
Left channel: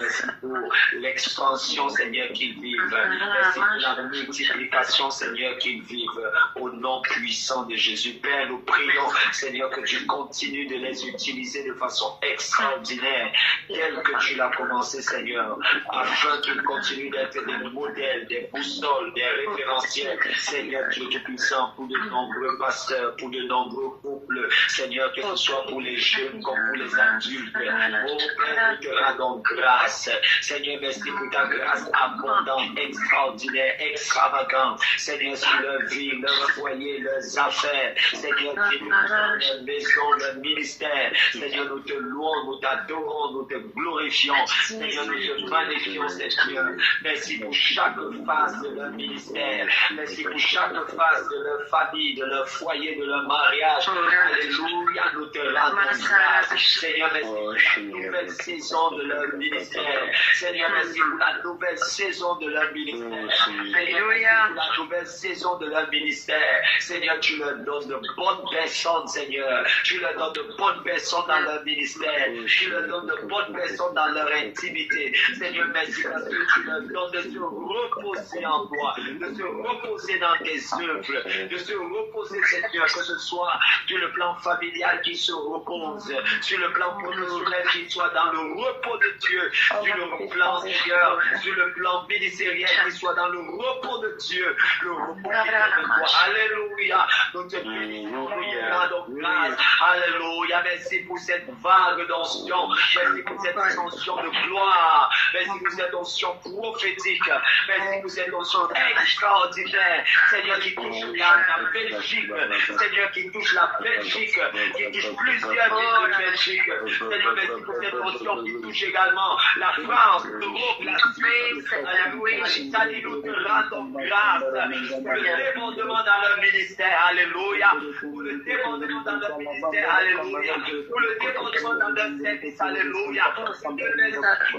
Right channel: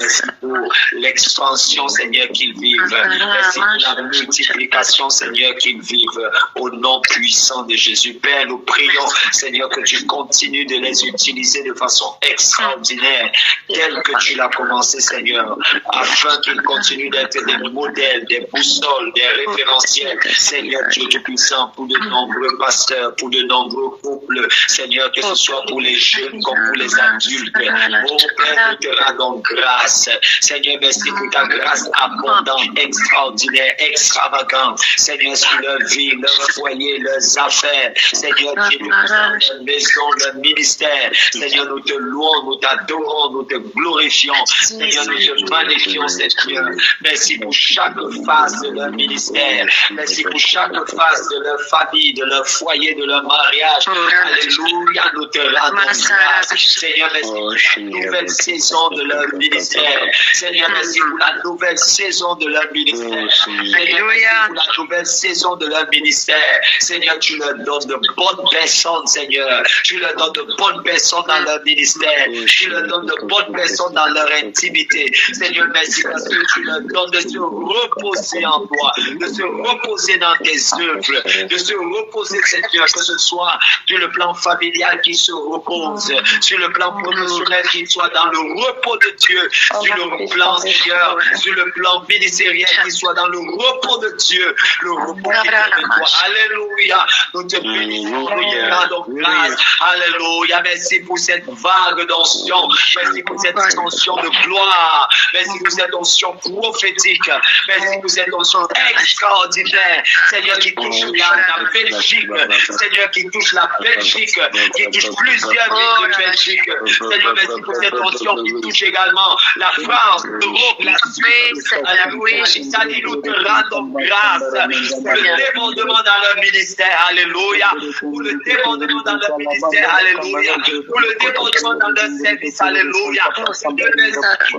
Merci pour l'expansion, Seigneur, qu'ils vivent. Merci pour la multiplication, Seigneur, qu'ils vivent. Au nom puissant de Jésus, Père, nous prions, Seigneur, que tu continues de les utiliser de façon extraordinaire, telle que tu l'as commencé, Seigneur, afin qu'ils continuent d'être des modèles, des boussoles, des référentiels, Seigneur Dieu Tout-Puissant, pour de nombreux pasteurs, pour de nombreux couples, Seigneur, que ce soit pour les jeunes comme pour les adultes. Oh Père, nous te rendons grâce. Seigneur, merci pour ta grâce abondante, extraordinaire, extravagante. Seigneur, sur leur vie, leur foyer, leurs affaires. Seigneur, Dieu Tout-Puissant, leur maison, leur ministère. Seigneur, nous te louons, nous t'adorons, nous te glorifions. Seigneur, nous te magnifions, Seigneur. Merci pour chaque phase de leur ministère. Merci pour chaque phase de leur famille, de leur foyer, de leur mariage. Alléluia, nous te rendons grâce. Seigneur, merci pour la nouvelle saison de leur ministère. Seigneur, merci pour la nouvelle saison de leur ministère. Seigneur, merci pour la nouvelle saison de leur ministère. Seigneur, tu leur donnes de bonnes personnes, Seigneur. Tu leur donnes de bonnes personnes dans leur ministère. Tu leur donnes de bonnes personnes dans leur intimité. Seigneur, merci parce que tu leur donnes de se reposer en toi, de se reposer dans tes œuvres, de se reposer, Seigneur, que ce soit sur le plan familial qui se repose, sur le plan professionnel qui soit dans le repos de Dieu, sur le plan, Seigneur, sur le plan ministériel qui soit dans le repos de Dieu, le repos qui vient de toi. Alléluia. Nous te bénissons, nous te rendons grâce. Alléluia. Merci pour cette vague d'onction. Merci pour cette onction de gloire. Merci pour cette onction prophétique. Merci pour cette onction extraordinaire. Seigneur, qui touche la Belgique. Seigneur, qui touche la Belgique. Qui touche plusieurs villes de Belgique. Seigneur, merci pour cette onction qui touche également la France, l'Europe, la Suisse. Alléluia. Seigneur, nous te rendons grâce pour le débordement dans leur ministère. Alléluia. Pour le débordement dans leur ministère. Alléluia. Pour le débordement dans leur service. Alléluia.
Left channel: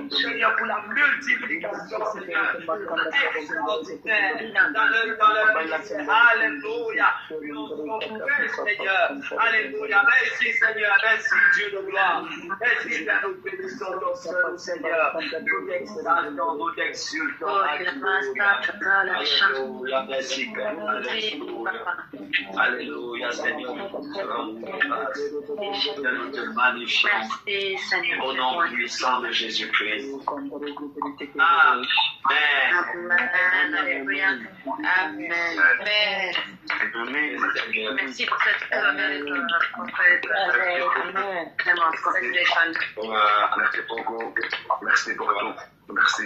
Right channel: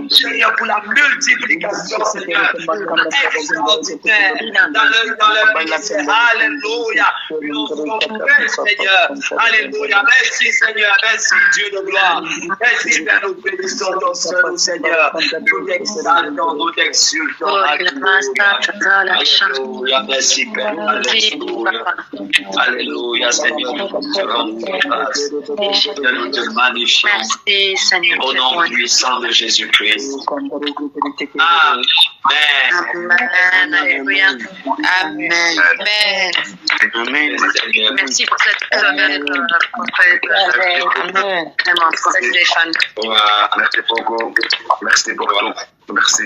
Seigneur, pour la multiplication, Seigneur, extraordinaire dans leur ministère. Alléluia. Nous sommes prêts, Seigneur. Alléluia. Merci, Seigneur. Merci, Dieu de gloire. Merci, Père. Nous bénissons ton Saint, Seigneur. Nous t'exaltons, nous t'exultons. Alléluia. Merci, Père. Alléluia. Alléluia, Seigneur. Nous te rendons grâce. Nous te magnifions. Merci, Seigneur. Au nom puissant de Jésus-Christ. Amen. Amen. Alléluia. Amen. Amen. Merci pour cette prophète. Vraiment, prophète Stéphane. Merci beaucoup. Merci pour tout. Merci.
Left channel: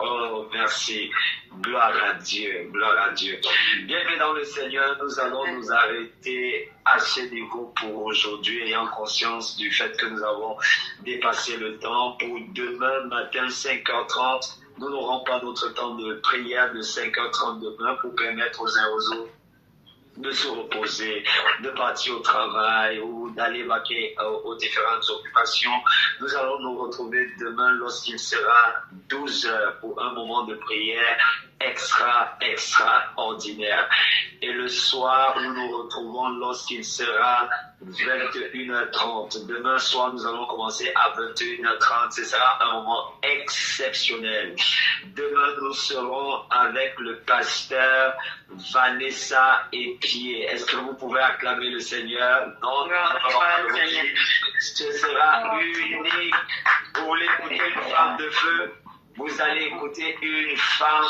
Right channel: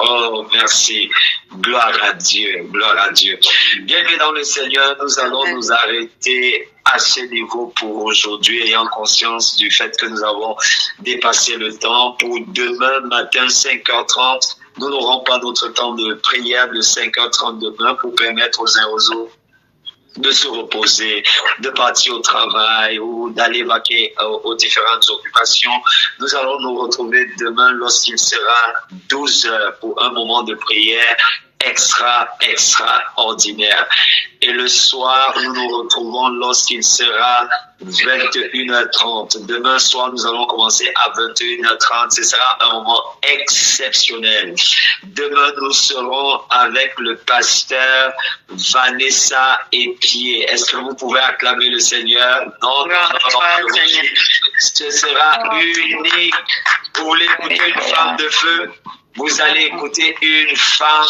Oh, merci. Gloire à Dieu. Gloire à Dieu. Bienvenue dans le Seigneur. Nous allons nous arrêter à ce niveau pour aujourd'hui, ayant conscience du fait que nous avons dépassé le temps. Pour demain matin, 5h30, nous n'aurons pas notre temps de prière de 5h30 demain pour permettre aux uns aux autres de se reposer, de partir au travail ou d'aller vaquer aux différentes occupations. Nous allons nous retrouver demain lorsqu'il sera 12 heures pour un moment de prière extraordinaire. Et le soir, nous nous retrouvons lorsqu'il sera 21h30. Demain soir, nous allons commencer à 21h30. Ce sera un moment exceptionnel. Demain, nous serons avec le pasteur Vanessa Epier. Est-ce que vous pouvez acclamer le Seigneur? Non, ce sera unique. Vous voulez écouter une femme de feu? Vous allez écouter une femme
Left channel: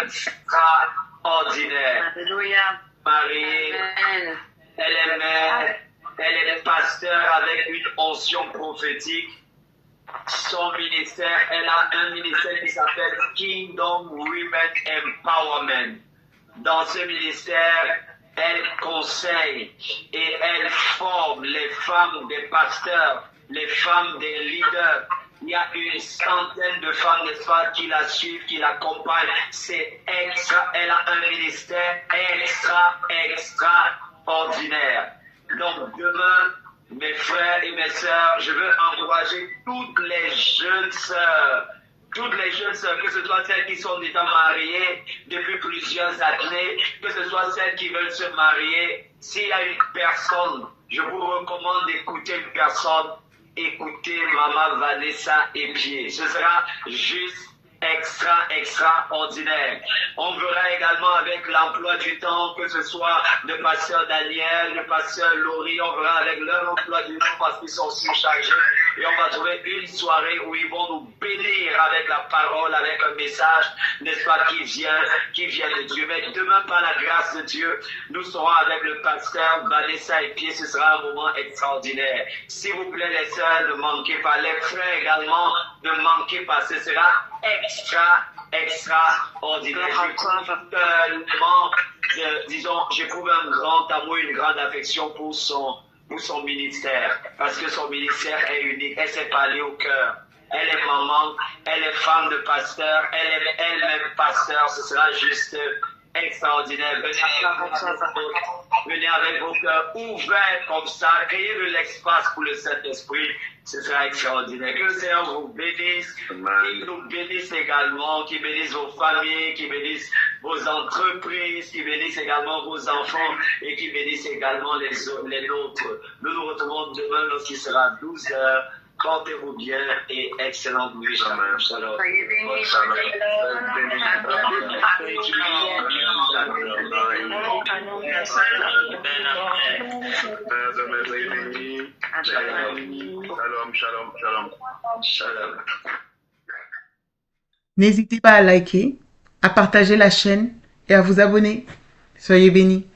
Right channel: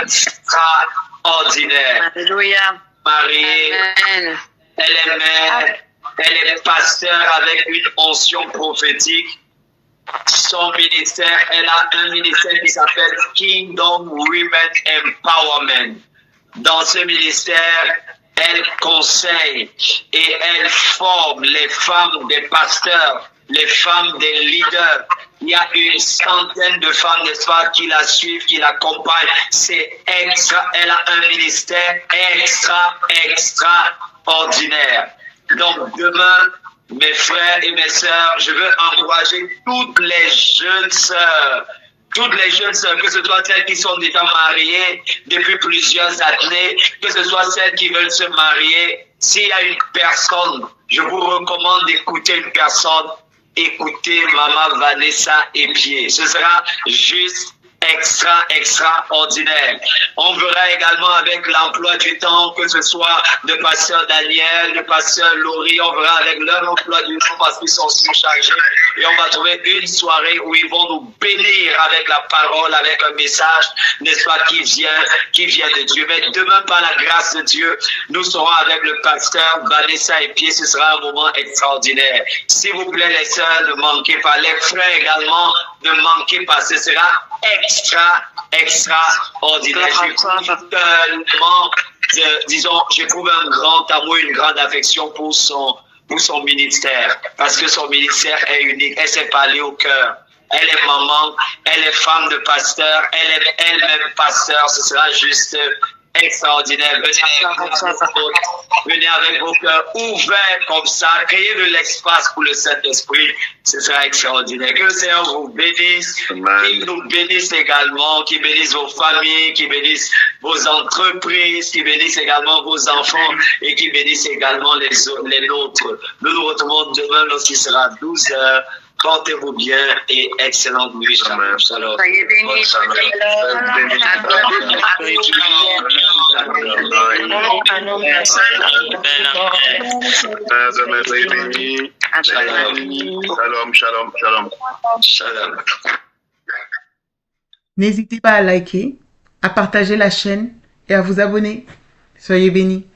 extraordinaire. Alléluia. Mariée, Amen. elle est mère, elle est pasteur avec une onction prophétique. Son ministère, elle a un ministère qui s'appelle Kingdom Women Empowerment. Dans ce ministère, elle conseille et elle forme les femmes des pasteurs, les femmes des leaders. Il y a une centaine de femmes, n'est-ce pas, qui la suivent, qui l'accompagnent. C'est extra. Elle a un ministère extraordinaire. Donc demain, mes frères et mes sœurs, je veux encourager toutes les jeunes sœurs, que ce soit celles qui sont déjà mariées depuis plusieurs années, que ce soit celles qui veulent se marier. S'il y a une personne, je vous recommande d'écouter une personne. Écoutez Maman Vanessa Epier. Ce sera juste extraordinaire. On verra également avec l'emploi du temps, que ce soit de pasteur Daniel, de pasteur Laurie, on verra avec leur emploi du temps parce qu'ils sont surchargés. Et on va trouver une soirée où ils vont nous bénir avec la parole, avec un message, n'est-ce pas, qui vient de Dieu. Mais demain, par la grâce de Dieu, nous serons avec le pasteur Vanessa Epier. Ce sera un moment extraordinaire. S'il vous plaît, les sœurs, ne manquez pas. Les frères également, ne manquez pas. Ce sera extraordinaire. J'éprouve un grand amour, une grande affection pour son ministère, parce que son ministère est unique. Elle s'est parlée au cœur. Elle est maman, elle est femme de pasteur, elle est elle-même pasteur. Ce sera juste extraordinaire. Venez avec vos cœurs ouverts comme ça, créez de l'espace pour le Saint-Esprit. Ce sera extraordinaire. Que le Seigneur vous bénisse, qu'il nous bénisse également, qu'il bénisse vos familles, qu'il bénisse vos entreprises, qu'il bénisse également vos enfants et qu'il bénisse également les nôtres. Nous nous retrouvons demain lorsqu'il sera 12h. Portez-vous bien et excellente nuit. Shalom. Shalom. Soyez bénis. Shalom. N'hésitez pas à liker, à partager la chaîne et à vous abonner. Soyez bénis.